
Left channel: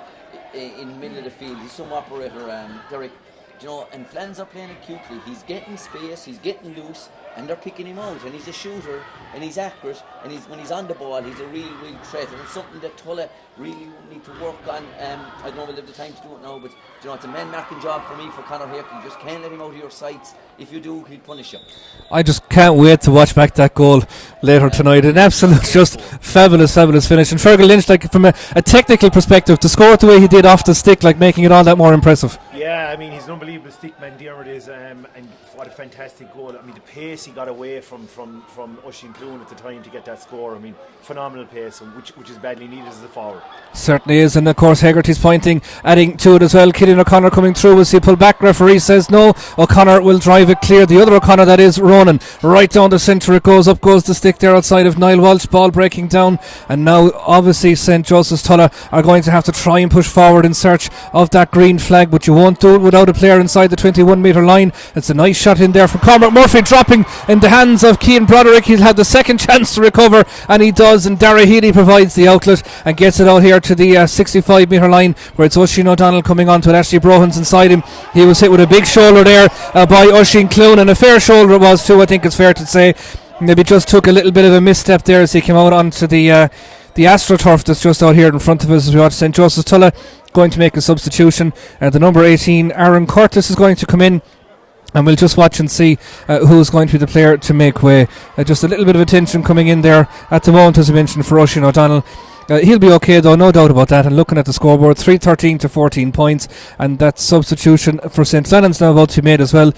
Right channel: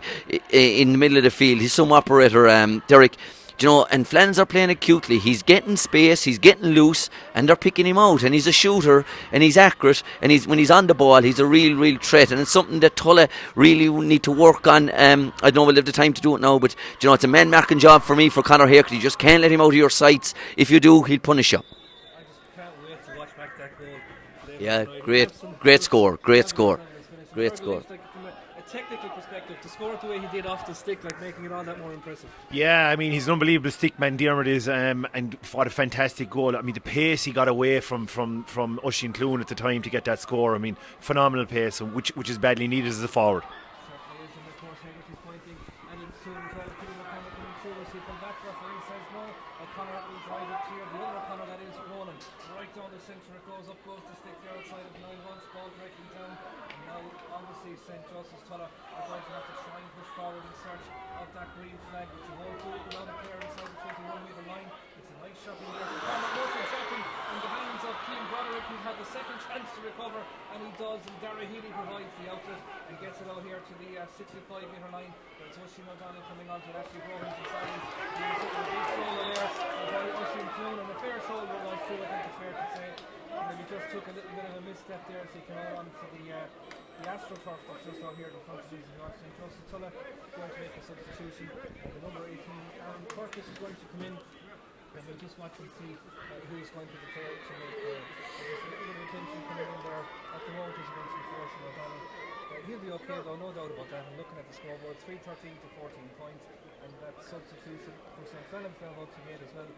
in the middle of the field, he's some operator, Derek. You know, and Flannans are playing acutely. He's getting space, he's getting loose, and they're picking him out. And he's a shooter, and he's accurate, and when he's on the ball, he's a real threat. And it's something that Tulla really need to work on. I don't know we'll have the time to do it now, but you know, it's a man-marking job for me for Conor Hagerty. You just can't let him out of your sights. If you do, he'll punish you. I just can't wait to watch back that goal later tonight. An absolute, just fabulous finish. And Fergal Lynch, like from a technical perspective, to score it the way he did off the stick, like making it all that more impressive. Yeah, I mean, he's an unbelievable stick man, Diarmuid is, and what a fantastic goal. I mean, the pace he got away from Oisin Clune at the time to get that score, I mean, phenomenal pace, which is badly needed as a forward. Certainly is, and of course Hagerty's pointing, adding to it as well. Killian O'Connor coming through as he pulled back. Referee says no, O'Connor will drive it clear. The other O'Connor, that is Ronan, right down the centre it goes. Up goes the stick there outside of Niall Walsh, ball breaking down, and now obviously St. Joseph's Tulla are going to have to try and push forward in search of that green flag, but you won't do it without a player inside the 21 metre line. It's a nice shot in there from Cormac Murphy, dropping in the hands of Cian Broderick. He'll have the second chance to recover, and he does, and Dara Healy provides the outlet and gets it out here to the 65 metre line, where it's Oisin O'Donnell coming on to it. Ashley Brohan's inside him. He was hit with a big shoulder there by Oisin Clune, and a fair shoulder it was too, I think it's fair to say. Maybe just took a little bit of a misstep there as he came out onto the AstroTurf that's just out here in front of us as we watch St. Joseph's Tulla going to make a substitution. The number 18, Aaron Curtis, is going to come in, and we'll just watch and see who's going to be the player to make way. Just a little bit of attention coming in there at the moment, as I mentioned, for Oisin O'Donnell. He'll be okay though, no doubt about that. And looking at the scoreboard, 3-13 to 14 points, and that substitution for St. Flannans now about to be made as well,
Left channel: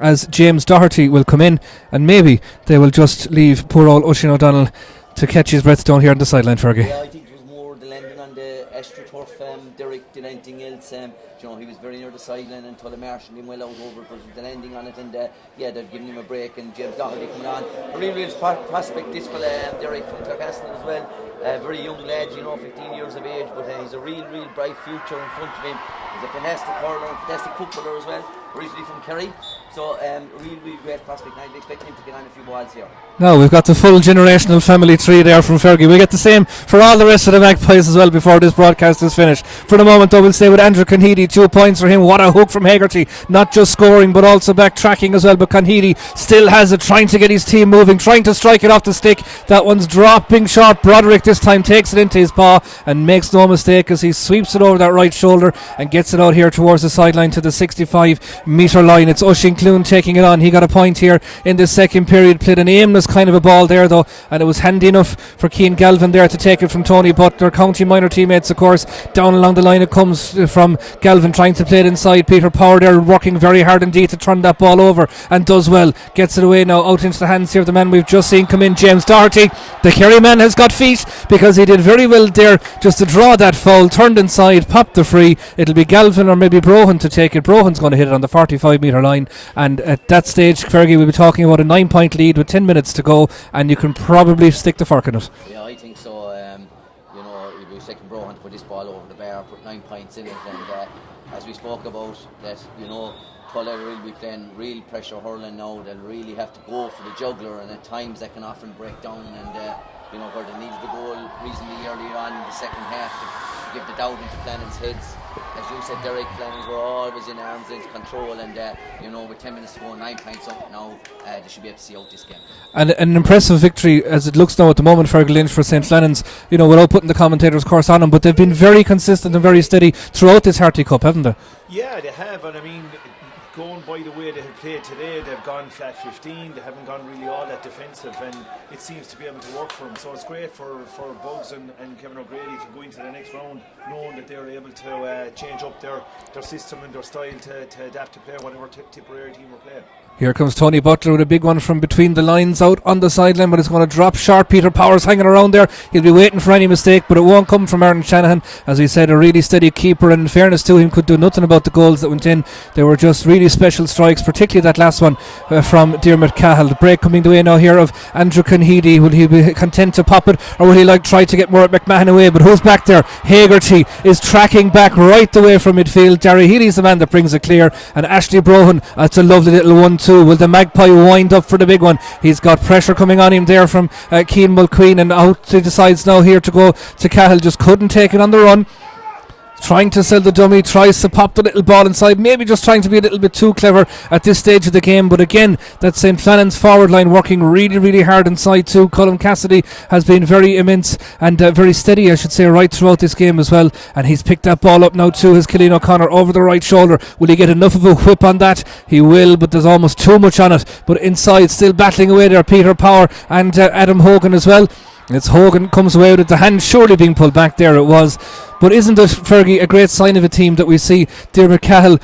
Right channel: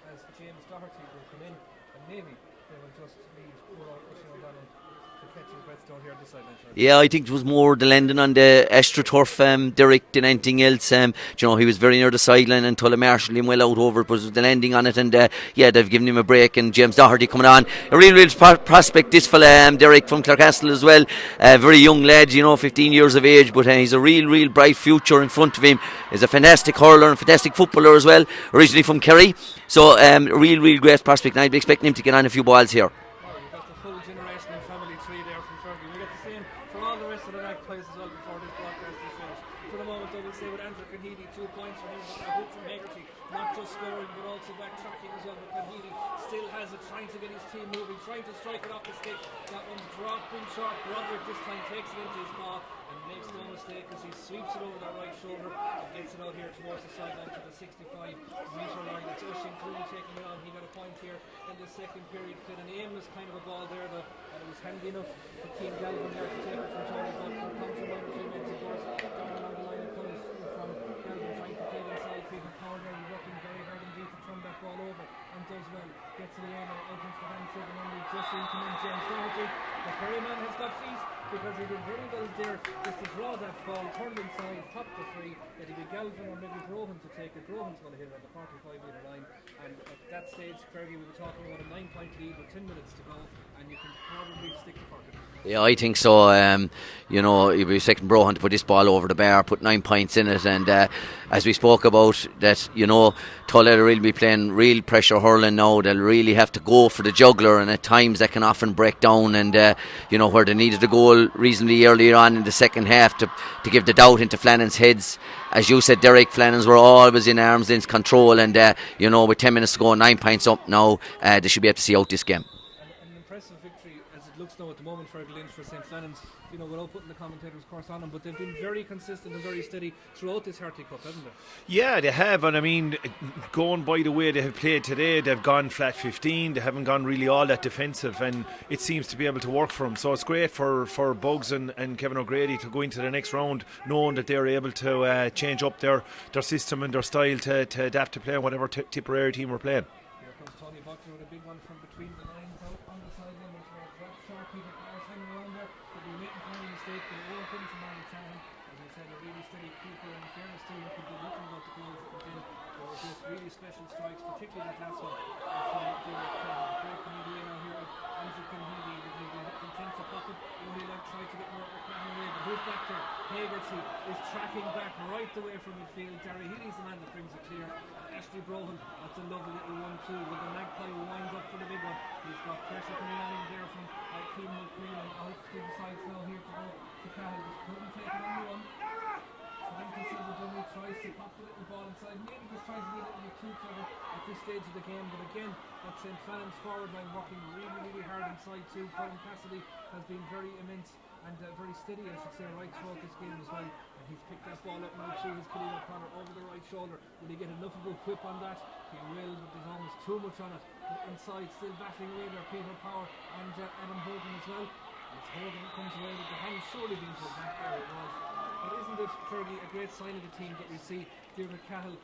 as James Doherty will come in, and maybe they will just leave poor old Oisin O'Donnell to catch his breath down here on the sideline, Fergie. Yeah, I think it was more the landing on the AstroTurf, Derek, than anything else. He was very near the sideline and Tulla marshalled him well out over it, but it was the landing on it, and they've given him a break. And James Doherty coming on, a real prospect, this fella, Derek from Clarecastle as well. Very young lad, 15 years of age, but he's a real bright future in front of him. He's a fantastic hurler and fantastic footballer as well, originally from Kerry. So real great prospect, and I'd be expecting him to get on a few balls here. Now we've got the full generational family tree there from Fergie. We'll get the same for all the rest of the Magpies as well before this broadcast is finished. For the moment though, we'll stay with Andrew Conheedy. 2 points for him. What a hook from Haggerty. Not just scoring but also backtracking as well. But Conheedy still has it, trying to get his team moving, trying to strike it off the stick. That one's dropping short. Broderick this time takes it into his paw and makes no mistake as he sweeps it over that right shoulder and gets it out here towards the sideline to the 65 metre line. It's Oisín Clune taking it on. He got a point here in the second period. Played an aimless kind of a ball there though, and it was handy enough for Cian Galvin there to take it from Tony Butler. County minor teammates, of course, down along the line it comes from Galvin trying to play it inside. Peter Power there working very hard indeed to turn that ball over, and does well. Gets it away now out into the hands here of the man we've just seen come in, James Doherty. The Kerry man has got feet because he did very well there just to draw that foul, turned inside, popped the free. It'll be Galvin or maybe Brohan to take it. Brohan's going to hit it on the 45 metre line, and at that stage Fergie will be talking about a 9-point lead with 10 minutes to go, and you can probably stick the fork in it. Yeah, I think so. You'll be expecting Brohan to put this ball over the bar, put 9 points in it, and as we spoke about that, Tulla will really be playing real pressure hurling now. They'll really have to go for the juggler, and at times that can often break down, and where they needed a goal reasonably earlier on in the second half to give the doubt into Flannans' heads. As you said, Derek, Flannans were always in arm's length control, and with 10 minutes to go, 9 points up now, they should be able to see out this game. And an impressive victory as it looks now at the moment, Fergal Lynch, for St. Flannans, without putting the commentators' course on them, but they've been very consistent and very steady throughout this Harty Cup, haven't they? Yeah, they have, and I mean, going by the way they have played today, they've gone flat 15, they haven't gone really all that defensive, and it seems to be able to work for them. So it's great for Bugs and Kevin O'Grady to go into the next round knowing that they're able to change up their system and their style to adapt to play whatever Tipperary team we're playing. Here comes Tony Butler with a big one from between the lines out on the sideline, but it's going to drop short. Peter Powers hanging around there. He'll be waiting for any mistake, but it won't come from Aaron Shanahan. As we said, a really steady keeper, and in fairness to him, could do nothing about the goals that went in. They were just really special strikes, particularly that last one from Diarmuid Cahill. The break coming the way now here of Andrew Conheedy. Will he be content to pop it, or will he try to get more at McMahon away? But who's back there? Haggerty is tracking back right the way from midfield. Darry Healy's the man that brings it clear, and Ashley Brohan, that's a lovely little 1-2. Will the Magpie wind up for the big one? He's got pressure coming on him there from Cian Mulqueen, and out he decides now here to go to Cahill. Just couldn't take it on the run. Trying to sell the dummy, tries to pop the little ball inside, maybe just trying to be a little bit too clever at this stage of the game. But again, that St. Flannan's forward line working really hard inside too. Colin Cassidy has been very immense and very steady, I should say, right throughout this game as well, and he's picked that ball up now too. His Killeen O'Connor over the right shoulder. Will he get enough of a whip on that? He will, but there's almost too much on it. But inside, still battling away there, Peter Power and Adam Hogan as well. It's Hogan comes away with it, the hand surely being pulled back there, it was. But isn't it, Fergie, a great sign of a team that we see Diarmuid Cahill,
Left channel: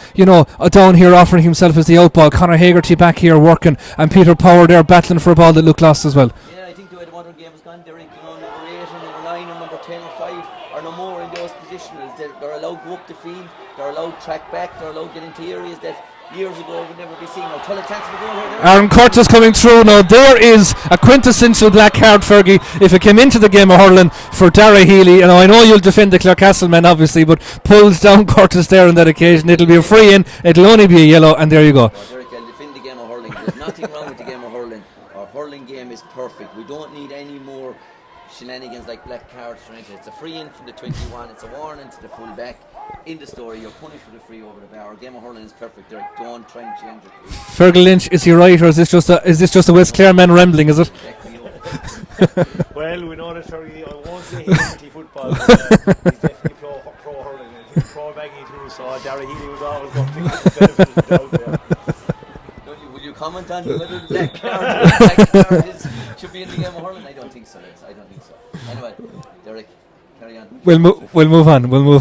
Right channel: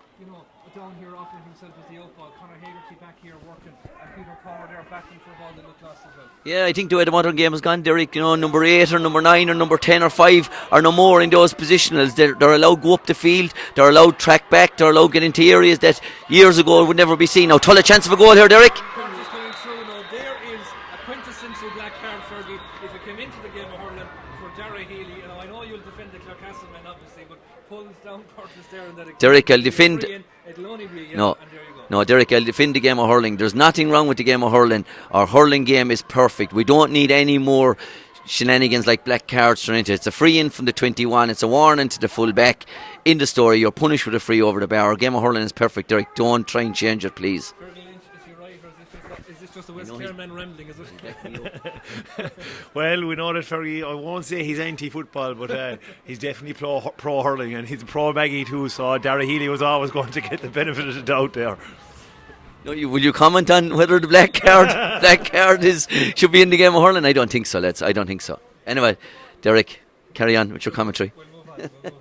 down here offering himself as the outball, Conor Haggerty back here working, and Peter Power there battling for a ball that looked lost as well. Yeah, I think the way the modern game has gone, Derek, number 8 or number 9 or number 10 or 5 or no more in those positionals. They're allowed to go up the field, they're allowed to track back, they're allowed to get into areas that years ago would never be seen. Now, Tulla chance of a goal here, Derek. Aaron Curtis coming through now. There is a quintessential black card, Fergie, if it came into the game of hurling for Darragh Healy. I know you'll defend the Clarecastle men, obviously, but pulls down Curtis there on that occasion. Derek, it'll be a free in, it'll only be a yellow, and there you go. No, Derek, I'll defend the game of hurling. There's nothing wrong with the game of hurling. Our hurling game is perfect. We don't need any more shenanigans like black cards thrown into it. It's a free in from the 21. It's a warning to the full back. In the story, you're punished with a free over the bar. Our game of hurling is perfect, Derek. Don't try and change it, please. Fergal Lynch, is he right, or is this just a West Clare man rambling, is it? Well, we know that Fergie, I won't say he's anti-football, but he's definitely pro hurling, and he's pro Maggie too, so Darragh Healy was always going to get the benefit of the doubt there. Will you comment on whether the black card should be in the game of hurling? I don't think so, lads. I don't think so. Anyway, Derek, carry on with your commentary. We'll move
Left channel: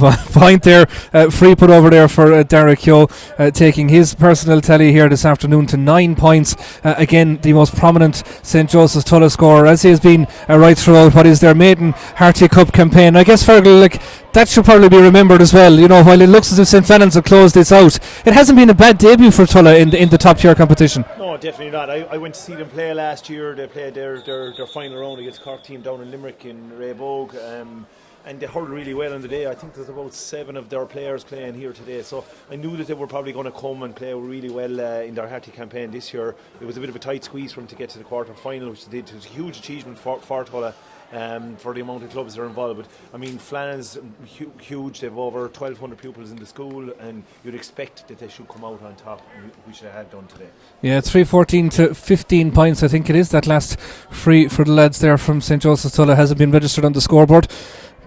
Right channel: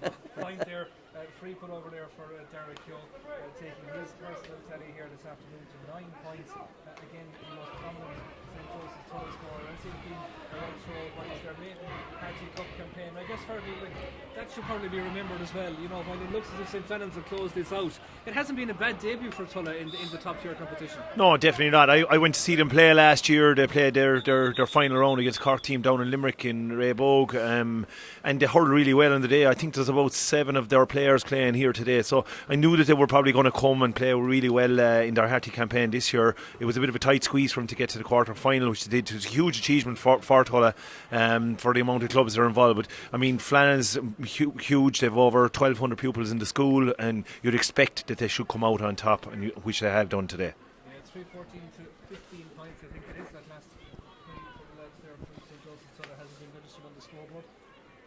on. Point there, free put over there for Derek Yo, taking his personal tally here this afternoon to 9 points. Again, the most prominent St. Joseph's Tulla scorer, as he has been right throughout what is their maiden Harty Cup campaign. I guess, Fergal, like, that should probably be remembered as well. You know, while it looks as if St. Flannans have closed this out, it hasn't been a bad debut for Tulla in the top tier competition. No, definitely not. I went to see them play last year. They played their final round against Cork team down in Limerick in Raybog, and they hurled really well on the day. I think there's about 7 of their players playing here today, so I knew that they were probably going to come and play really well in their Harty campaign this year. It was a bit of a tight squeeze for them to get to the quarter final, which they did. It was a huge achievement for Tulla, for the amount of clubs that are involved. But I mean, Flannans, huge. They've over 1,200 pupils in the school, and you'd expect that they should come out on top, which they have done today. Yeah, 3-14 to 15 points, I think it is. That last free for the lads there from St. Joseph's Tulla hasn't been registered on the scoreboard,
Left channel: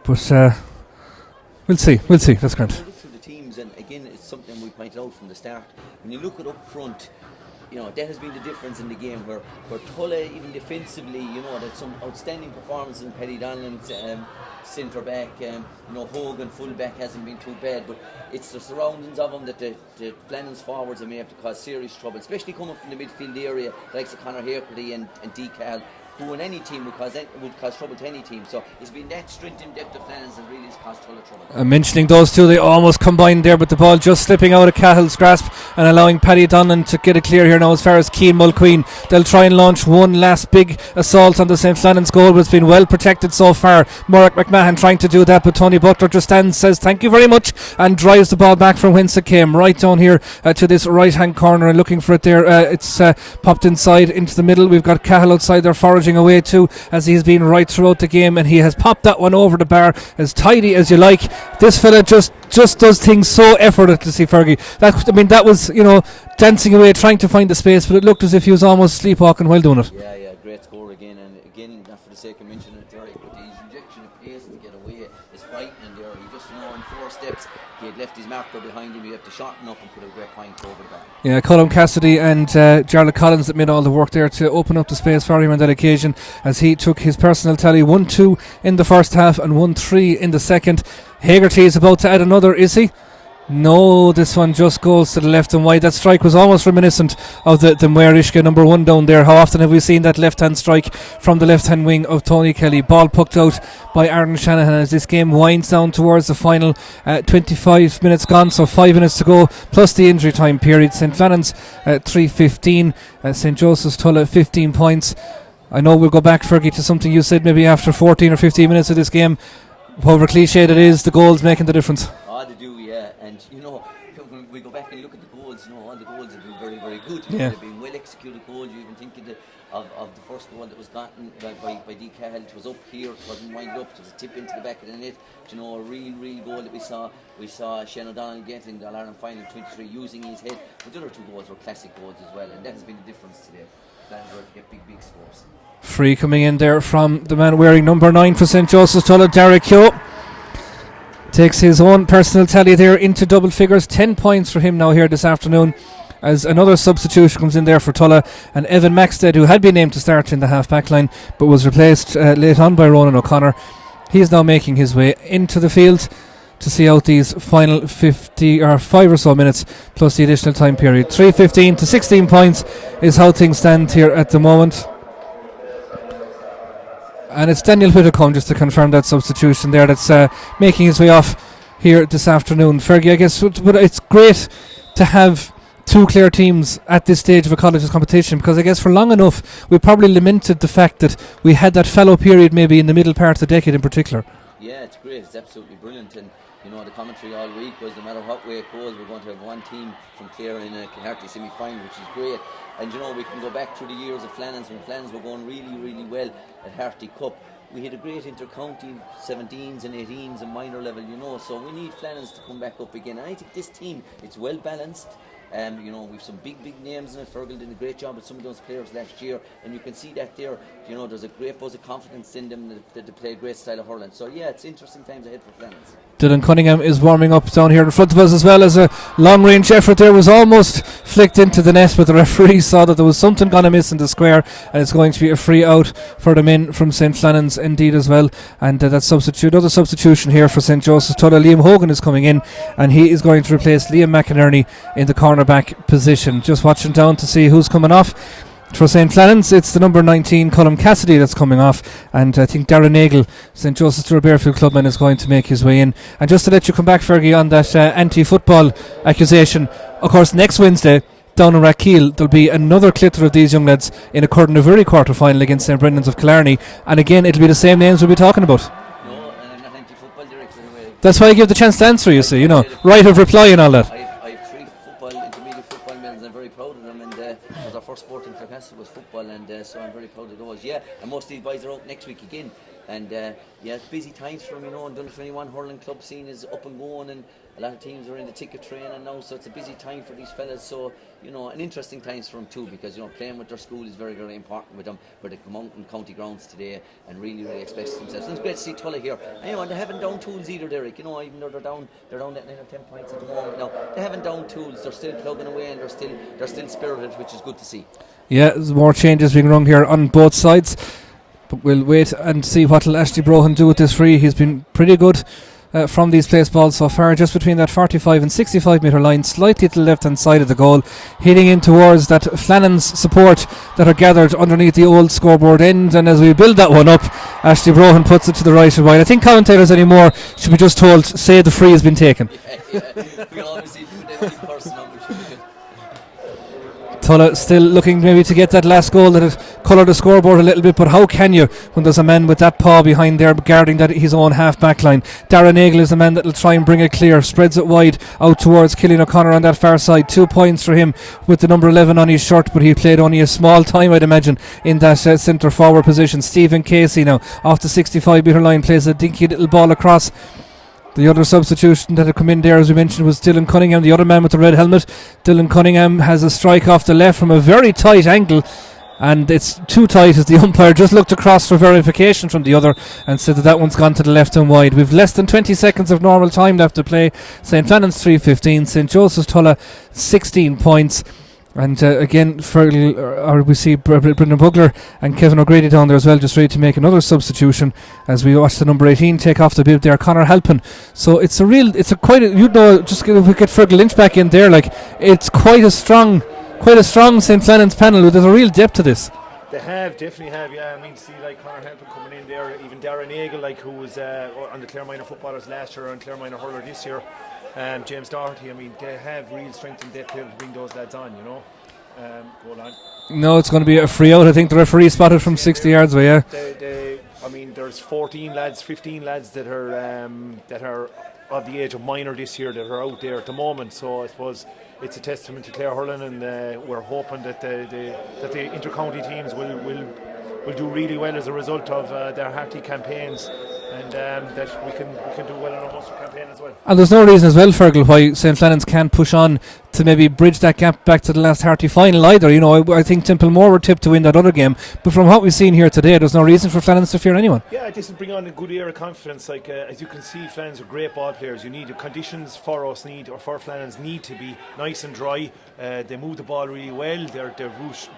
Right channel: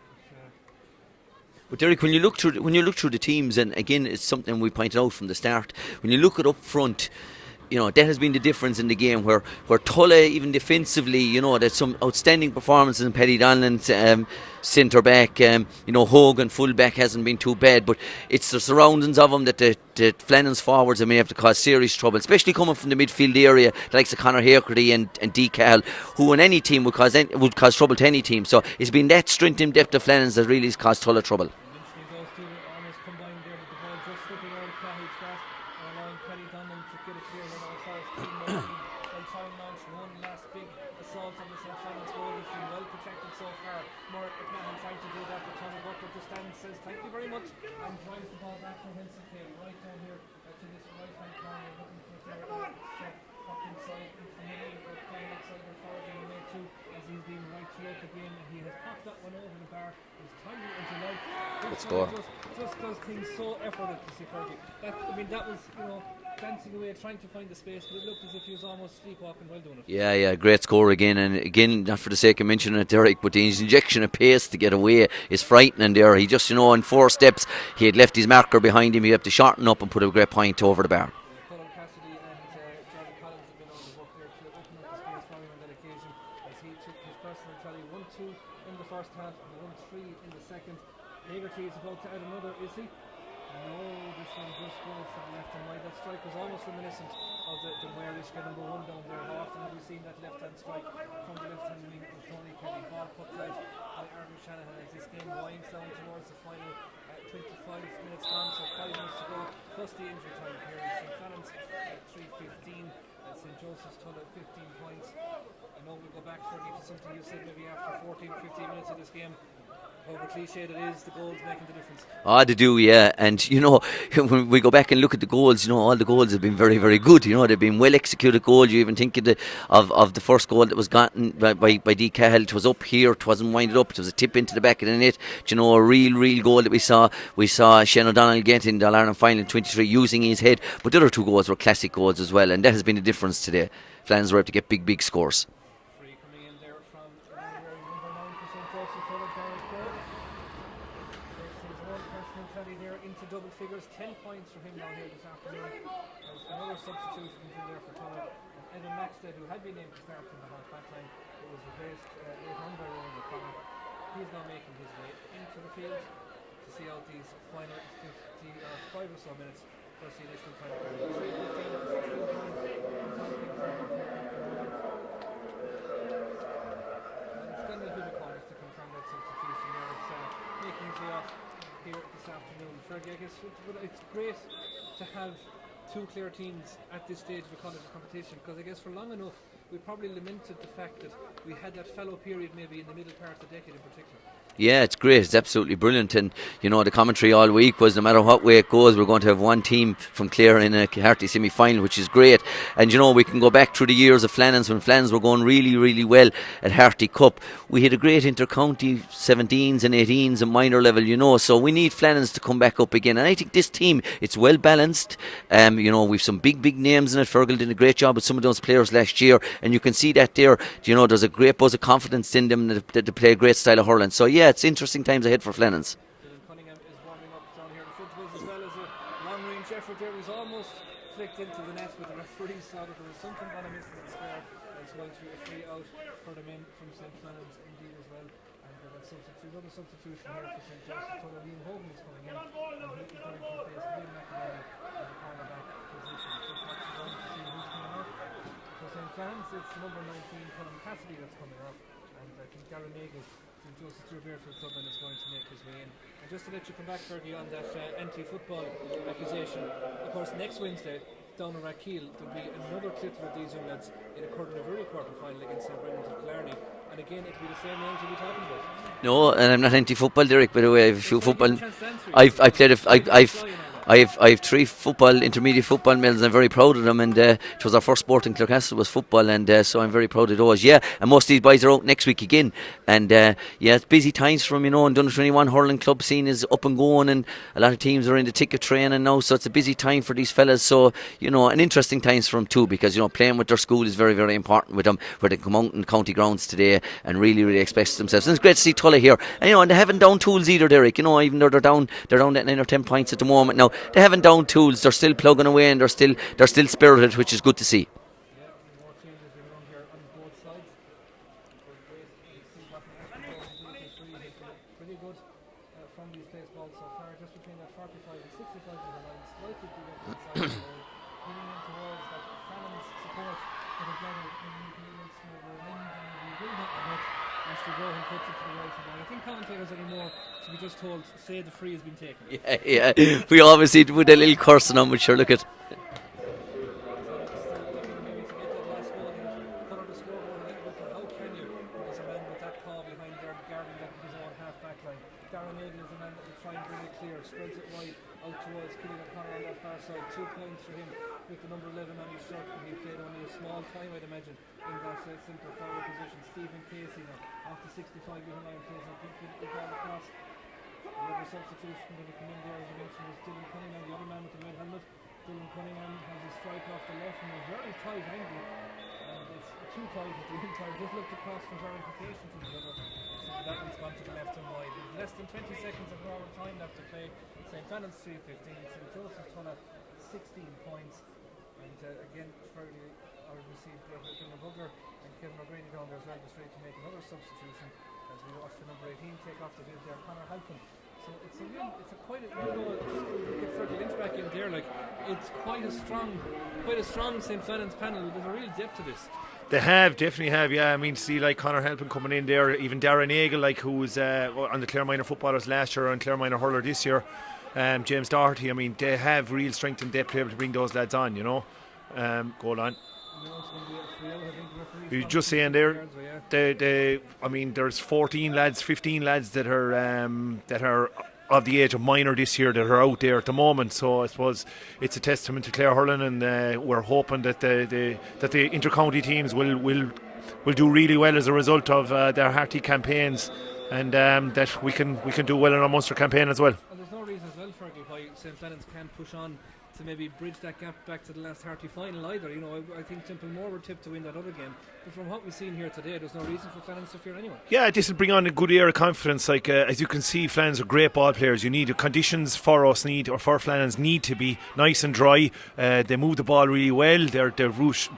but we'll see. When you look through the teams, and again, it's something we pointed out from the start, when you look at up front, you know, that has been the difference in the game, where Tulla, even defensively, you know, there's some outstanding performances in Paddy Donlan, centre back, you know, Hogan full back hasn't been too bad, but it's the surroundings of him that the Flannans forwards may have to cause serious trouble, especially coming from the midfield area, the likes of Conor Hakerty and Decal, who in any team would cause trouble to any team. So it's been that strength and depth of Flannans that really has caused Tulla trouble. Mentioning those two, they almost combined there, but the ball just slipping out of Cahill's grasp and allowing Paddy Donlan to get it clear here now as far as Keane Mulqueen. They'll try and launch one last big assault on the St. Flannans goal, but it's been well protected so far. Murroch McMahon trying to do that, but Tony Butler just stands, says thank you very much, and drives the ball back from whence it came, right down here to this right hand corner, and looking for it there. It's popped inside into the middle. We've got Cahill outside there foraging away too, as he's been right throughout the game, and he has popped that one over the bar as tidy as you like. This fella just does things so effortlessly, Fergie. That was, you know, dancing away trying to find the space, but it looked as if he was almost sleepwalking while doing it. Yeah, great score again, and again, not for the sake of mentioning it, Derek, but his injection of pace to get away is frightening there. He just, you know, in 4 steps he had left his marker behind him. He had to shorten up and put a great point over the bar. Yeah, Colm Cassidy and Jarlath Collins that made all the work there to open up the space for him on that occasion, as he took his personal tally 1-2 in the first half and 1-3 in the second. Hagerty is about to add another, is he? No, this one just goes to the left and wide. That strike was almost reminiscent of the Muirishka number 1 down there. How often have we seen that left-hand strike from the left-hand wing of Tony Kelly? Ball pucked out by Aaron Shanahan as this game winds down towards the final 25 minutes gone, so 5 minutes to go, plus the injury time period. St. Flannans 3-15, St. Joseph's Tulla 15 points. I know we'll go back, Fergie, to something you said maybe after 14 or 15 minutes of this game. However cliched it is, the goals making the difference. They do, yeah. And, you know, when we go back and look at the goals, you know, all the goals have been very, very good. You know, they've been well executed goals. You even think of the first goal that was gotten by D. Cahill. It was up here, it wasn't winded up, it was a tip into the back of the net. You know, a real goal that we saw Shane O'Donnell get in the All-Ireland final in 23 using his head. But the other 2 goals were classic goals as well, and that has been the difference today. Flannans were able to get big scores. Free coming in there from the man wearing number 9 for St. Joseph's Tulla, Derek Yo. Takes his own personal tally there into double figures. 10 points for him now here this afternoon, as another substitution comes in there for Tulla, and Evan Maxted, who had been named to start in the half-back line but was replaced late on by Ronan O'Connor. He is now making his way into the field to see out these final 50 or 5 or so minutes plus the additional time period. 3-15 to 16 points is how things stand here at the moment. And it's Daniel Whitacombe, just to confirm that substitution there, that's making his way off here this afternoon. Fergie, I guess, but it's great to have 2 Clare teams at this stage of a college's competition, because I guess for long enough we probably lamented the fact that we had that fallow period maybe in the middle part of the decade in particular. Yeah, it's great. It's absolutely brilliant. And, you know, the commentary all week was no matter what way it goes, we're going to have one team from Clare in a Harty semi-final, which is great. And, you know, we can go back through the years of Flannans when Flannans were going really well at Harty Cup. We had a great inter-county 17s and 18s and minor level, you know, so we need Flannans to come back up again. And I think this team, it's well balanced. You know, we've some big names in it. Fergal did a great job with some of those players last year, and you can see that there. You know, there's a great buzz of confidence in them that they play a great style of hurling. So yeah, it's interesting times ahead for Flannans. Dylan Cunningham is warming up down here in front of us, as well as a long-range effort there was almost flicked into the net, but the referee saw that there was something going to miss in the square, and it's going to be a free out for the men from St. Flannans indeed as well. And that another substitution here for St. Joseph's Tulla. Liam Hogan is coming in, and he is going to replace Liam McInerney in the cornerback position. Just watching down to see who's coming off. For St. Flannans, it's the number 19 Colm Cassidy that's coming off, and I think Darren Nagle, St. Joseph's Bearfield clubman, is going to make his way in. And just to let you come back, Fergie, on that anti-football accusation, of course next Wednesday down in Rathkeale there'll be another clitter of these young lads in a Curtin quarter-final against St. Brendan's of Killarney, and again it'll be the same names we'll be talking about. No, and I'm not anti-football, Derek, by the way. That's why I give the chance to answer, you see, you know. Right of reply and all that. I've 3 intermediate football medals, and I'm very proud of them, and it was our first sport in Clarecastle was football, and so I'm very proud of those. Yeah, and most of these boys are out next week again, and it's busy times for them, you know, and Under 21 hurling club scene is up and going, and a lot of teams are in the ticket training now, so it's a busy time for these fellas, so, you know, and interesting times for them too, because, you know, playing with their school is very, very important with them, where they come out in county grounds today and really, really express themselves. And it's great to see Tulla here. And, you know, and they haven't down tools either, Derek. You know, even though they're down at 9 or 10 points at the moment now, they haven't down tools. They're still plugging away, and they're still spirited, which is good to see. Yeah, there's more changes being rung here on both sides, but we'll wait and see what will Ashley Brohan do with this free. He's been pretty good from these place balls so far, just between that 45 and 65 metre line, slightly to the left hand side of the goal, hitting in towards that Flannans support that are gathered underneath the old scoreboard end. And as we build that one up, Ashley Brohan puts it to the right and wide. I think commentators anymore should be just told, say the free has been taken. Yeah, we always need to put a little cursing on, but sure, look at Tulla still looking maybe to get that last goal that had coloured the scoreboard a little bit, but how can you when there's a man with that paw behind there guarding that his own half back line? Darren Nagle is the man that will try and bring it clear, spreads it wide out towards Killian O'Connor on that far side. 2 points for him with the number 11 on his shirt, but he played only a small time, I'd imagine, in that centre forward position. Stephen Casey now off the 65 metre line plays a dinky little ball across. The other substitution that had come in there, as we mentioned, was Dylan Cunningham, the other man with the red helmet. Dylan Cunningham has a strike off the left from a very tight angle, and it's too tight as the umpire just looked across for verification from the other and said that one's gone to the left and wide. We've less than 20 seconds of normal time left to play. St. Flannans 3-15, St. Joseph's Tulla 16 points. And again, we see Brendan Bugler and Kevin O'Grady down there as well, just ready to make another substitution as we watch the number 18 take off the bib there, Conor Halpin. So just if we get Fergal Lynch back in there, like, it's quite a strong St. Flannans panel. There's a real depth to this. They definitely have, yeah. I mean, see, like Conor Halpin coming in there, even Darren Nagle, like, who was on the Clare Minor footballers last year and Clare Minor hurler this year. James Doherty, I mean, they have real strength and depth to be able to bring those lads on, you know. Go on. No, it's going to be a free out. I think the referee spotted from 60 yards away, yeah. I mean, there's 15 lads that are of the age of minor this year that are out there at the moment. So I suppose it's a testament to Clare hurling, and we're hoping that the inter-county teams will do really well as a result of their Harty campaigns. And that we can do well in our Munster campaign as well. And there's no reason as well, Fergal, why St. Flannans can't push on to maybe bridge that gap back to the last Harty final either. You know, I think Templemore were tipped to win that other game, but from what we've seen here today, there's no reason for Flannans to fear anyone. Yeah, this will bring on a good air of confidence. Like as you can see, Flannans are great ball players. You need the conditions for Flannans need to be nice and dry. They move the ball really well. They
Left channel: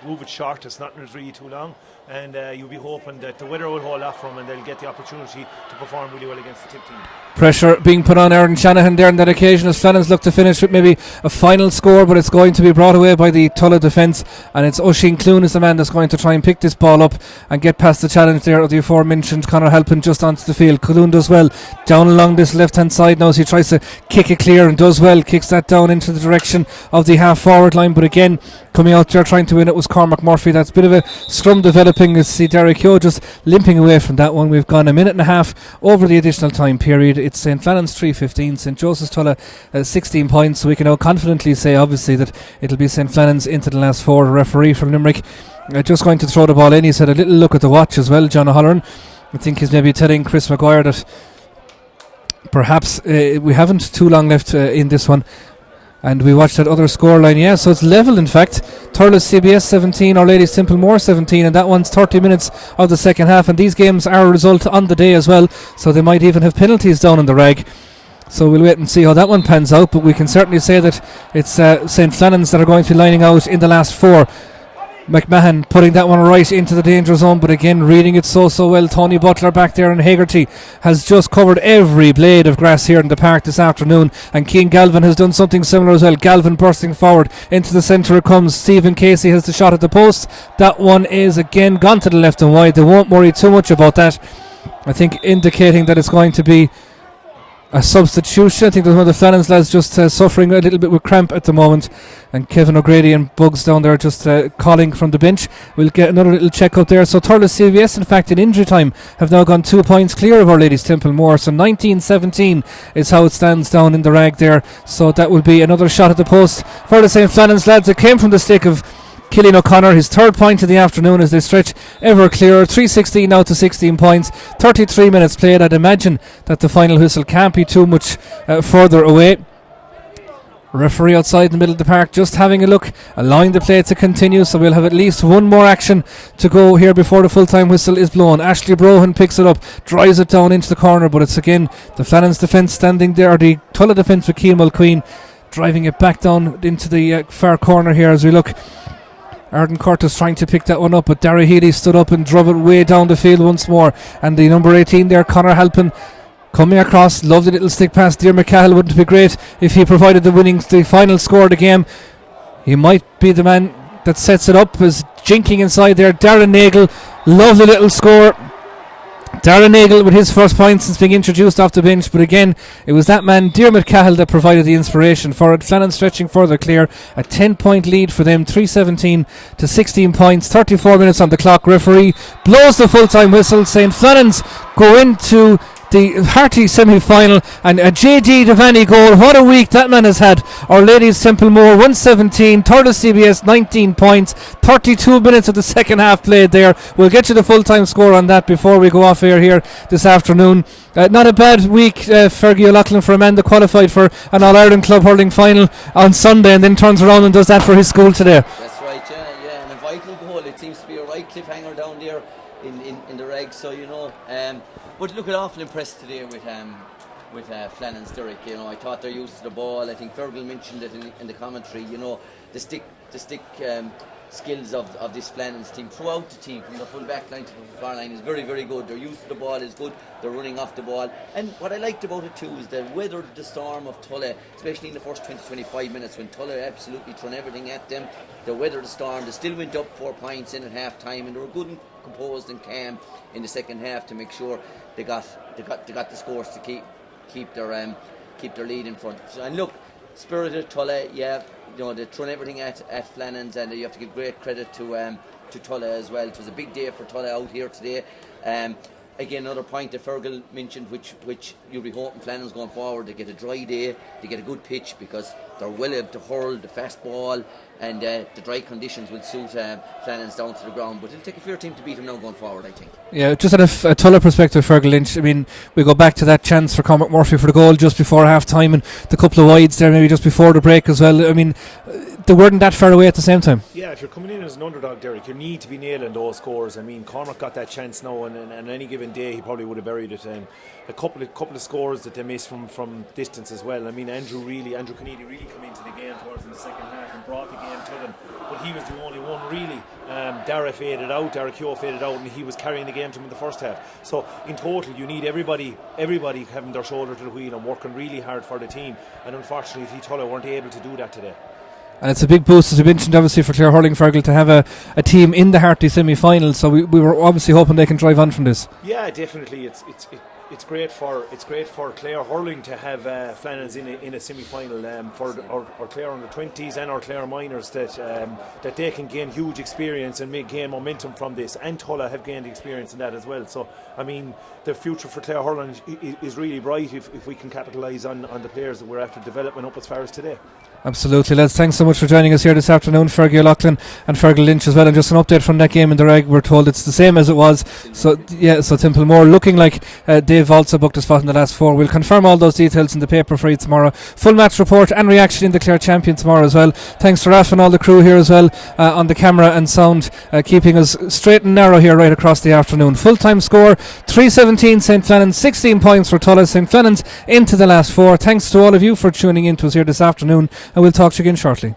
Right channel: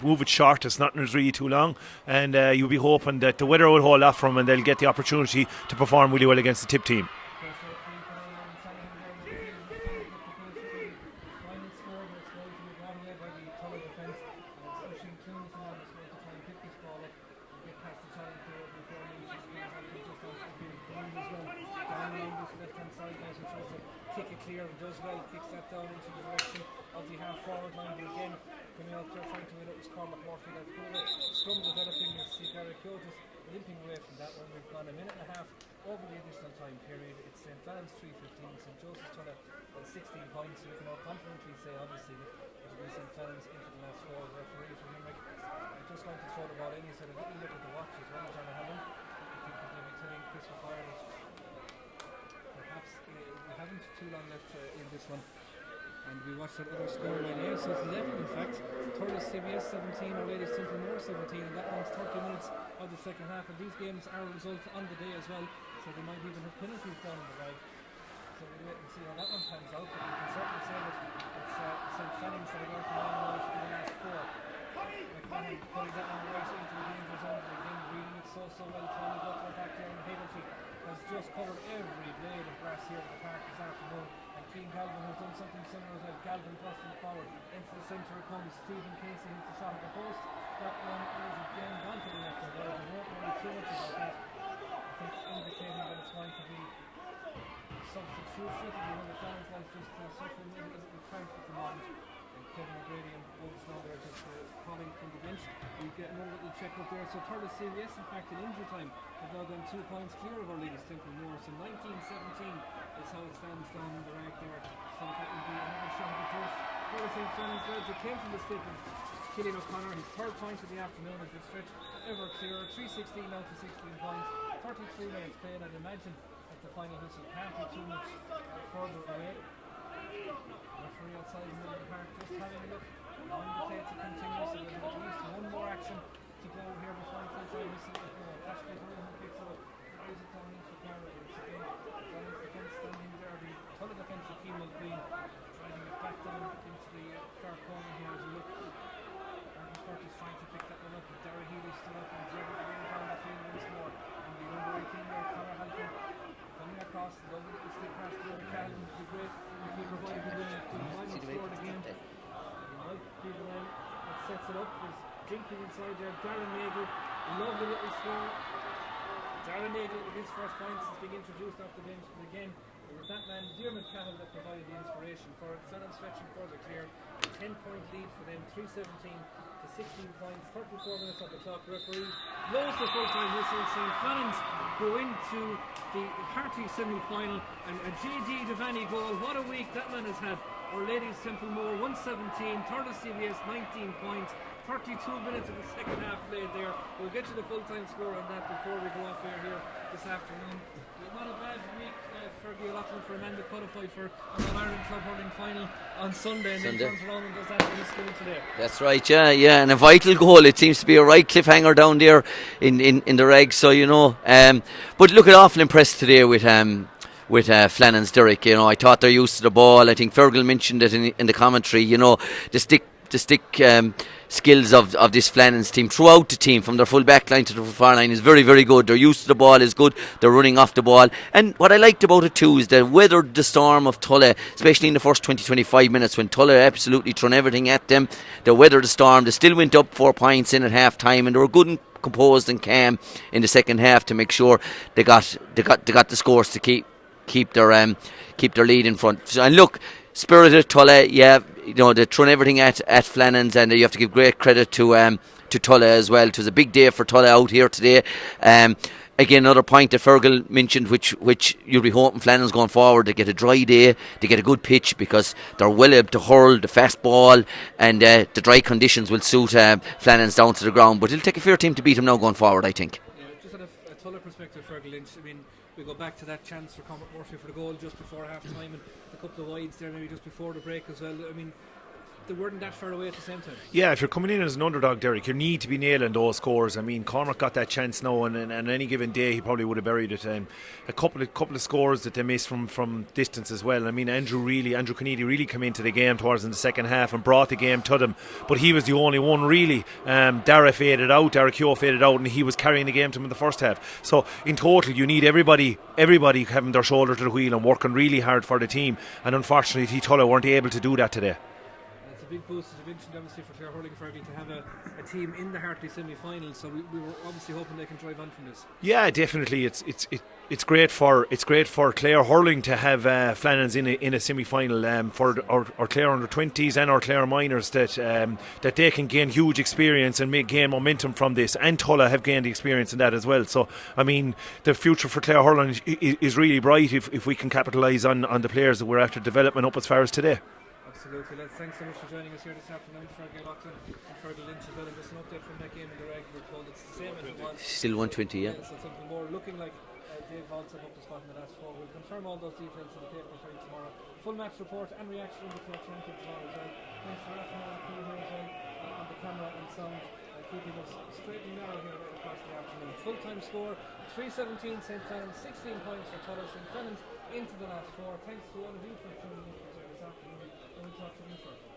move it short. It's not really too long, and you'll be hoping that the weather will hold off for them and they'll get the opportunity to perform really well against the tip team. Pressure being put on Aaron Shanahan there on that occasion as Flannans look to finish with maybe a final score, but it's going to be brought away by the Tulla defence, and it's Oisin Clune is the man that's going to try and pick this ball up and get past the challenge there of the aforementioned Conor Halpin just onto the field. Clune does well down along this left hand side now as he tries to kick it clear, and does well, kicks that down into the direction of the half forward line, but again coming out there trying to win it was Cormac Murphy. That's a bit of a scrum developing as see Derek Yo just limping away from that one. We've gone a minute and a half over the additional time period. It's St. Flannans 3-15, St. Joseph's Tulla 16 points, so we can now confidently say obviously that it'll be St. Flannans into the last four. The referee from Limerick just going to throw the ball in. He's had a little look at the watch as well, John O'Halloran. I think he's maybe telling Chris Maguire that perhaps we haven't too long left in this one. And we watched that other scoreline, yeah, so it's level in fact. Thurles CBS 17, Our Lady Templemore 17, and that one's 30 minutes of the second half. And these games are a result on the day as well, so they might even have penalties down in the rag. So we'll wait and see how that one pans out, but we can certainly say that it's St. Flannans that are going to be lining out in the last 4. McMahon putting that one right into the danger zone, but again reading it so well. Tony Butler back there, and Hegarty has just covered every blade of grass here in the park this afternoon, and Keane Galvin has done something similar as well. Galvin bursting forward into the centre it comes. Stephen Casey has the shot at the post. That one is again gone to the left and wide. They won't worry too much about that, I think, indicating that it's going to be a substitution. I think there's one of the Flannans lads just suffering a little bit with cramp at the moment, and Kevin O'Grady and Bugs down there just calling from the bench. We'll get another little check up there. So Thurles CVS, in fact, in injury time, have now gone 2 points clear of Our Lady's Templemore. So 19-17 is how it stands down in the rag there. So that will be another shot at the post for the St. Flannans lads. It came from the stick of Killian O'Connor, his 3rd point of the afternoon as they stretch ever clearer. 3:16 now to 16 points. 33 minutes played. I'd imagine that the final whistle can't be too much further away. Referee outside in the middle of the park just having a look, allowing the play to continue, so we'll have at least one more action to go here before the full-time whistle is blown. Ashley Brohan picks it up, drives it down into the corner, but it's again the Flannans defence standing there, the Tulla defence with Keane Mulqueen driving it back down into the far corner here as we look. Arden Curtis trying to pick that one up, but Darragh Healy stood up and drove it way down the field once more. And the number 18 there, Conor Halpin, coming across, lovely little stick pass. Dear McCahill, wouldn't it be great if he provided the final score of the game? He might be the man that sets it up, as jinking inside there. Darren Nagel, lovely little score. Darren Nagel with his first point since being introduced off the bench, but again it was that man Diarmuid Cahill that provided the inspiration for it. Flannans stretching further clear, a 10-point lead for them, 3:17 to 16 points, 34 minutes on the clock. Referee blows the full-time whistle. St. Flannans go into the Harty semi-final, and a JD Devaney goal. What a week that man has had. Our Ladies Templemore 117, Thurles CBS 19 points, 32 minutes of the second half played there. We'll get you the full-time score on that before we go off air here this afternoon. Not a bad week, Fergie O'Loughlin, for a man that qualified for an All-Ireland club hurling final on Sunday and then turns around and does that for his school today. That's right, yeah, and a vital goal. It seems to be a right cliffhanger down there in the reg, so you know. But look, at awful impressed today with Flannans, Derek. You know, I thought they're used to the ball. I think Fergal mentioned it in the commentary. You know, the stick skills of this Flannans team throughout the team, from their full back line to the far line, is very, very good. They're used to the ball, is good. They're running off the ball. And what I liked about it too is they weathered the storm of Tulla, especially in the first 20-25 minutes when Tulla absolutely thrown everything at them. They weathered the storm. They still went up 4 points in at half time, and they were good and composed and calm in the second half to make sure they got the scores to keep their lead in front. So, and look, spirited Tulla, yeah, you know, they're throwing everything at Flannans, and you have to give great credit to Tulla as well. It was a big day for Tulla out here today. Again, another point that Fergal mentioned, which you'll be hoping Flannans going forward, they get a dry day, they get a good pitch, because they're well able to hurl the fast ball, and the dry conditions will suit Flannans down to the ground. But it'll take a fair team to beat them now going forward, I think. Yeah, just at a Tulla perspective, Fergal Lynch, I mean, we go back to that chance for Cormac Murphy for the goal just before half time, and the couple of wides there maybe just before the break as well. I mean, they weren't that far away at the same time. Yeah, if you're coming in as an underdog, Derek, you need to be nailing those scores. I mean, Cormac got that chance now, and any given day he probably would have buried it. A couple of scores that they missed from distance as well. I mean, Andrew Kennedy really came into the game towards in the second half and brought the game to them, but he was the only one really. Darragh Keogh faded out, and he was carrying the game to him in the first half. So in total, you need everybody having their shoulder to the wheel and working really hard for the team, and unfortunately Tulla weren't able to do that today. And it's a big boost, as we mentioned, obviously, for Clare Hurling, Fergal, to have a team in the Harty semi-final. So we were obviously hoping they can drive on from this. Yeah, definitely. It's great for Clare Hurling to have Flannans in a semi-final, for our Clare under 20s and our Clare minors, that they can gain huge experience and gain momentum from this. And Tulla have gained experience in that as well. So I mean, the future for Clare Hurling is really bright if we can capitalise on the players that we're after development up as far as today. Absolutely, lads. Thanks so much for joining us here this afternoon, Fergie O'Loughlin and Fergal Lynch as well. And just an update from that game in the reg, we're told it's the same as it was. So Templemore looking like Dave Valsa booked a spot in the last 4. We'll confirm all those details in the paper for you tomorrow. Full match report and reaction in the Clare Champion tomorrow as well. Thanks to Raf and all the crew here as well on the camera and sound, keeping us straight and narrow here right across the afternoon. Full time score 3-17 St Flannans, 16 points for Tulla. St Flannans into the last 4. Thanks to all of you for tuning in to us here this afternoon, and we'll talk to you again shortly.